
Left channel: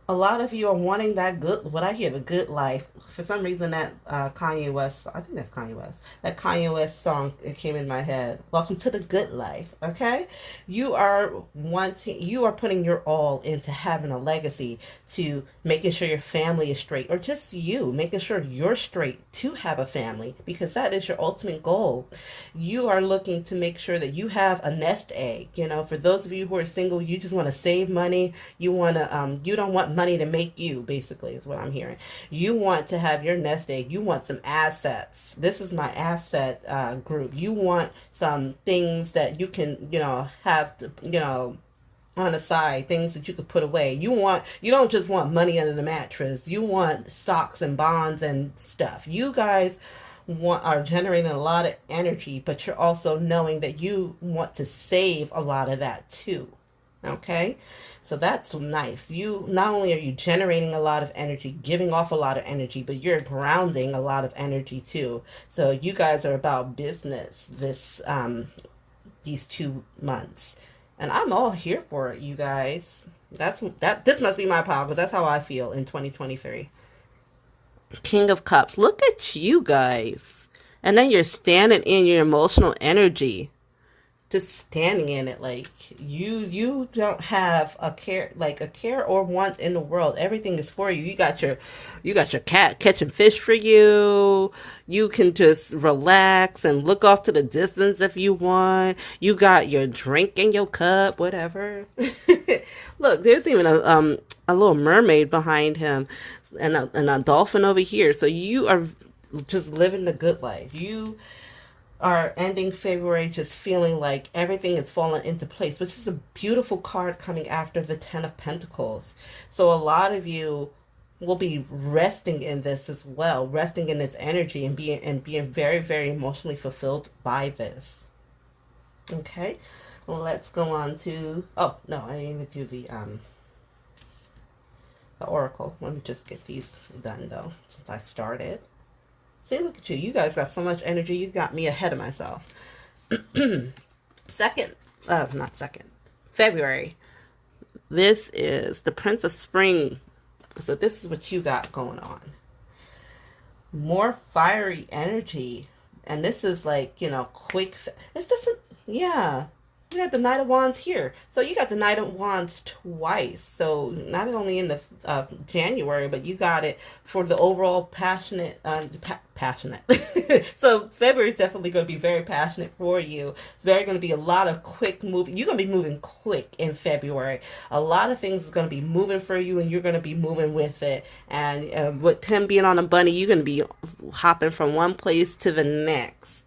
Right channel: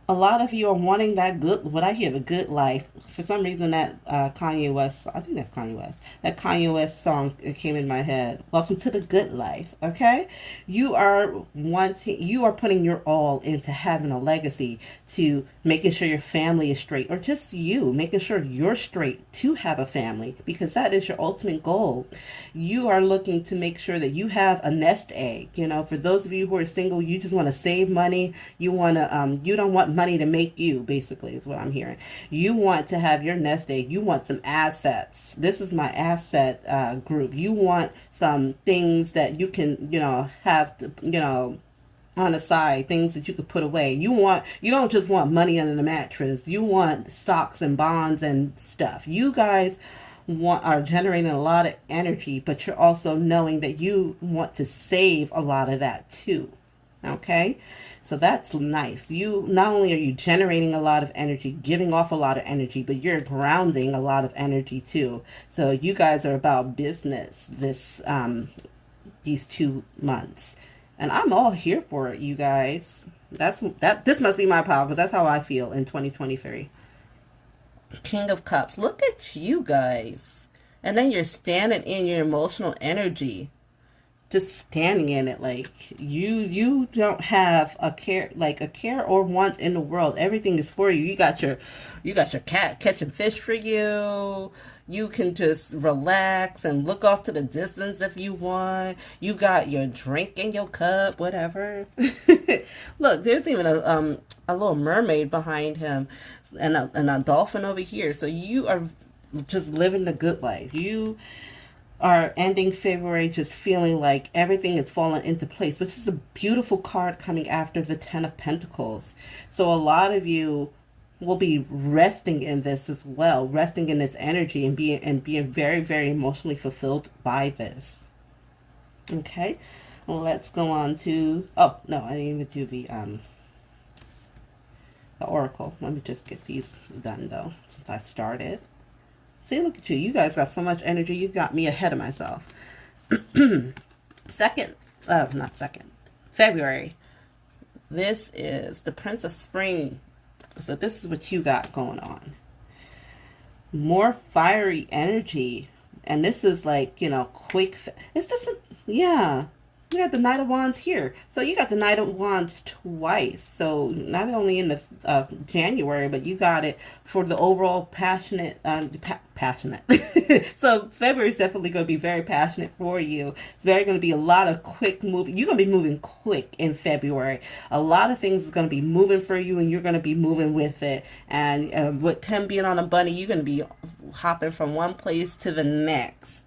a lot of you are wanting that good, what I hear, the good life. For some reason, that Kanye West, I think that's Kanye West, that Kanye West song, it came in my head. Welcome to the good life, okay? You are putting your all into having a legacy, to making sure your family is straight, or just you, making sure you're straight to have a family, because that is your ultimate goal. You are looking to make sure that you have a nest egg. You know, for those of you who are single, you just want to save money. You want to, you don't want money to make you, basically, is what I'm hearing. You want to have your nest egg. You want some assets. This is my asset group. You want some things that you can, have to, on the side, things that you could put away. You don't just want money under the mattress. You want stocks and bonds and stuff. You guys are generating a lot of energy, but you're also knowing that you want to save a lot of that too. Okay? So that's nice. You not only are you generating a lot of energy, giving off a lot of energy, but you're grounding a lot of energy too. So you guys are about business these 2 months. And I'm all here for it, you guys. This must be my power, because that's how I feel in 2023. King of Cups. Look at you guys. And then you're standing in your emotional energy. Just standing in it, like you don't have a care or want in the world. Everything is for you. You got your cat catching fish for you. You can just relax and look off to the distance if you want. You got your drink in your cup, whatever. Look, there's even a little mermaid behind him, and a dolphin over here. So you are just living the good life. You are ending February just feeling like everything is falling into place, which is a beautiful card coming after the 10 of Pentacles. So a lot of you will be resting in this as well, resting in this energy and being very, very emotionally fulfilled by this. Okay, well, let's go on to, oh no, I didn't even do the oracle. Let me just get these done though, since I started. See, look at you. You guys got so much energy. You got me ahead of myself. February. This is the Prince of Spring. So this is what you got going on. More fiery energy. And this is like, quick. It's just, yeah. You got the Knight of Wands here. So you got the Knight of Wands twice. So not only in the January, but you got it for the overall passionate. So February is definitely going to be very passionate for you. It's very going to be a lot of quick moving. You're going to be moving quick in February. A lot of things is going to be moving for you, and you're going to be moving with it. And with him being on a bunny, you're going to be hopping from one place to the next.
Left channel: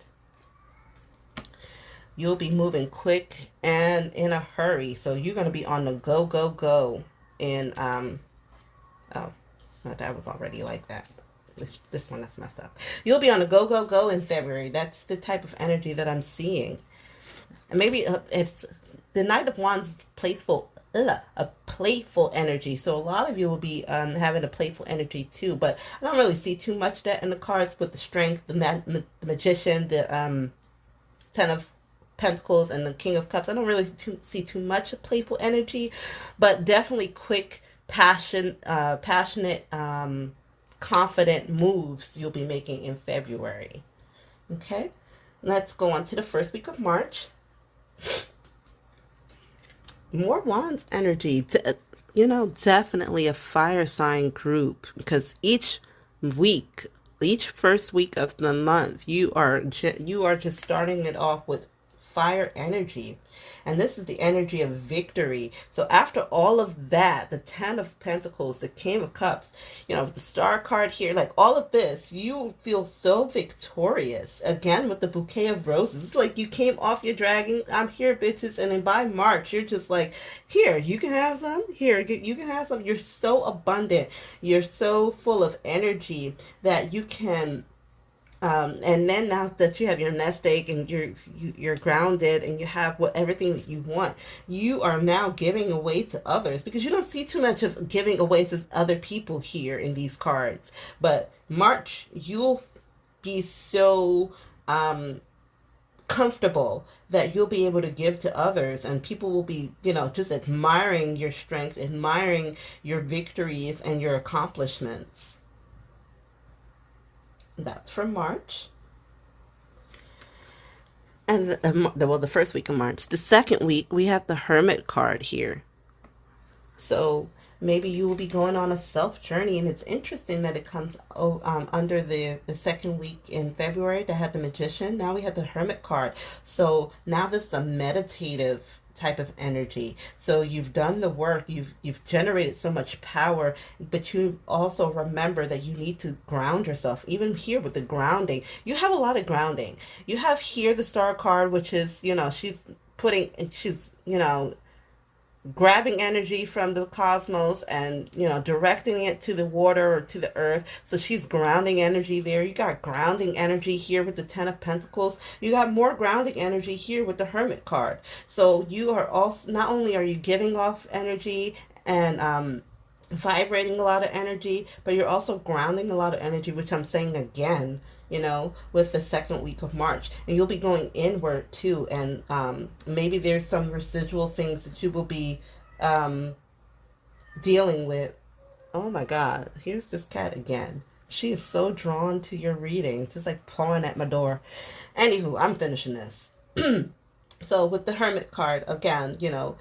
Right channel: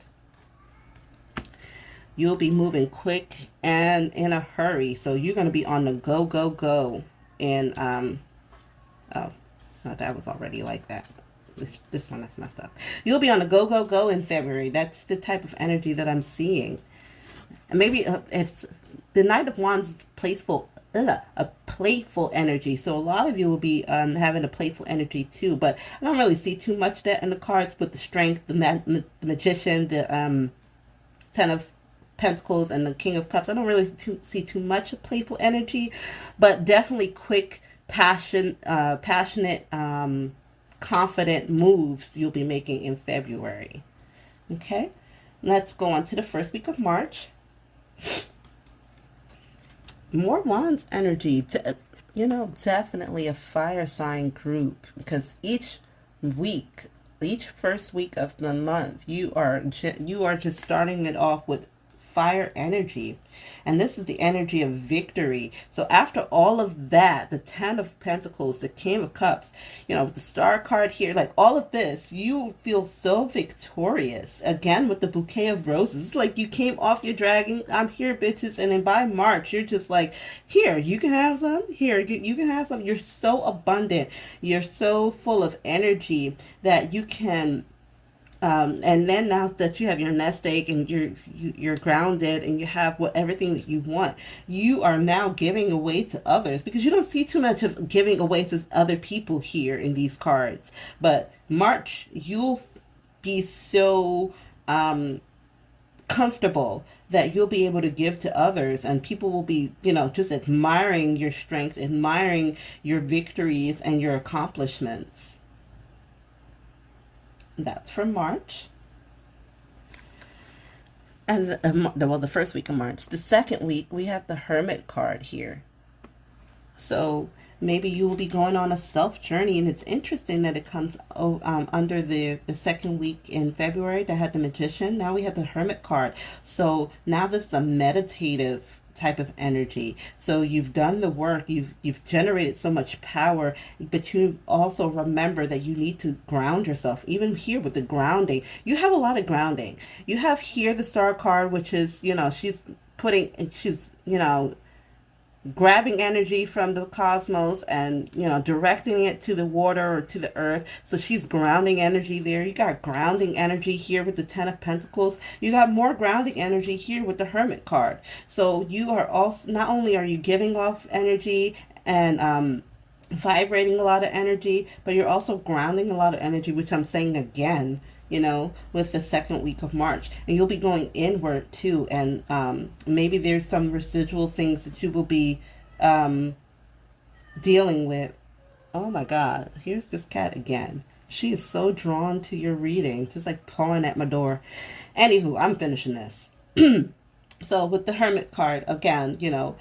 You'll be moving quick and in a hurry. So you're going to be on the go, go, go. And, oh, no, that was already like that. This one is messed up. You'll be on the go, go, go in February. That's the type of energy that I'm seeing. And maybe it's the Knight of Wands is a playful energy. So a lot of you will be having a playful energy too. But I don't really see too much of that in the cards. But the Strength, the Magician, the Ten of Pentacles and the King of Cups. I don't really see too much of playful energy, but definitely quick, passionate, confident moves you'll be making in February. Okay, let's go on to the first week of March. More Wands energy. You know, definitely a fire sign group, because each first week of the month, you are just starting it off with fire energy, and this is the energy of victory. So after all of that, the 10 of Pentacles, the King of Cups, you know, the Star card here, like all of this, you feel so victorious. Again, with the bouquet of roses, it's like you came off your dragon. I'm here, bitches. And then by March, you're just like, here, you can have some. Here, you can have some. You're so abundant. You're so full of energy that you can. And then now that you have your nest egg and you're grounded and you have everything that you want, you are now giving away to others, because you don't see too much of giving away to other people here in these cards. But March, you'll be so comfortable that you'll be able to give to others, and people will be, you know, just admiring your strength, admiring your victories and your accomplishments. That's from March. And well, the first week of March. The second week, we have the Hermit card here. So maybe you will be going on a self journey, and it's interesting that it comes under the second week in February that had the Magician. Now we have the Hermit card. So now this is a meditative type of energy. So you've done the work, you've generated so much power, but you also remember that you need to ground yourself. Even here with the grounding, you have a lot of grounding. You have here the Star card, which is, you know, she's you know, grabbing energy from the cosmos and, you know, directing it to the water or to the earth. So she's grounding energy there. You got grounding energy here with the 10 of Pentacles. You got more grounding energy here with the Hermit card. So you are also, not only are you giving off energy and vibrating a lot of energy, but you're also grounding a lot of energy, which I'm saying again, you know, with the second week of March. And you'll be going inward too, and maybe there's some residual things that you will be dealing with. Oh my God, here's this cat again. She is so drawn to your reading, just like pawing at my door. Anywho, I'm finishing this. So with the Hermit card, again, you know,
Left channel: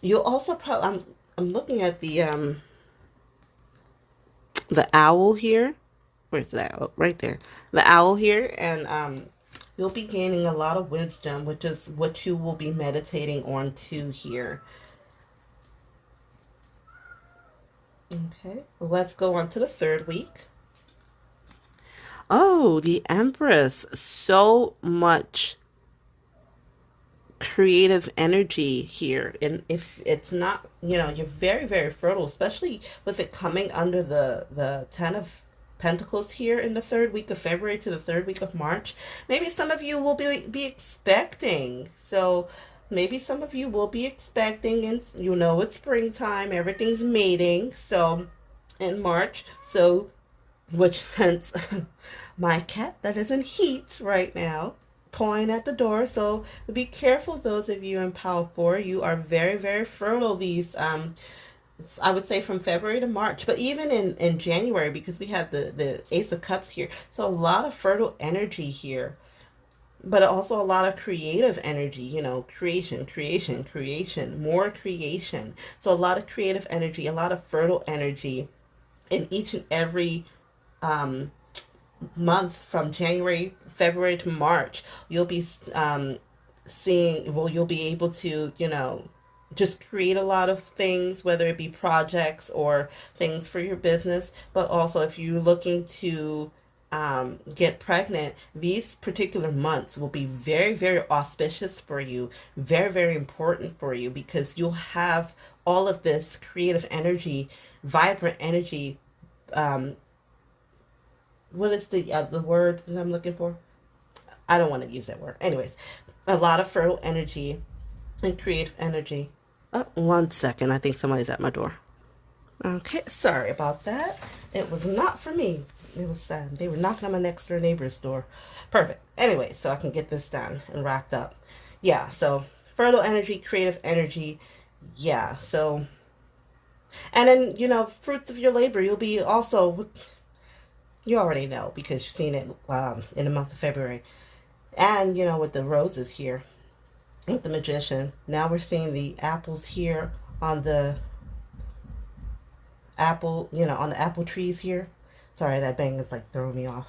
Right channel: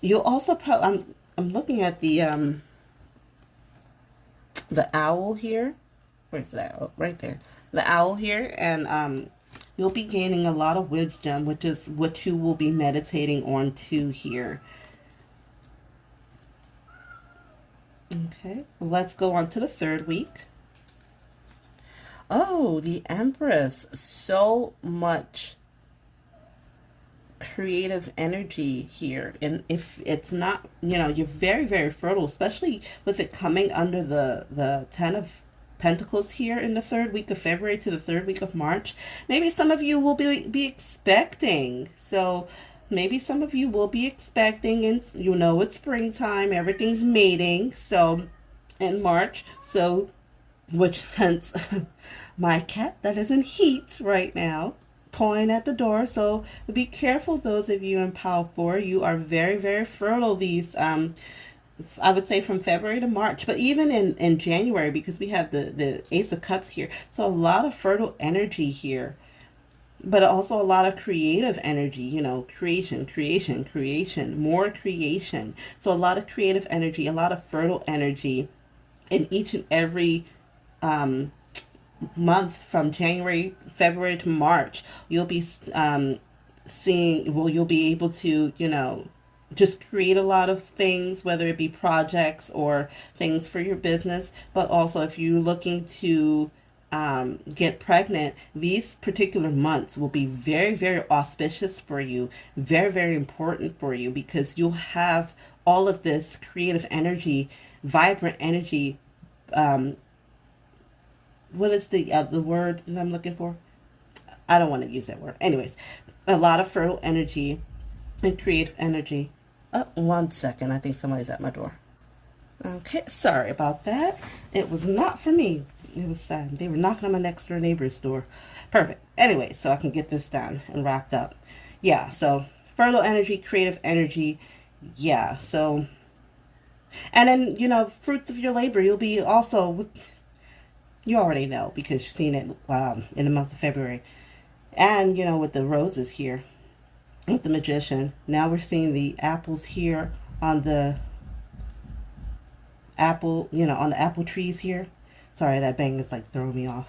you'll also probably, I'm looking at the owl here. Where's that? Oh, right there. The owl here. And you'll be gaining a lot of wisdom, which is what you will be meditating on too here. Okay, let's go on to the third week. Oh, the Empress. So much creative energy here. And if it's not, you know, you're very, very fertile, especially with it coming under the 10 of Pentacles here in the third week of February to the third week of March. Maybe some of you will be expecting. So maybe some of you will be expecting, and you know it's springtime, everything's mating. So in March, so which hence my cat that is in heat right now, pawing at the door. So be careful, those of you in Pile 4. You are very, very fertile these I would say from February to March, but even in January, because we have the Ace of Cups here. So a lot of fertile energy here, but also a lot of creative energy, you know, creation, more creation. So a lot of creative energy, a lot of fertile energy in each and every month from January, February to March. You'll be seeing, well, you'll be able to, you know, just create a lot of things, whether it be projects or things for your business. But also if you're looking to get pregnant, these particular months will be very, very auspicious for you, very, very important for you, because you'll have all of this creative energy, vibrant energy. What is the word that I'm looking for? I don't want to use that word. Anyways, a lot of fertile energy and creative energy. Oh, 1 second. I think somebody's at my door. Okay, sorry about that. It was not for me. It was sad. They were knocking on my next door neighbor's door. Perfect. Anyway, so I can get this done and wrapped up. Yeah, so fertile energy, creative energy. Yeah, so, and then, fruits of your labor, you'll be also, you already know because you've seen it in the month of February. And, with the roses here, with the magician, now we're seeing the apples here on the on the apple trees here. Sorry, that bang is like throwing me off.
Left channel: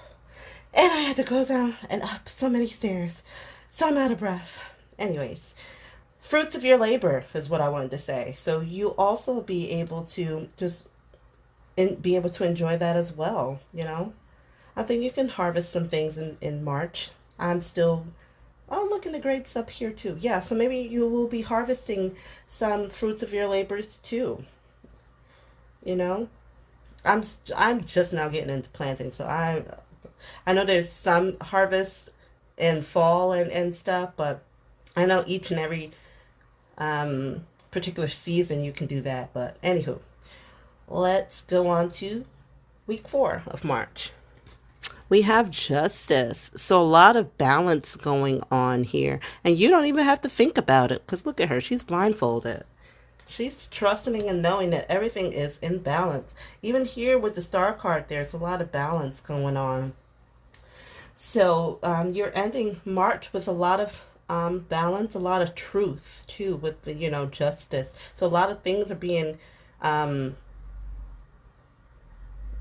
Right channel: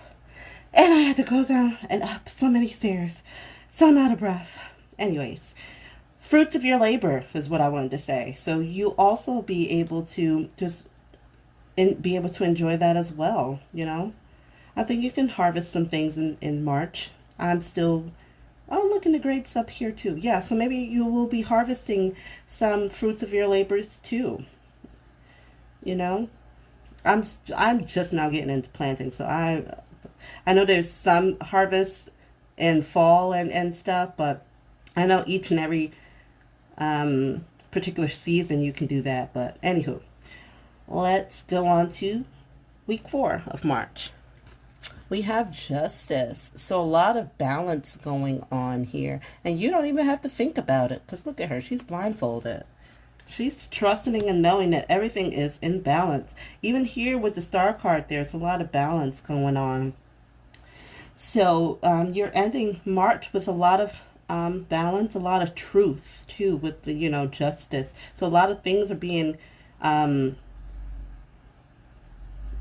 And I had to go down and up so many stairs. So I'm out of breath. Anyways, fruits of your labor is what I wanted to say. So you also be able to be able to enjoy that as well, I think you can harvest some things in March. Looking the grapes up here too. Yeah, so maybe you will be harvesting some fruits of your labors too. I'm just now getting into planting, so I know there's some harvest in fall and stuff, but I know each and every particular season you can do that. But anywho, let's go on to week 4 of March. We have justice. So a lot of balance going on here. And you don't even have to think about it. Because look at her. She's blindfolded. She's trusting and knowing that everything is in balance. Even here with the star card, there's a lot of balance going on. So you're ending March with a lot of balance, a lot of truth, too, with the, justice. So a lot of things are being...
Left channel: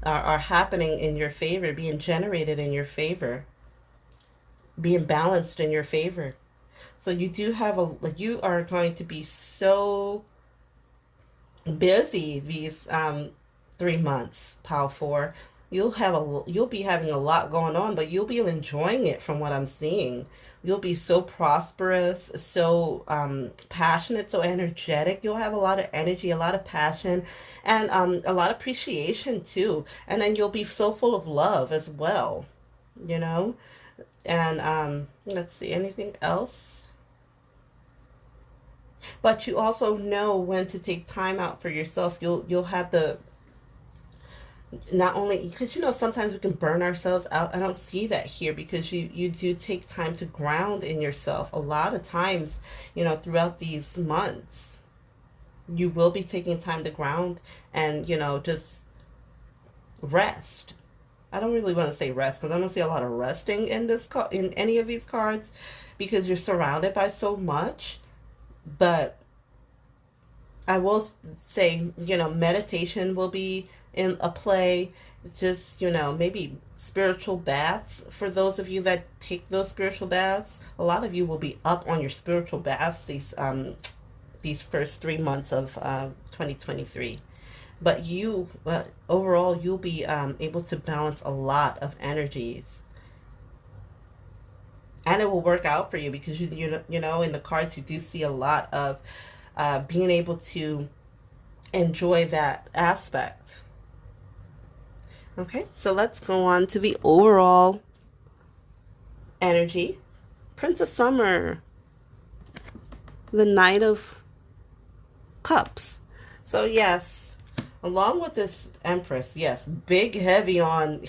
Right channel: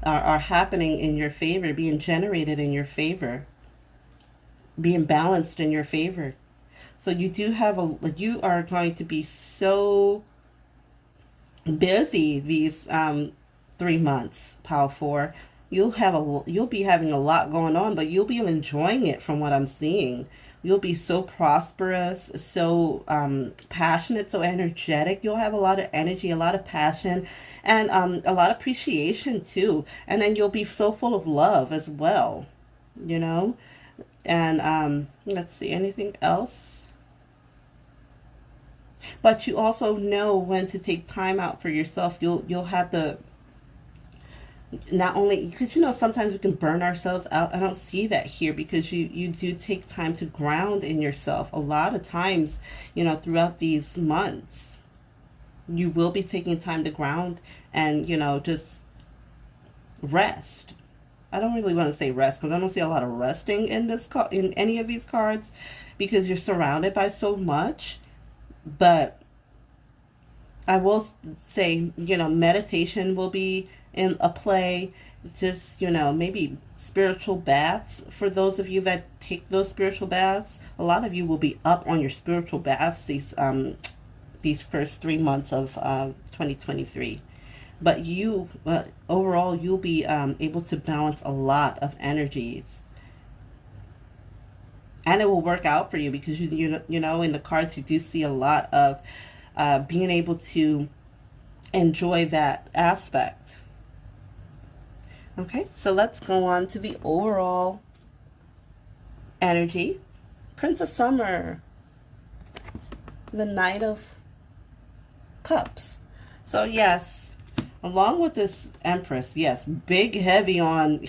are happening in your favor, being generated in your favor, being balanced in your favor. So you do have you are going to be so busy these 3 months, Pile 4. You'll be having a lot going on, but you'll be enjoying it from what I'm seeing. You'll be so prosperous, so passionate, so energetic. You'll have a lot of energy, a lot of passion, and a lot of appreciation too. And then you'll be so full of love as well, And let's see, anything else? But you also know when to take time out for yourself. You'll have the... Not only, because sometimes we can burn ourselves out. I don't see that here because you do take time to ground in yourself. A lot of times, throughout these months, you will be taking time to ground and, just rest. I don't really want to say rest because I don't see a lot of resting in in any of these cards because you're surrounded by so much. But I will say, meditation will be in a play, just, maybe spiritual baths. For those of you that take those spiritual baths, a lot of you will be up on your spiritual baths these first 3 months of 2023. But overall, you'll be able to balance a lot of energies. And it will work out for you because, in the cards, you do see a lot of being able to enjoy that aspect. Okay, so let's go on to the overall energy. Prince of Summer, the Knight of Cups. So yes, along with this Empress, yes, big heavy on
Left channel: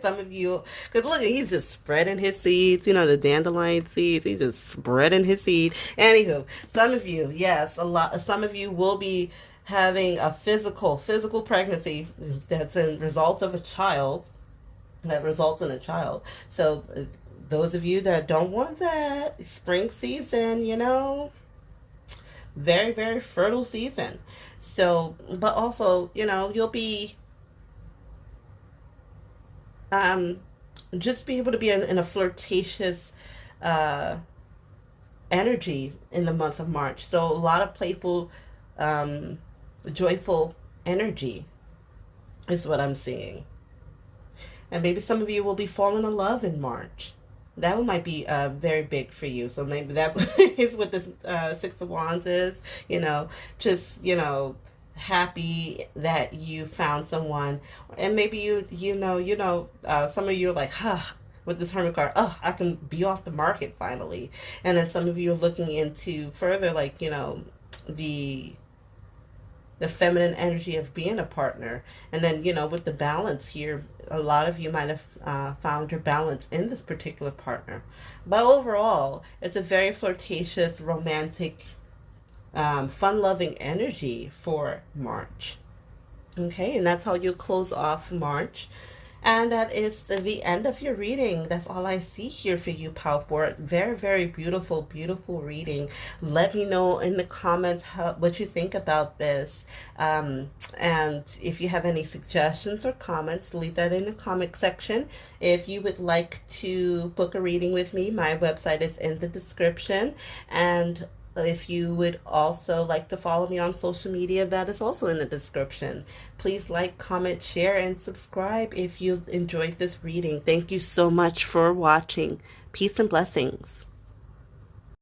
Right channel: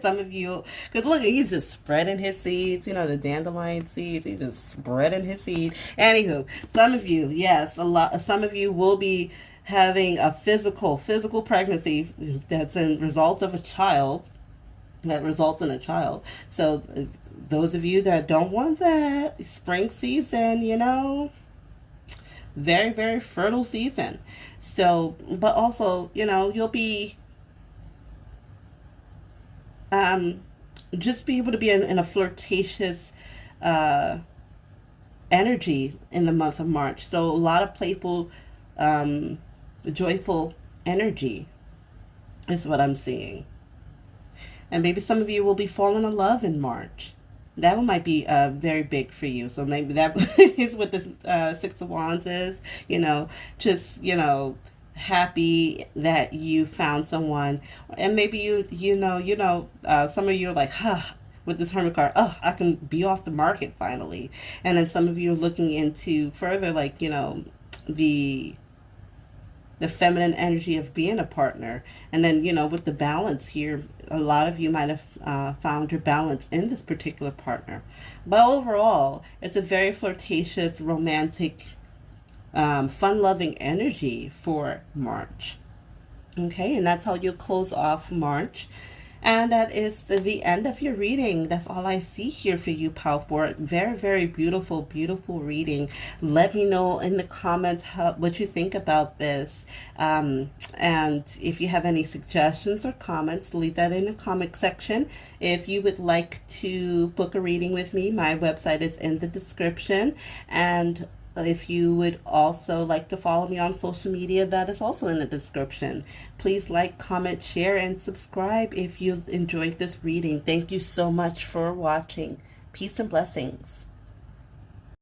some of you. Because look, he's just spreading his seeds, the dandelion seeds. He's just spreading his seed. Anywho, some of you, yes, some of you will be having a physical pregnancy that's a result of a child, that results in a child. So those of you that don't want that, spring season, very, very fertile season. So, but also, you'll be just be able to be in a flirtatious energy in the month of March. So a lot of playful joyful energy is what I'm seeing. And maybe some of you will be falling in love in March. That one might be very big for you. So maybe that is what this 6 of Wands is. Just, happy that you found someone. And maybe some of you are like, with this Hermit card, I can be off the market finally. And then some of you are looking into further, like, the the feminine energy of being a partner. And then, with the balance here, a lot of you might have found your balance in this particular partner. But overall, it's a very flirtatious, romantic, fun-loving energy for March. Okay, and that's how you close off March. And that is the end of your reading. That's all I see here for you, Pal 4. Very, very beautiful, beautiful reading. Let me know in the comments what you think about this. And if you have any suggestions or comments, leave that in the comment section. If you would like to book a reading with me, my website is in the description. And if you would also like to follow me on social media, that is also in the description. Please like, comment, share, and subscribe if you've enjoyed this reading. Thank you so much for watching. Peace and blessings.